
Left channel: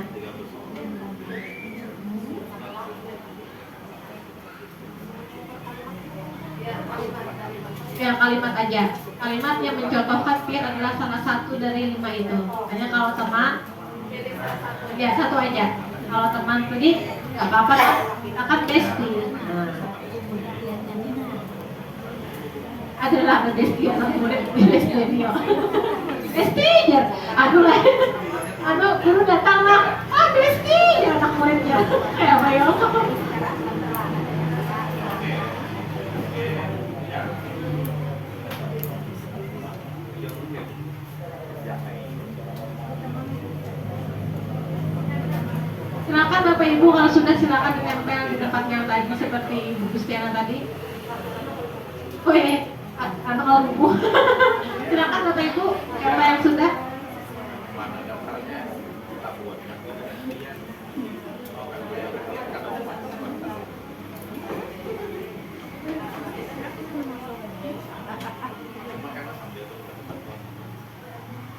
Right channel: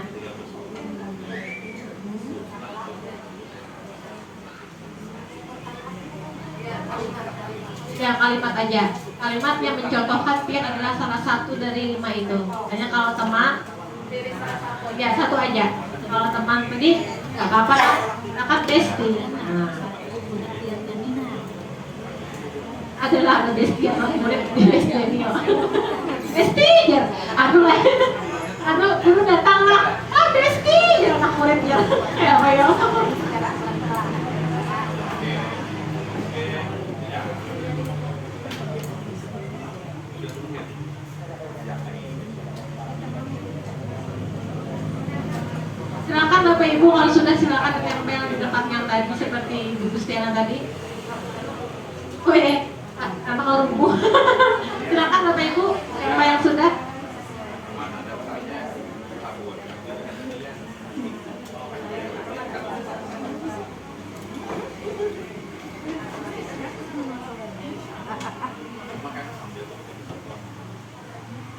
Ya kalimat aja. Kalimat yang mencontohkan pian adalah salah satu dari 5 itu. Hanya kalau teman, ya satu aja. Kalau teman tadi nggak apa-apa, akan besti. Adalah besti anak murid di besti ini. Besti ya, aduh lah, aduh dulu datang lah, besti ya anak muridnya. Kayak apa ya? Silakan Bapak Ibu, kalau sudah silakan ditempel di tempat yang tadi seperti Ibu Gustiana tadi. Oke, apa kalau Ibu? Silakan Bapak Ibu, siapa yang sudah?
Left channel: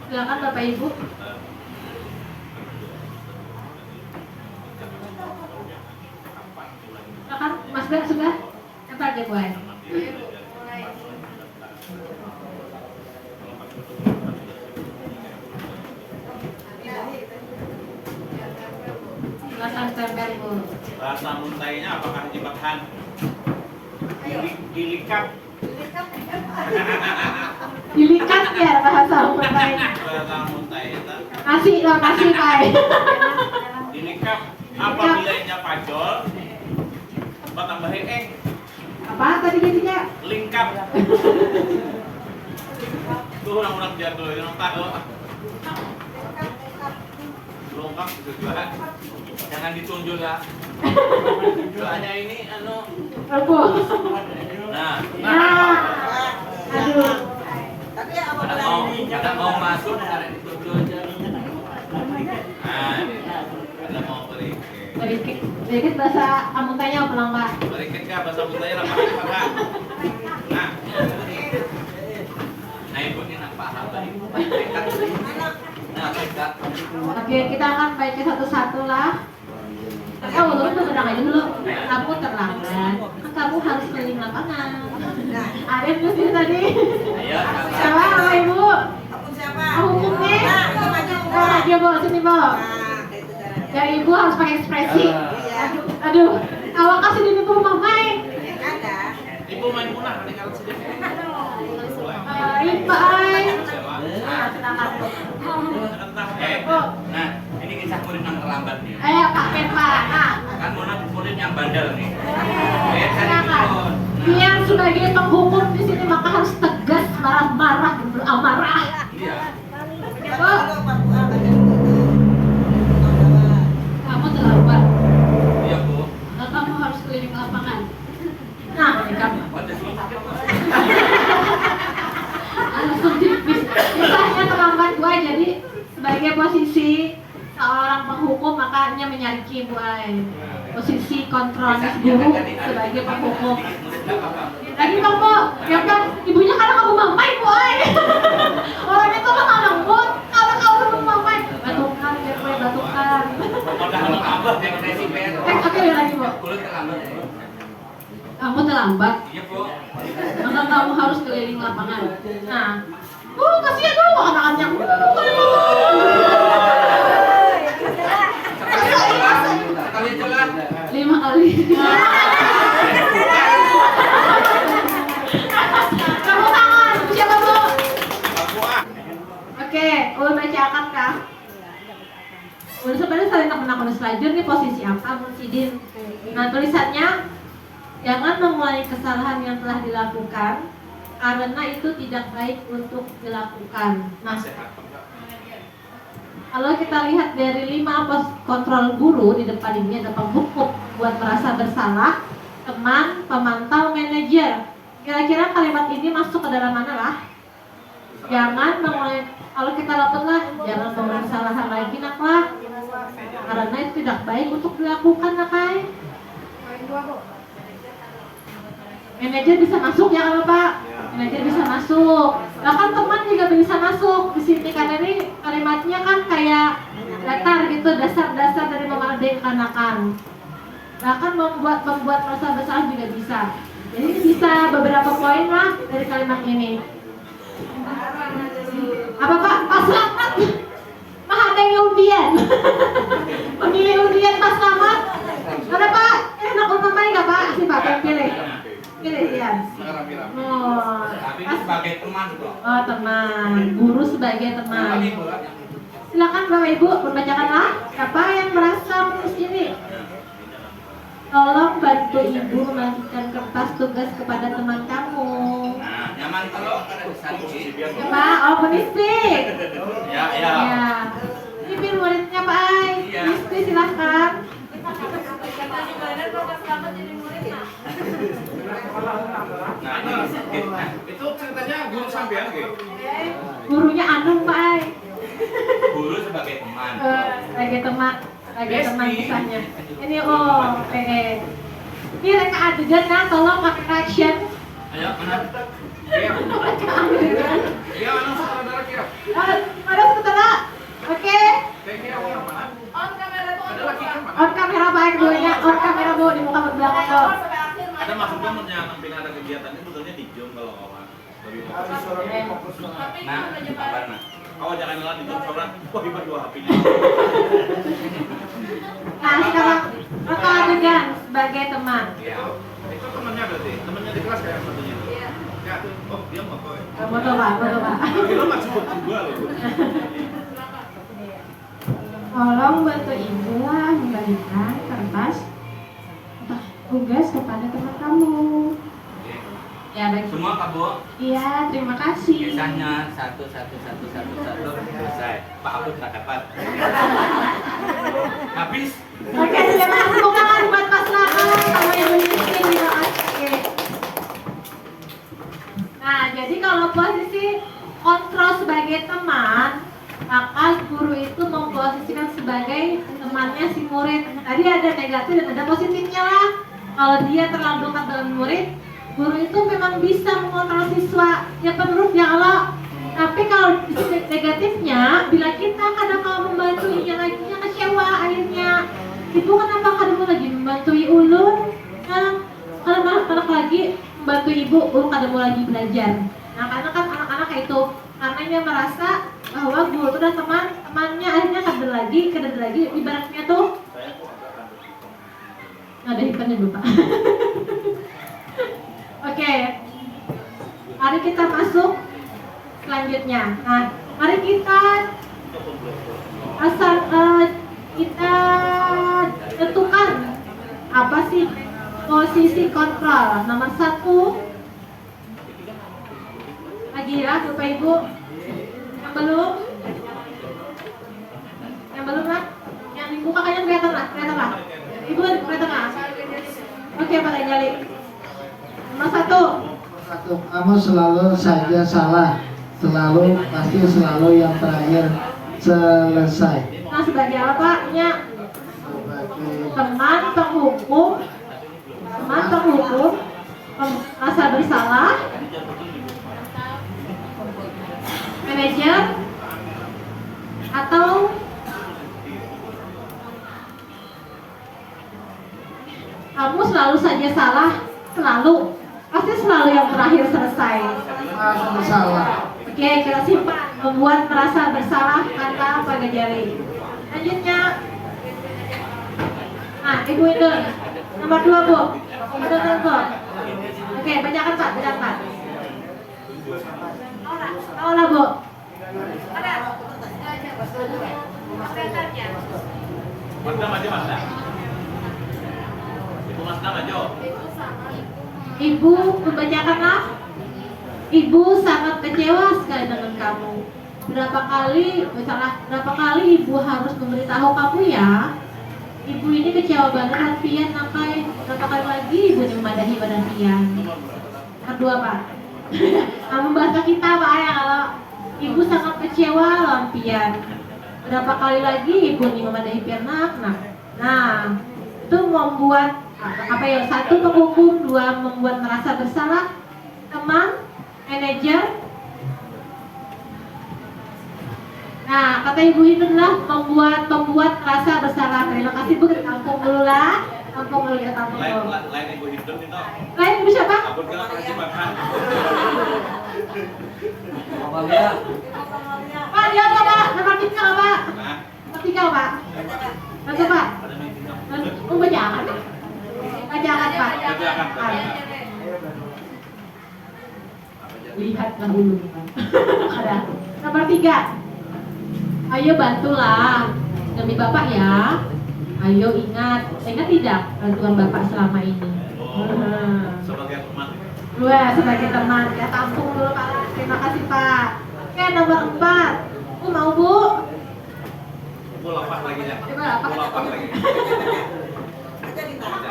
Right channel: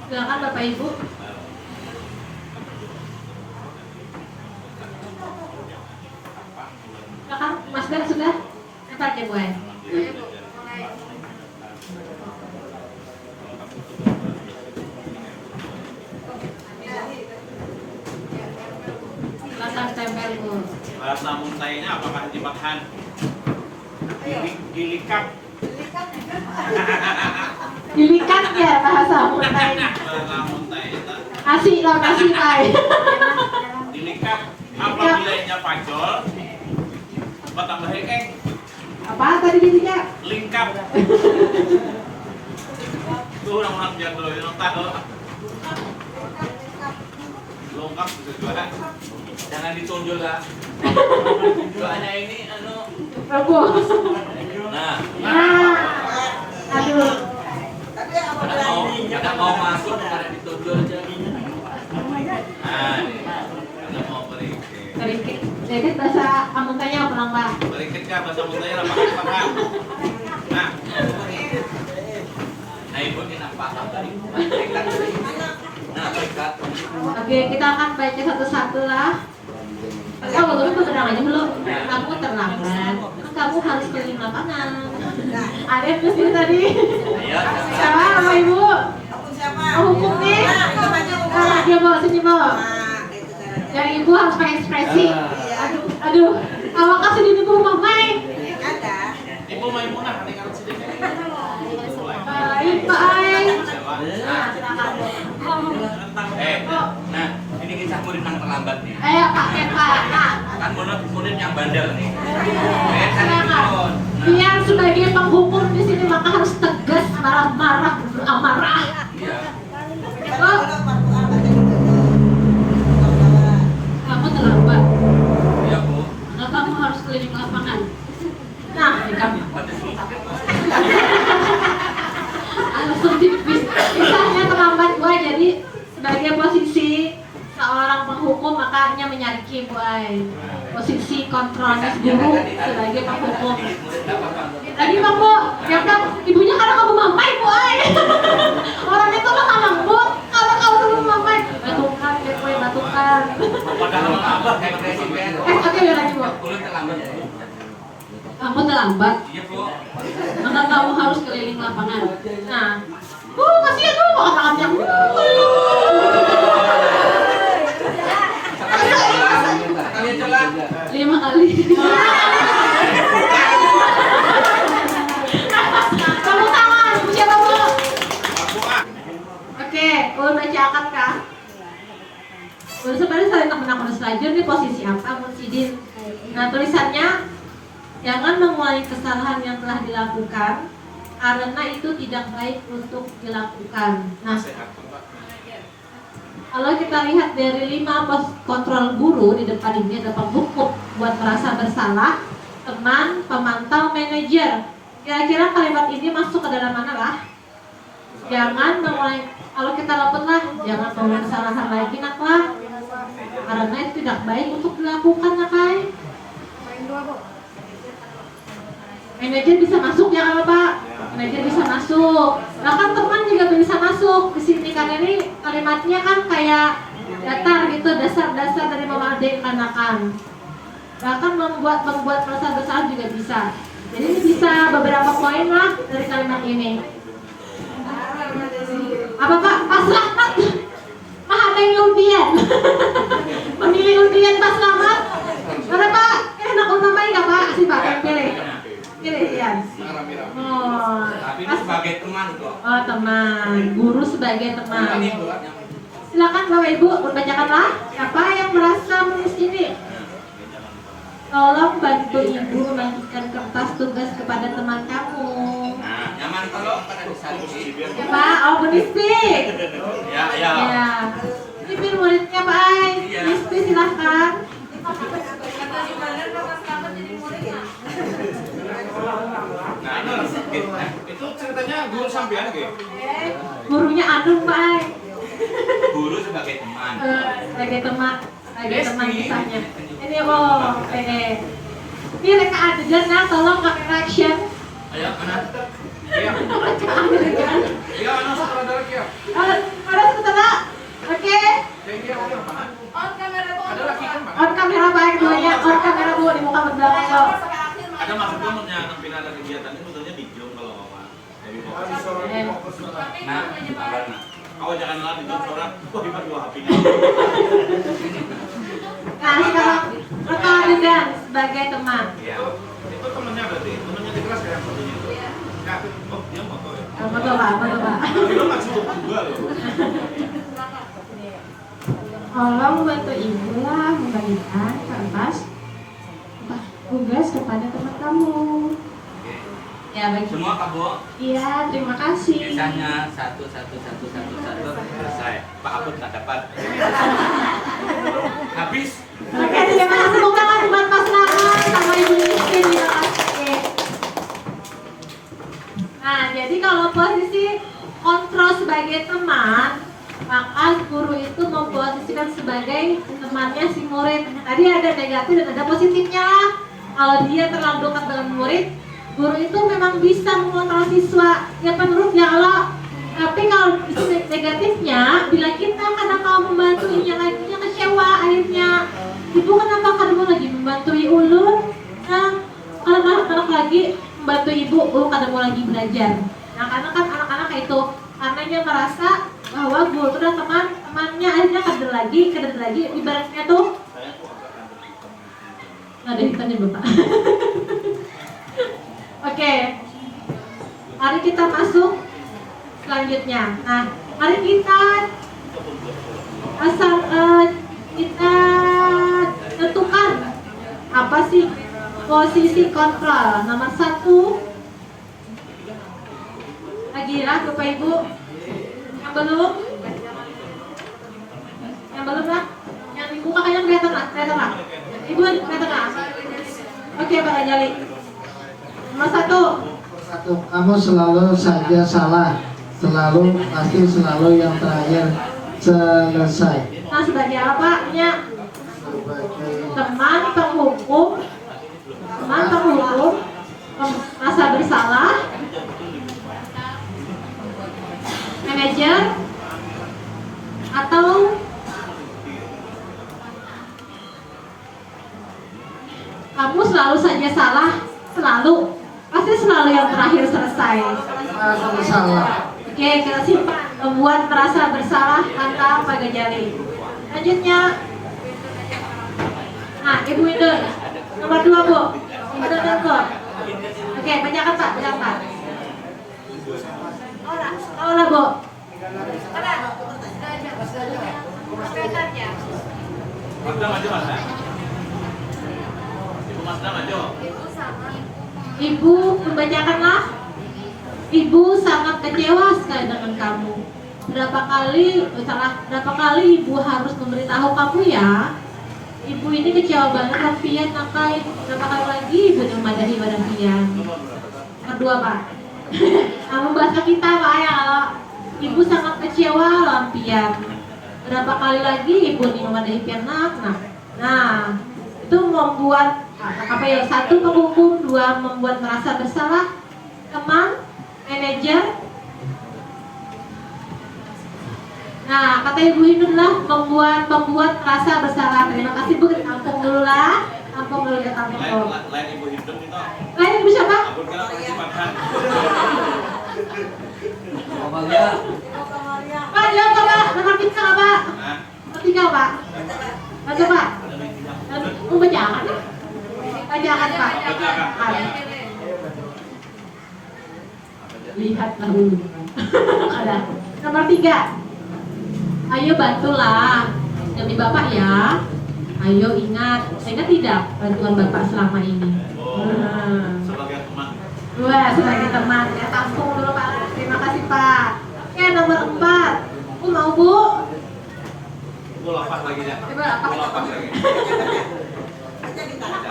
Silakan Bapak Ibu. Silakan Mas Dan sudah? Tempat aja buat. Silakan tempel Bu. Bahasa muntainya apakah jebakan? Gilikat. Dilikat ya bahasa muntai. Bahasa muntai itu. Kasih lah kasih kai. Gilikat. Apa nilainya pajol? Apa tambah hekeng? Apa tadi jadinya? Lingkap. Tuh orang-orang jadul yang tahu. Lengkap bisa juga. Jangan ditunjuk lah. Soalnya ini Aku. Nah, Aduh. Ada mau masuk karena ditunjuk aja. Nah, ini. Ada mau berikut. Sedikit bahasa Amuntanya apa Mbak? Berikut kah bahasa muntainya apa? Nah. Nah, Ibu ini paham tadi. Nah, berkat. Oke, kita akan baca satu-satu lah. Oh, belum terang aja belum. Kamu terlambat. Kamu harus keliling lapangan. Ada terus tadi. Ayo. Siapa nama Ibu? Siapa? Oh, hukumnya. Itu maju Nah, dia bawa sini bawa. Ya Ibu harus pakai ekspresi. Aduh, awak kasih di ibu mamai. Ada. Ibu main punah nih kalau sedikit. Nah, ini kisah murid yang terlambat nih. Ayo Pak Pepa. Kan murid yang bandel nih. Silakan. Dia sebagai penghukum di sini maka harus tegas, marah-marah, amarah. Iya. Oh, kamu terlambat. Iya, Bu. Nah, kamu harus keliling lapangan. Nah, kamu. Langsung tipis. Misalnya terlambat gua jadi sebagai posisi seorang penghukum makanya menyariki buai posisi kontrolnya guru sebagai penghukum. Lagi Bapak, ya kan ibunya karena kamu mamai buai. Orang itu lo nggak lembut, kalau kamu dulu mamai batukan, ya boy batukan. Padahal abah kayak presiden. Oke ya lagi Bu. Kulit terlambat. Kamu terlambat, Iya, Bu. maka kamu harus keliling lapangan. Nah, kasihan dong anak-anaknya. Sekali celah. 5 kali. Tepuk tangan, Ibu siapa Bu? Aku ah. Oke, ulun baca akad kah? Ulun sebenarnya saling temen selajur nih posisi apa Musidin. Nah tulisannya, jangan mengulangi kesalahan yang telah dilakukan karena itu tidak baik untuk dilakukan. Nah, kalau kita lihat dari 5 pos kontrol guru di depan ini ada penghukum buat merasa bersalah, teman, pemantau, manajer. Kira-kira kalimat ini masuk ke dalam mana lah? Jangan mengulangi, kalau kita lakukan lah, jangan mengulangi kesalahan lagi nak lah, karena itu tidak baik untuk dilakukan nak kai. Manajer bisa masuk ya kalau Pak? manajer bisa masuk. Bahkan teman juga bisa masuk di sini karena ini kalimatnya kan kayak datar gitu, dasar-dasar dari memerdekakan. Bahkan membuat merasa bersalah juga bisa. Jadi ini bisa beberapa poin lah dari kalimat ini. Apa Pak? Pak Slamet? Mah ada yang undian. Memilih undian Pak Slamet? Mana Pak? Enak untuk main nggak Pak? Si Pak yang pilih. Pilih Ian. Oh, Tapi ini sebagai teman kok. oh teman, guru sebagai teman. Silakan Bapak Ibu membacakanlah siapa yang merasa menulis ini. Tolong bantu Ibu membagikan kertas tugas kepada teman kamu. Nah, nyaman kalau pada bisa Ya Pak, oh penistik. Ya. Ya. Ini biar muridnya Pak Ai. Penistik silahkan. Kata gimana kalau selamat jadi muridnya? Nah, Itu ceritanya guru sampean gitu. Gurunya Anung Pak Ai. guru sebagai teman. Sebagai teman misalnya. Ini oke. Ini reka adegan nah, tolong pakai reaction. Ayo mana? Reka adegan. Ya, saudara kira. Mana saudara? Oke. Kayaknya apa? On kamera tuh Ada lagi kan, Pak? On kamera baik keduanya. On kamera bu di muka belakang kau. Ada maksudnya menyampaikan ada kegiatan ini sebetulnya di Jom kalau ngomong. Lebih fokus. Nah, apa? Awal jangan latih Jom seorang. Wah, hebat dua HP-nya. Nah sekarang reka adegan sebagai teman. Iya. Itu temannya berarti, temannya di kelas kayak satunya. Iya. Oh, dia mau kok ya. Betul Pak. Itu maksud gua loh. Tolong bantu Ibu lah membagikan kertas tugas kepada teman kamu. Ya baik. Semua Kak Iya, terima kasih. biasanya satu selesai. Pak Abud tak dapat. Habis. Oke, terima kasih bukan buat Mas Nara sama Ibu Niskin, terima kasih. Nah, jadi kalau posisi kontrol sebagai teman, maka guru itu memposisikan sebagai temannya si murid. Tadi ada negatif dan ada positifnya. Kalau dia terlalu dekat dengan murid, guru itu memang bisa mengontrol siswa yang penuh ya Allah. Tapi kalau negatifnya, bila kita kadang-kadang membantunya lagi yang kecewa akhirnya. Ibu kenapa kamu lagi membantu ulun? Nah, kalau anak-anak lagi membantu ibu, kamu lagi belajar. Nah, karena kan anak-anak itu anaknya merasa bahwa guru itu dan temannya akhirnya kader lagi, ibaratnya tuh ada ikannya Bapak. Oke, mari kita masuk selanjutnya. Nah, mari kita kita tentukan apa sih posisi kontrol. Nomor 1 lagi ya Bapak Ibu. Yang belum lah, yang dibuka kayaknya kelihatan lah. Ibu kelihatan lah. Oke Pak Anjali. Nomor 1. Kamu selalu saja salah, pasti selalu yang terakhir selesai. Nah sebagai apa? Ya, teman penghukum, merasa bersalah, manajer, atau kamu selalu saja salah, pasti selalu yang terakhir selesai. Salah. Oke, kita simpan. Membuat merasa bersalah kata Pak Gajali. Selanjutnya, nah Ibu itu nomor 2 Bu. Ada nomor. Oke, bacakan Pak. Olah Bu. Masda maju, Masda. Ibu Masda maju. Ibu membacakanlah. Ibu sangat kecewa sekali dengan kamu. Berapa kali Ibu harus memberitahu kamu ya? Ibu ini kecewa banget sama Pian, Nakai. Berapa kali lagi Ibu memadahi pada Pian? Kedua Pak. Kamu bahasa kita Pak ya, kalau Ibu sangat kecewa lawan Pian. Berapa kali lagi Ibu memadahi Pian Nah, itu membuat apa ya? 1 menghukum, 2 membuat merasa bersalah teman, manajer? Nah, kata Ibu Hindu adalah membuat rasa bersalah. Terima kasih Bu, tampung dulu lah. Tampung dulu ya, tampung dulu. Lain Ibu Hindun itu. Lain Ibu siapa? Ampun kena persibakan. Pak, dia apa Pak? Nomor 3 apa Pak? Hah? Nomor 3 Pak? Baca Pak? Ada meeting apa? Bacakan. Bacakan Pak. Bacakan. Lihatlah dulu. Ada. Nomor 3. Ayo bantulah demi Bapak ya. Ayo ingat tidak bantuan Bapak selama ini. Sebagai teman. Wah, sebagai teman ya, tampung dulu Pak. Terima kasih Pak. Oke, nomor 4. Bu mau Bu? Bu lepas lagi ya. Coba lepas. Bu lepas lagi.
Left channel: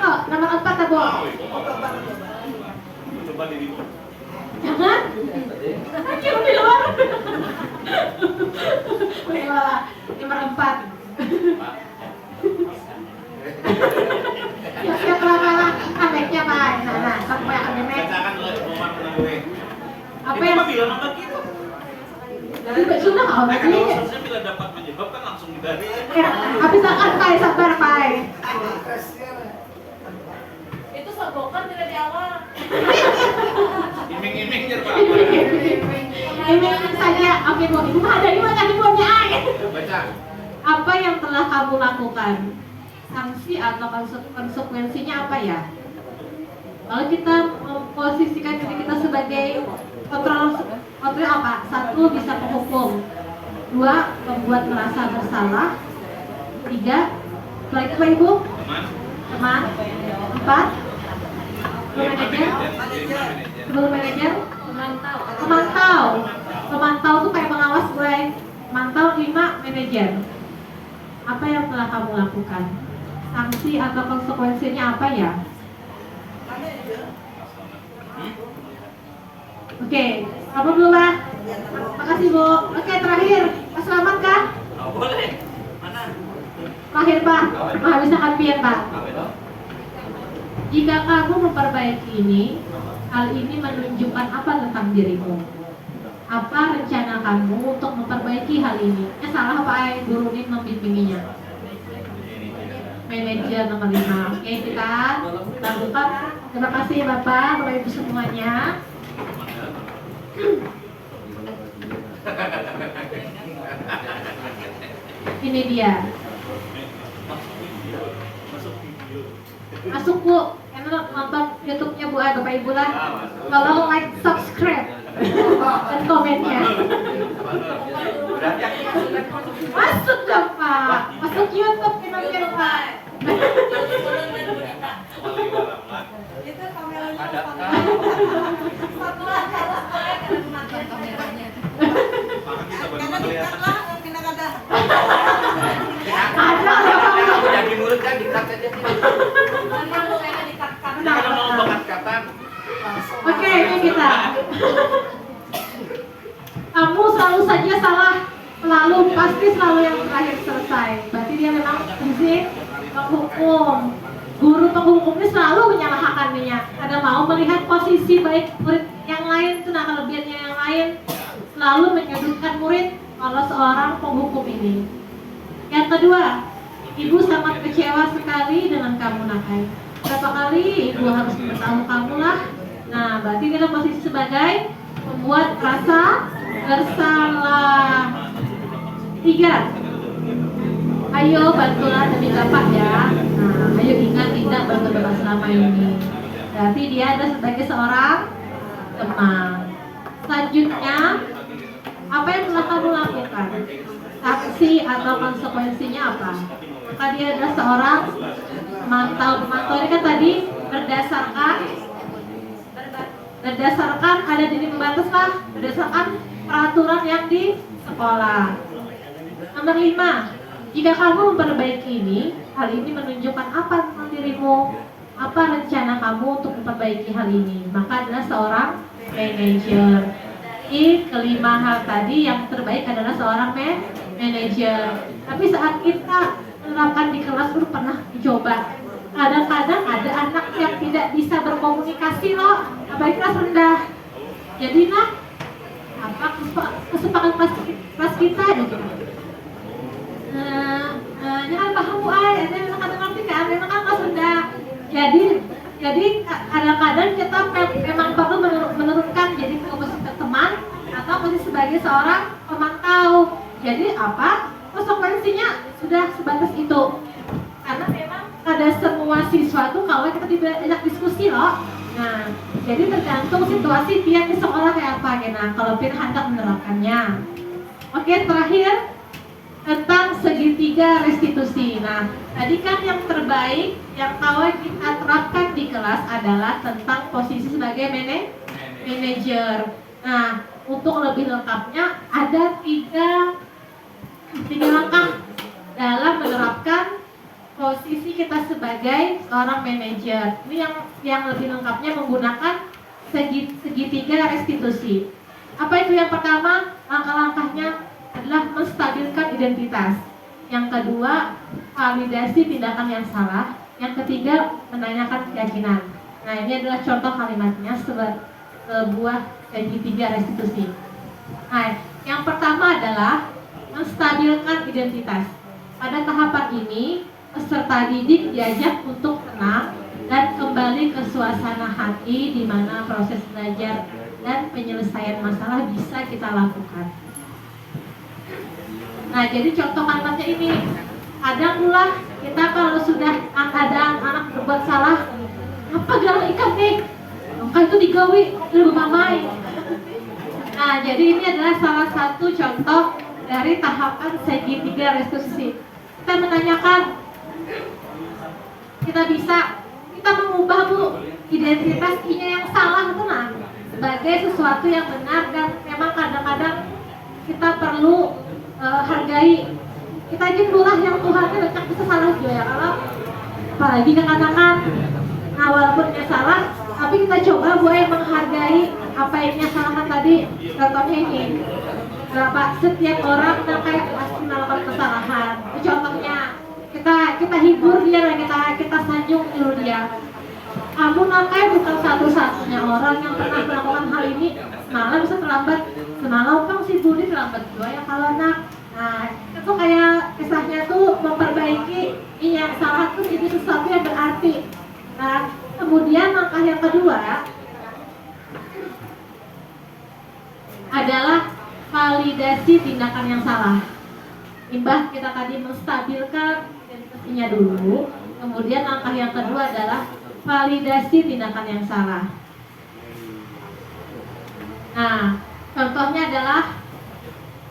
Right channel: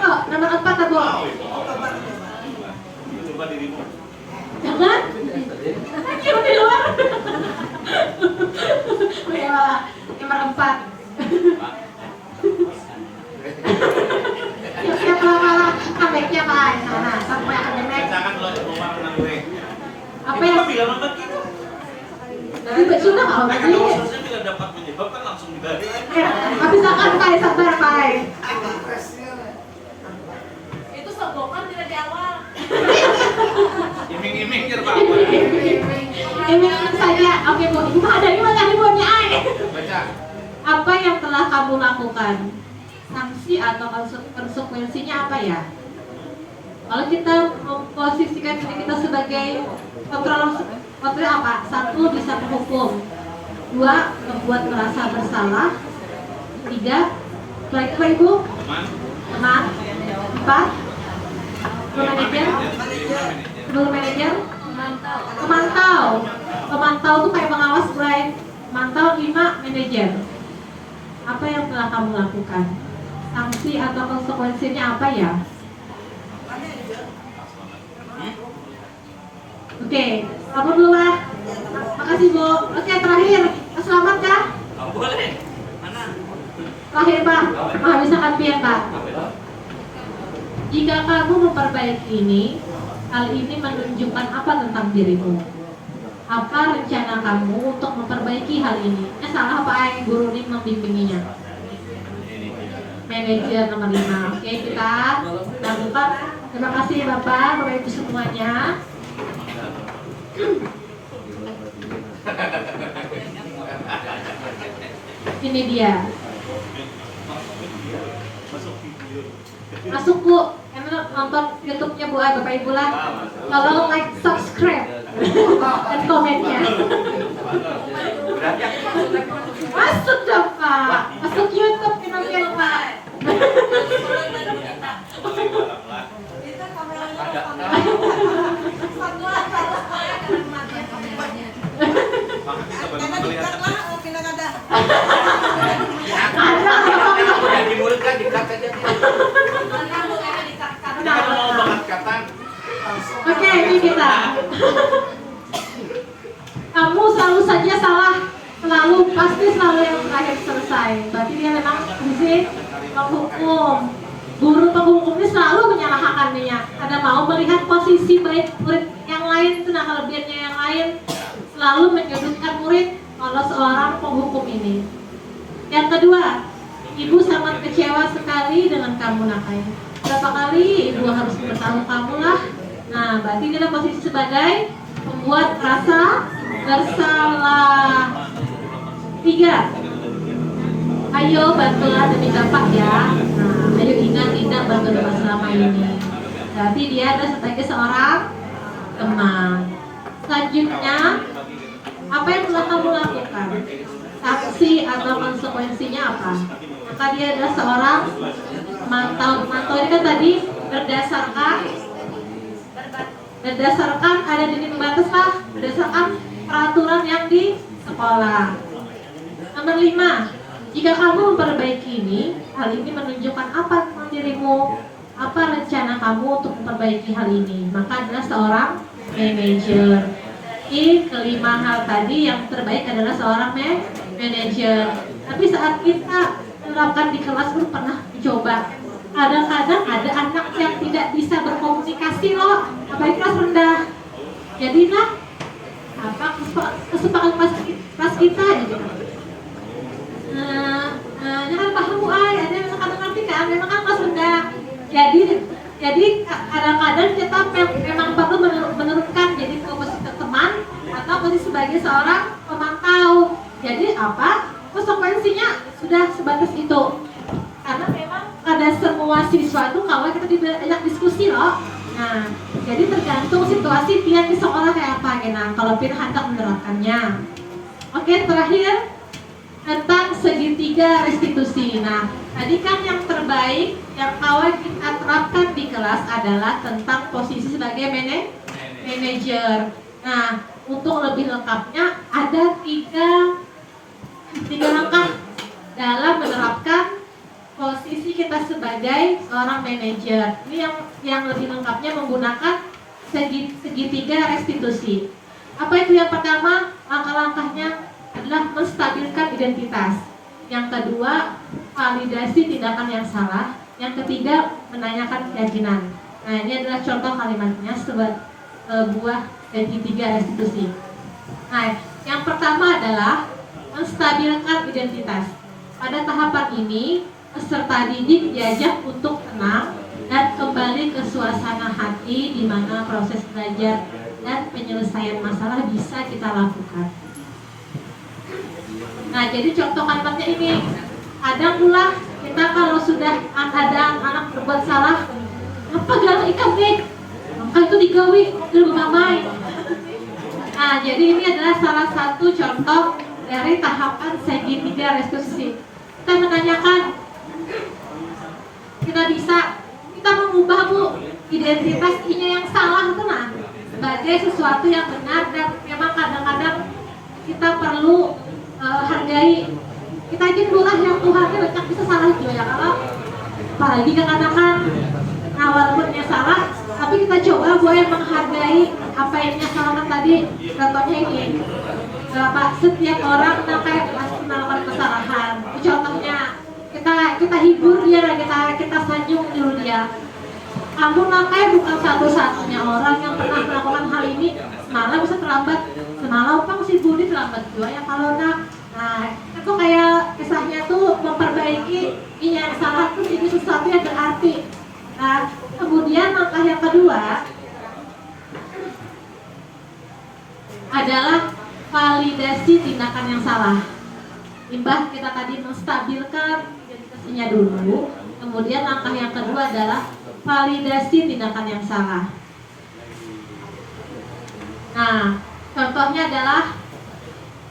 Oh, nomor 4 Bu. Coba dirimu. Jangan. Kira di luar. Nomor 4. Siap-siap lah, comeback-nya Pak. Nah, sampai comeback. Bacakan lo Umar gue. Apa Itu yang mah bila nonton gitu. Nanti sudah nggak Nah, lagi. kalau ususnya bila dapat menjawab kan langsung dibagi. Habis akan Pak, sabar Pak. Itu seblokan tidak jawab. Iming-iming jar Pak. Ini saja. Oke Bu, Ibu ada ini makan Ibu aja. Baca. Apa yang telah kamu lakukan? Sanksi atau konsekuensinya apa ya? Kalau kita memposisikan diri kita sebagai kontrol apa? 1, bisa menghukum. 2, membuat merasa bersalah. 3, baik Ibu, teman. 4, manajer, pemantau tuh kayak pengawas mulai mantau. 5, manajer. Apa yang telah kamu lakukan? Sanksi atau konsekuensinya apa ya? Oke, apa dulu Pak? Makasih Bu. Oke, terakhir, Pak Selamat kah? Boleh. Mana? Terakhir Pak, misalkan biar Pak. Jika kamu memperbaiki ini, hal ini menunjukkan apa tentang dirimu? Apa rencana kamu untuk memperbaiki hal ini? Salah Pak Guru ini membimbinginya. Manajer nomor 5. Oke, kita lakukan. Terima kasih Bapak, Bapak Ibu semuanya. Ini dia. Masuk Bu, karena nonton YouTube-nya Bu, Bapak Ibu lah. Kalau like, subscribe, dan komennya. Masuk dong Pak, masuk YouTube channelnya Pak. Aku jadi murid kan dikat saja. Jangan mau banget kata. Oke, ini kita. Kamu selalu saja salah, pasti selalu yang terakhir selesai. Berarti dia memang fungsi penghukum. Guru penghukum ini selalu menyalahkan dirinya. Karena mau melihat posisi baik murid yang lain, itu nah kelebihannya yang lain, selalu menyudutkan murid kalau seorang penghukum ini. Yang kedua, Ibu sangat kecewa sekali dengan kamu Nakai. Berapa kali Ibu harus memberitahu kamu lah. Nah, berarti ini adalah posisi sebagai membuat rasa bersalah. 3, ayo bantulah demi Bapak ya. Nah, ayo ingat bantu Bapak selama ini. Berarti dia adalah sebagai seorang teman. Selanjutnya, apa yang telah kamu lakukan? Sanksi atau konsekuensinya apa? Maka dia adalah seorang pemantau. Pemantau ini kan tadi berdasarkan ada dinding pembatas lah, berdasarkan peraturan yang di sekolah. Nomor 5, jika kamu memperbaiki ini, hal ini menunjukkan apa tentang dirimu? Apa rencana kamu untuk memperbaiki hal ini? Maka adalah seorang manajer. Ini kelima hal tadi yang terbaik adalah seorang manajer. Tapi saat kita menerapkan di kelas, lu pernah mencoba. Kadang-kadang ada anak yang tidak bisa berkomunikasi loh, apalagi kelas rendah. Jadi nak, Jadi kadang-kadang kita memang perlu menurunkan jadi posisi teman atau posisi sebagai seorang pemantau. Jadi apa? Konsekuensinya sudah sebatas itu. Karena memang pada semua siswa tuh kalau kita diajak diskusi loh. Nah, jadi tergantung situasi pilihan di sekolah kayak apa ya. Nah, kalau pilihan hendak menerapkannya. Oke, terakhir tentang segitiga restitusi. Nah, tadi kan yang terbaik yang kalau kita terapkan di kelas adalah tentang posisi sebagai manajer. Nah, untuk lebih lengkapnya ada tiga langkah dalam menerapkan posisi kita sebagai seorang manajer. Ini yang lebih lengkapnya menggunakan segitiga restitusi. Apa itu yang pertama? Langkah-langkahnya adalah menstabilkan identitas. Yang kedua, validasi tindakan yang salah. Yang ketiga, menanyakan keyakinan. Nah, ini adalah contoh kalimatnya sebuah segitiga restitusi. Nah, yang pertama adalah menstabilkan identitas. Pada tahapan ini, peserta didik diajak untuk tenang dan kembali ke suasana hati di mana proses belajar dan penyelesaian masalah bisa kita lakukan. Nah, jadi contoh kalimatnya ini, kadang dulu kita kalau sudah ada anak berbuat salah, apa galau ikan nih? Maka itu digawi, itu mamai. Nah, jadi ini adalah salah satu contoh dari tahapan segitiga restitusi. Kita menanyakan, kita mengubah identitas I-nya yang salah tenang sebagai sesuatu yang benar, dan memang kadang-kadang kita perlu hargai. Kita ingin dulu yang Tuhan itu bisa salah juga ya, kalau apalagi katakan nah walaupunnya salah, tapi kita coba boleh menghargai apa yang salah tadi. Contohnya ini, setiap orang kayak pasti melakukan kesalahan. Contohnya kita hibur dia dan kita sanjung dulu dia. Kamu nakai bukan satu-satunya orang yang pernah melakukan hal ini. Semalam bisa terlambat, semalam pang si Budi terlambat juga ya kalau nak. Nah, itu kayak kisahnya tuh memperbaiki ini yang salah tuh jadi sesuatu yang berarti. Nah, kemudian langkah yang kedua adalah validasi tindakan yang salah. Imbah kita tadi menstabilkan identitasnya dulu, kemudian langkah yang kedua adalah validasi tindakan yang salah. Nah, contohnya adalah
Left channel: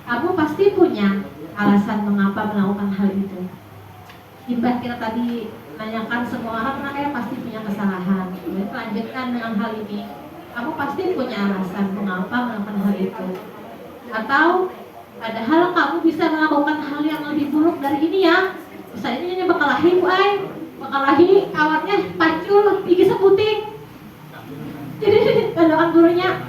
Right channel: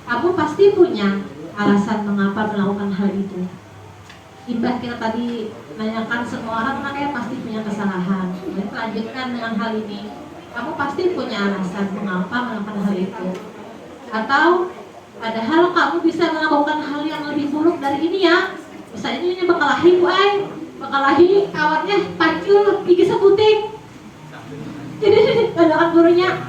kamu pasti punya alasan mengapa melakukan hal itu. Imbah kita tadi menanyakan semua orang pasti punya kesalahan. Kemudian lanjutkan dengan hal ini, kamu pasti punya alasan mengapa melakukan hal itu. Atau padahal kamu bisa melakukan hal yang lebih buruk dari ini ya. Misalnya ini bakalahi bakalahi awatnya pacul gigi seputing. Jadi bandakan gurunya.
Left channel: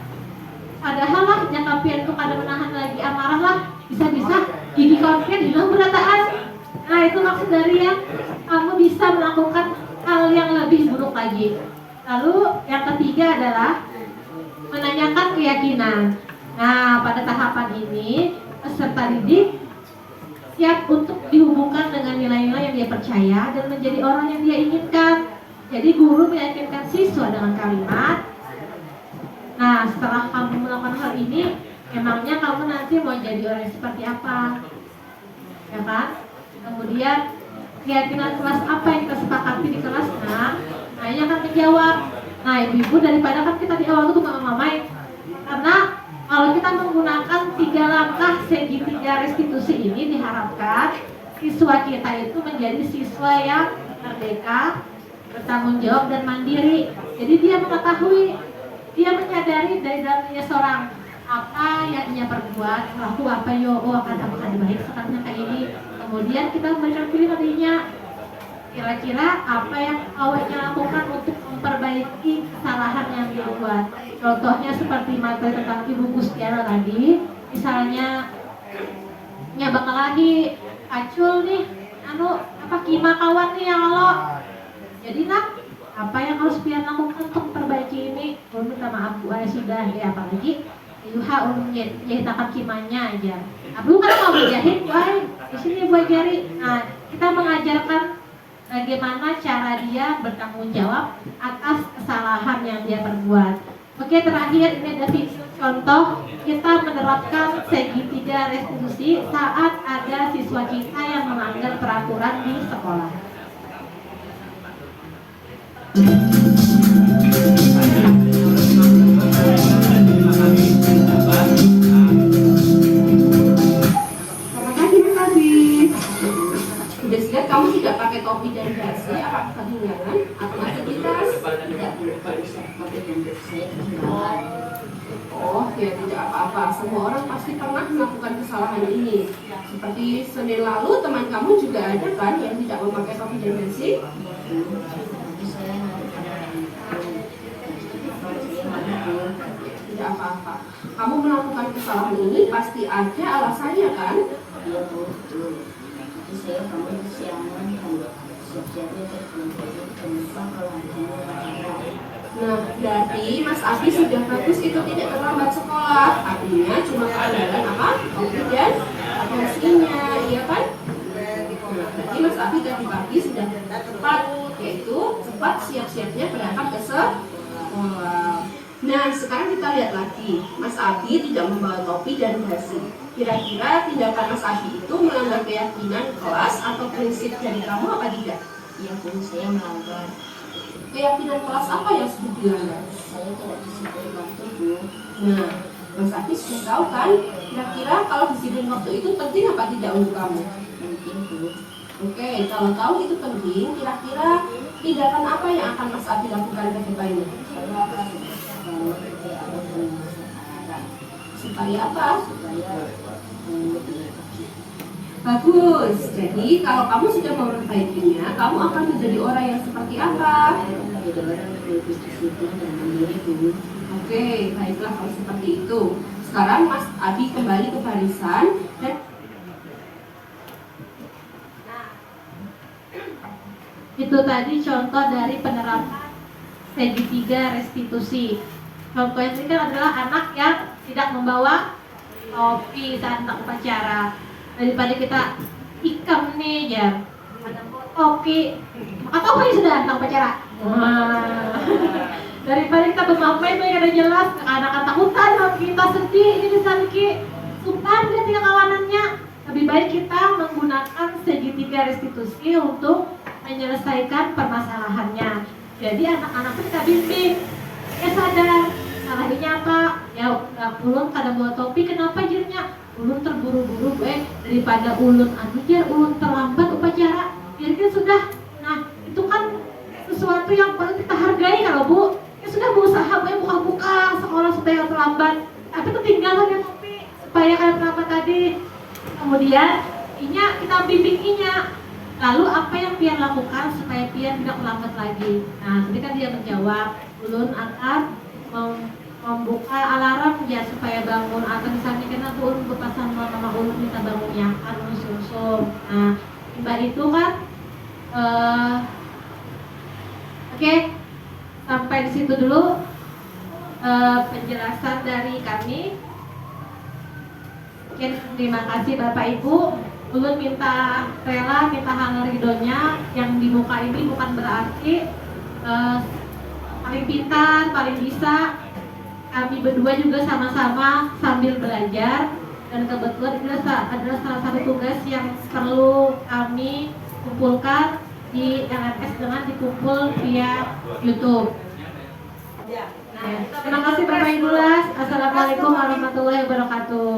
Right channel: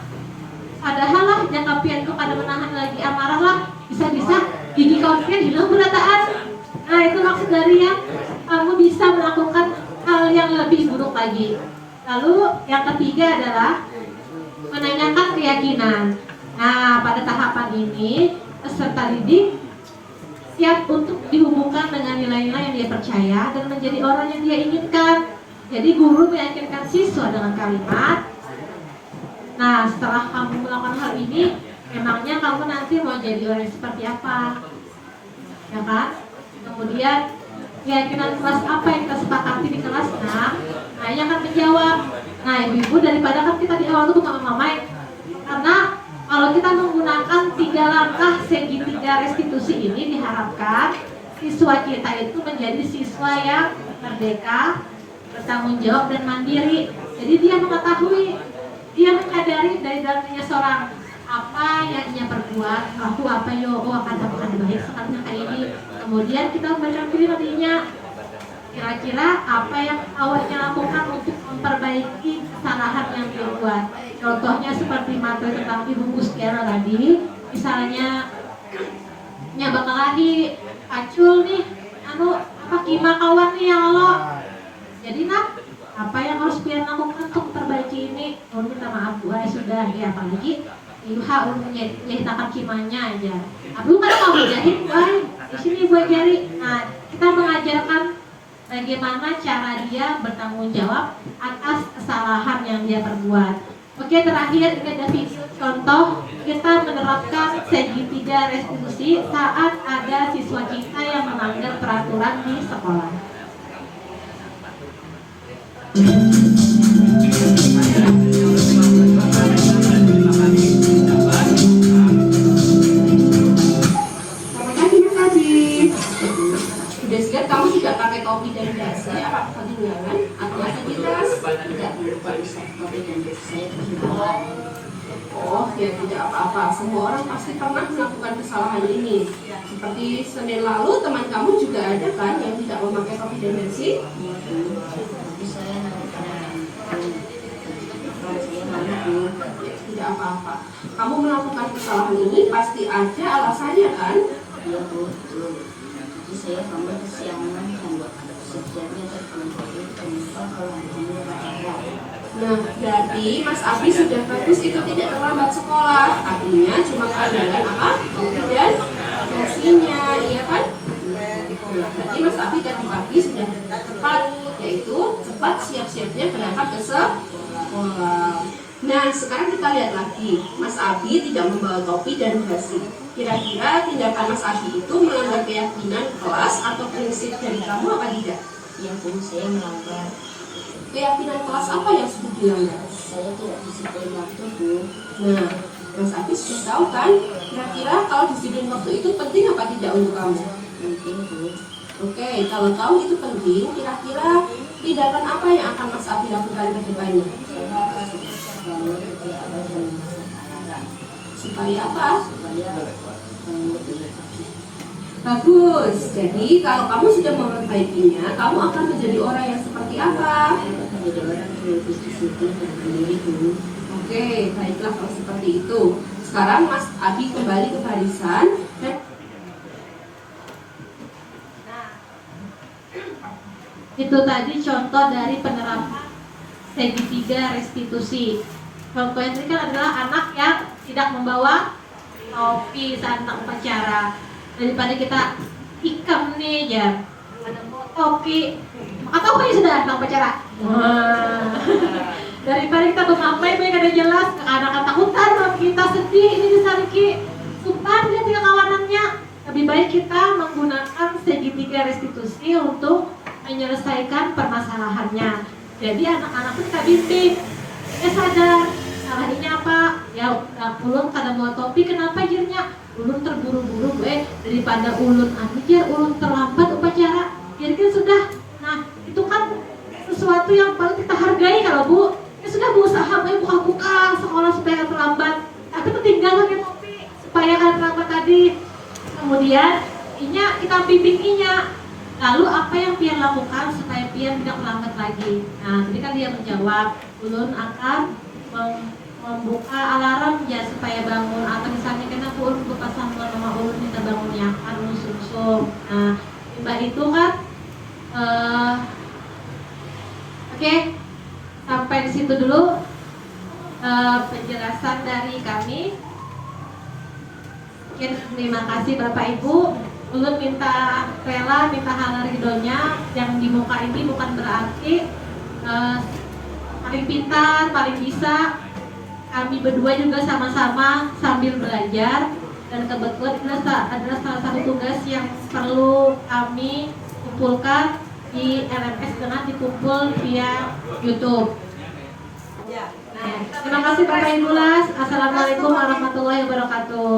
Padahal lah jangka pian itu kada menahan lagi amarah lah, bisa-bisa gigi kamu hilang berataan. Nah, itu maksud dari yang kamu bisa melakukan hal yang lebih buruk lagi. Lalu yang ketiga adalah menanyakan keyakinan. Nah, pada tahapan ini peserta didik siap untuk dihubungkan dengan nilai-nilai yang dia percaya dan menjadi orang yang dia inginkan. Jadi guru meyakinkan siswa dengan kalimat, nah setelah kamu melakukan hal ini, memangnya kamu nanti mau jadi orang seperti apa? Ya kan? Kemudian keyakinan kelas apa yang kita sepakati di kelasnya, nah ia akan menjawab. Nah ibu-ibu, daripada kan kita di awal itu mamai, karena kalau kita menggunakan 3 langkah segitiga restitusi ini, diharapkan siswa kita itu menjadi siswa yang merdeka, bertanggung jawab dan mandiri. Jadi dia mengetahui, dia menyadari dari dalam dirinya seorang apa yang ia perbuat, aku apa yo, akan baik sekarang kayak ini. Kemudian kita memberikan pilihan dirinya, kira-kira apa yang awalnya lakukan untuk memperbaiki kesalahan yang dia buat. Contohnya seperti materi tentang Ibu Gustiana tadi, misalnya nya bakal lagi acul nih, kima kawan nih ya lo. Jadi nak, apa yang harus pian lakukan untuk perbaiki ini? Minta maaf Bu, sudah ya, apalagi Yuha menyertakan kimanya aja. Abu kan kamu jahit, di sini buat jari. Nah, kita mengajarkan bagaimana cara dia bertanggung jawab atas kesalahan yang dia perbuat. Oke, terakhir ini ada contoh kita menerapkan segitiga restitusi saat ada siswa kita yang melanggar peraturan di sekolah. Kamu tidak pakai topi dan dasi, apa kedengaran atau aktivitas? Tidak, oh, ya tidak apa-apa. Semua orang pasti pernah melakukan kesalahan ini. Seperti Senin lalu teman kamu juga ada kan yang tidak memakai topi dan dasi? Tidak apa-apa. Kamu melakukan kesalahan ini pasti ada alasannya kan? Iya betul. Saya kamu kesiangan sejati Nah, jadi Mas Abi sudah bagus itu tidak terlambat sekolah. Artinya cuma keadaan apa? Dan hasilnya, iya kan? Jadi Mas Abi dan Mas Abi sudah tepat, yaitu cepat siap-siapnya berangkat ke sekolah. Nah, sekarang kita lihat lagi. Mas Abi tidak membawa topi dan dasi. Kira-kira tindakan Mas Abi itu melanggar keyakinan kelas atau prinsip dari kamu apa tidak? Ya Bu, saya melanggar. Keyakinan kelas apa yang sudah dilanggar? Saya tidak disiplin waktu Bu. Nah, Mas Abi sudah tahu kan? Kira-kira kalau disiplin waktu itu penting apa tidak untuk kamu? Penting Bu. Oke, kalau tahu itu penting, kira-kira tindakan apa yang akan Mas Abi lakukan ke depannya? Saya akan selalu tidak ada bermasalah. Supaya apa? Supaya Bagus. Jadi kalau kamu sudah memperbaikinya, kamu akan menjadi orang yang seperti apa? menjadi orang yang lebih disiplin dan mandiri Bu. Oke, baiklah kalau seperti itu. Sekarang Mas Abi kembali ke barisan dan Itu tadi contoh dari penerapan segitiga restitusi. Contoh yang ini kan adalah anak yang tidak membawa topi saat upacara. Daripada kita ikam nih ya, ada topi, maka topi sudah tentang upacara. Daripada kita bermain baik ada jelas, anak-anak takutan, kita sedih, ini bisa lagi sultan dia tidak kawanannya. Lebih baik kita menggunakan segitiga restitusi untuk menyelesaikan permasalahannya. Jadi anak-anak kita bimbing, sadar salahnya apa? Ya ulun kada bawa topi, kenapa jirnya? Ulun terburu-buru daripada ulun aja ulun terlambat upacara. Jadi kan sudah, nah itu kan sesuatu yang paling kita hargai kalau Bu. Ya sudah berusaha buka-buka sekolah supaya terlambat, tapi ketinggalan lagi topi supaya kada terlambat tadi. Kemudian kita bimbing lalu apa yang Pian lakukan supaya Pian tidak terlambat lagi. Nah, ketika dia menjawab, ulun akan membuka alarm ya supaya bangun, atau misalnya kenapa ulun buka sama mama ulun minta bangun yang kan sungsung. Nah, mbak itu kan oke, sampai di situ dulu penjelasan dari kami. Oke, terima kasih Bapak Ibu. Ulun minta rela, minta hal ridhonya yang di muka ini bukan berarti paling pintar, paling bisa. Kami berdua juga sama-sama sambil belajar, dan kebetulan ini adalah salah satu tugas yang perlu kami kumpulkan di LMS dengan dikumpul via YouTube. Nah, terima kasih Bapak Ibu. Assalamualaikum warahmatullahi wabarakatuh.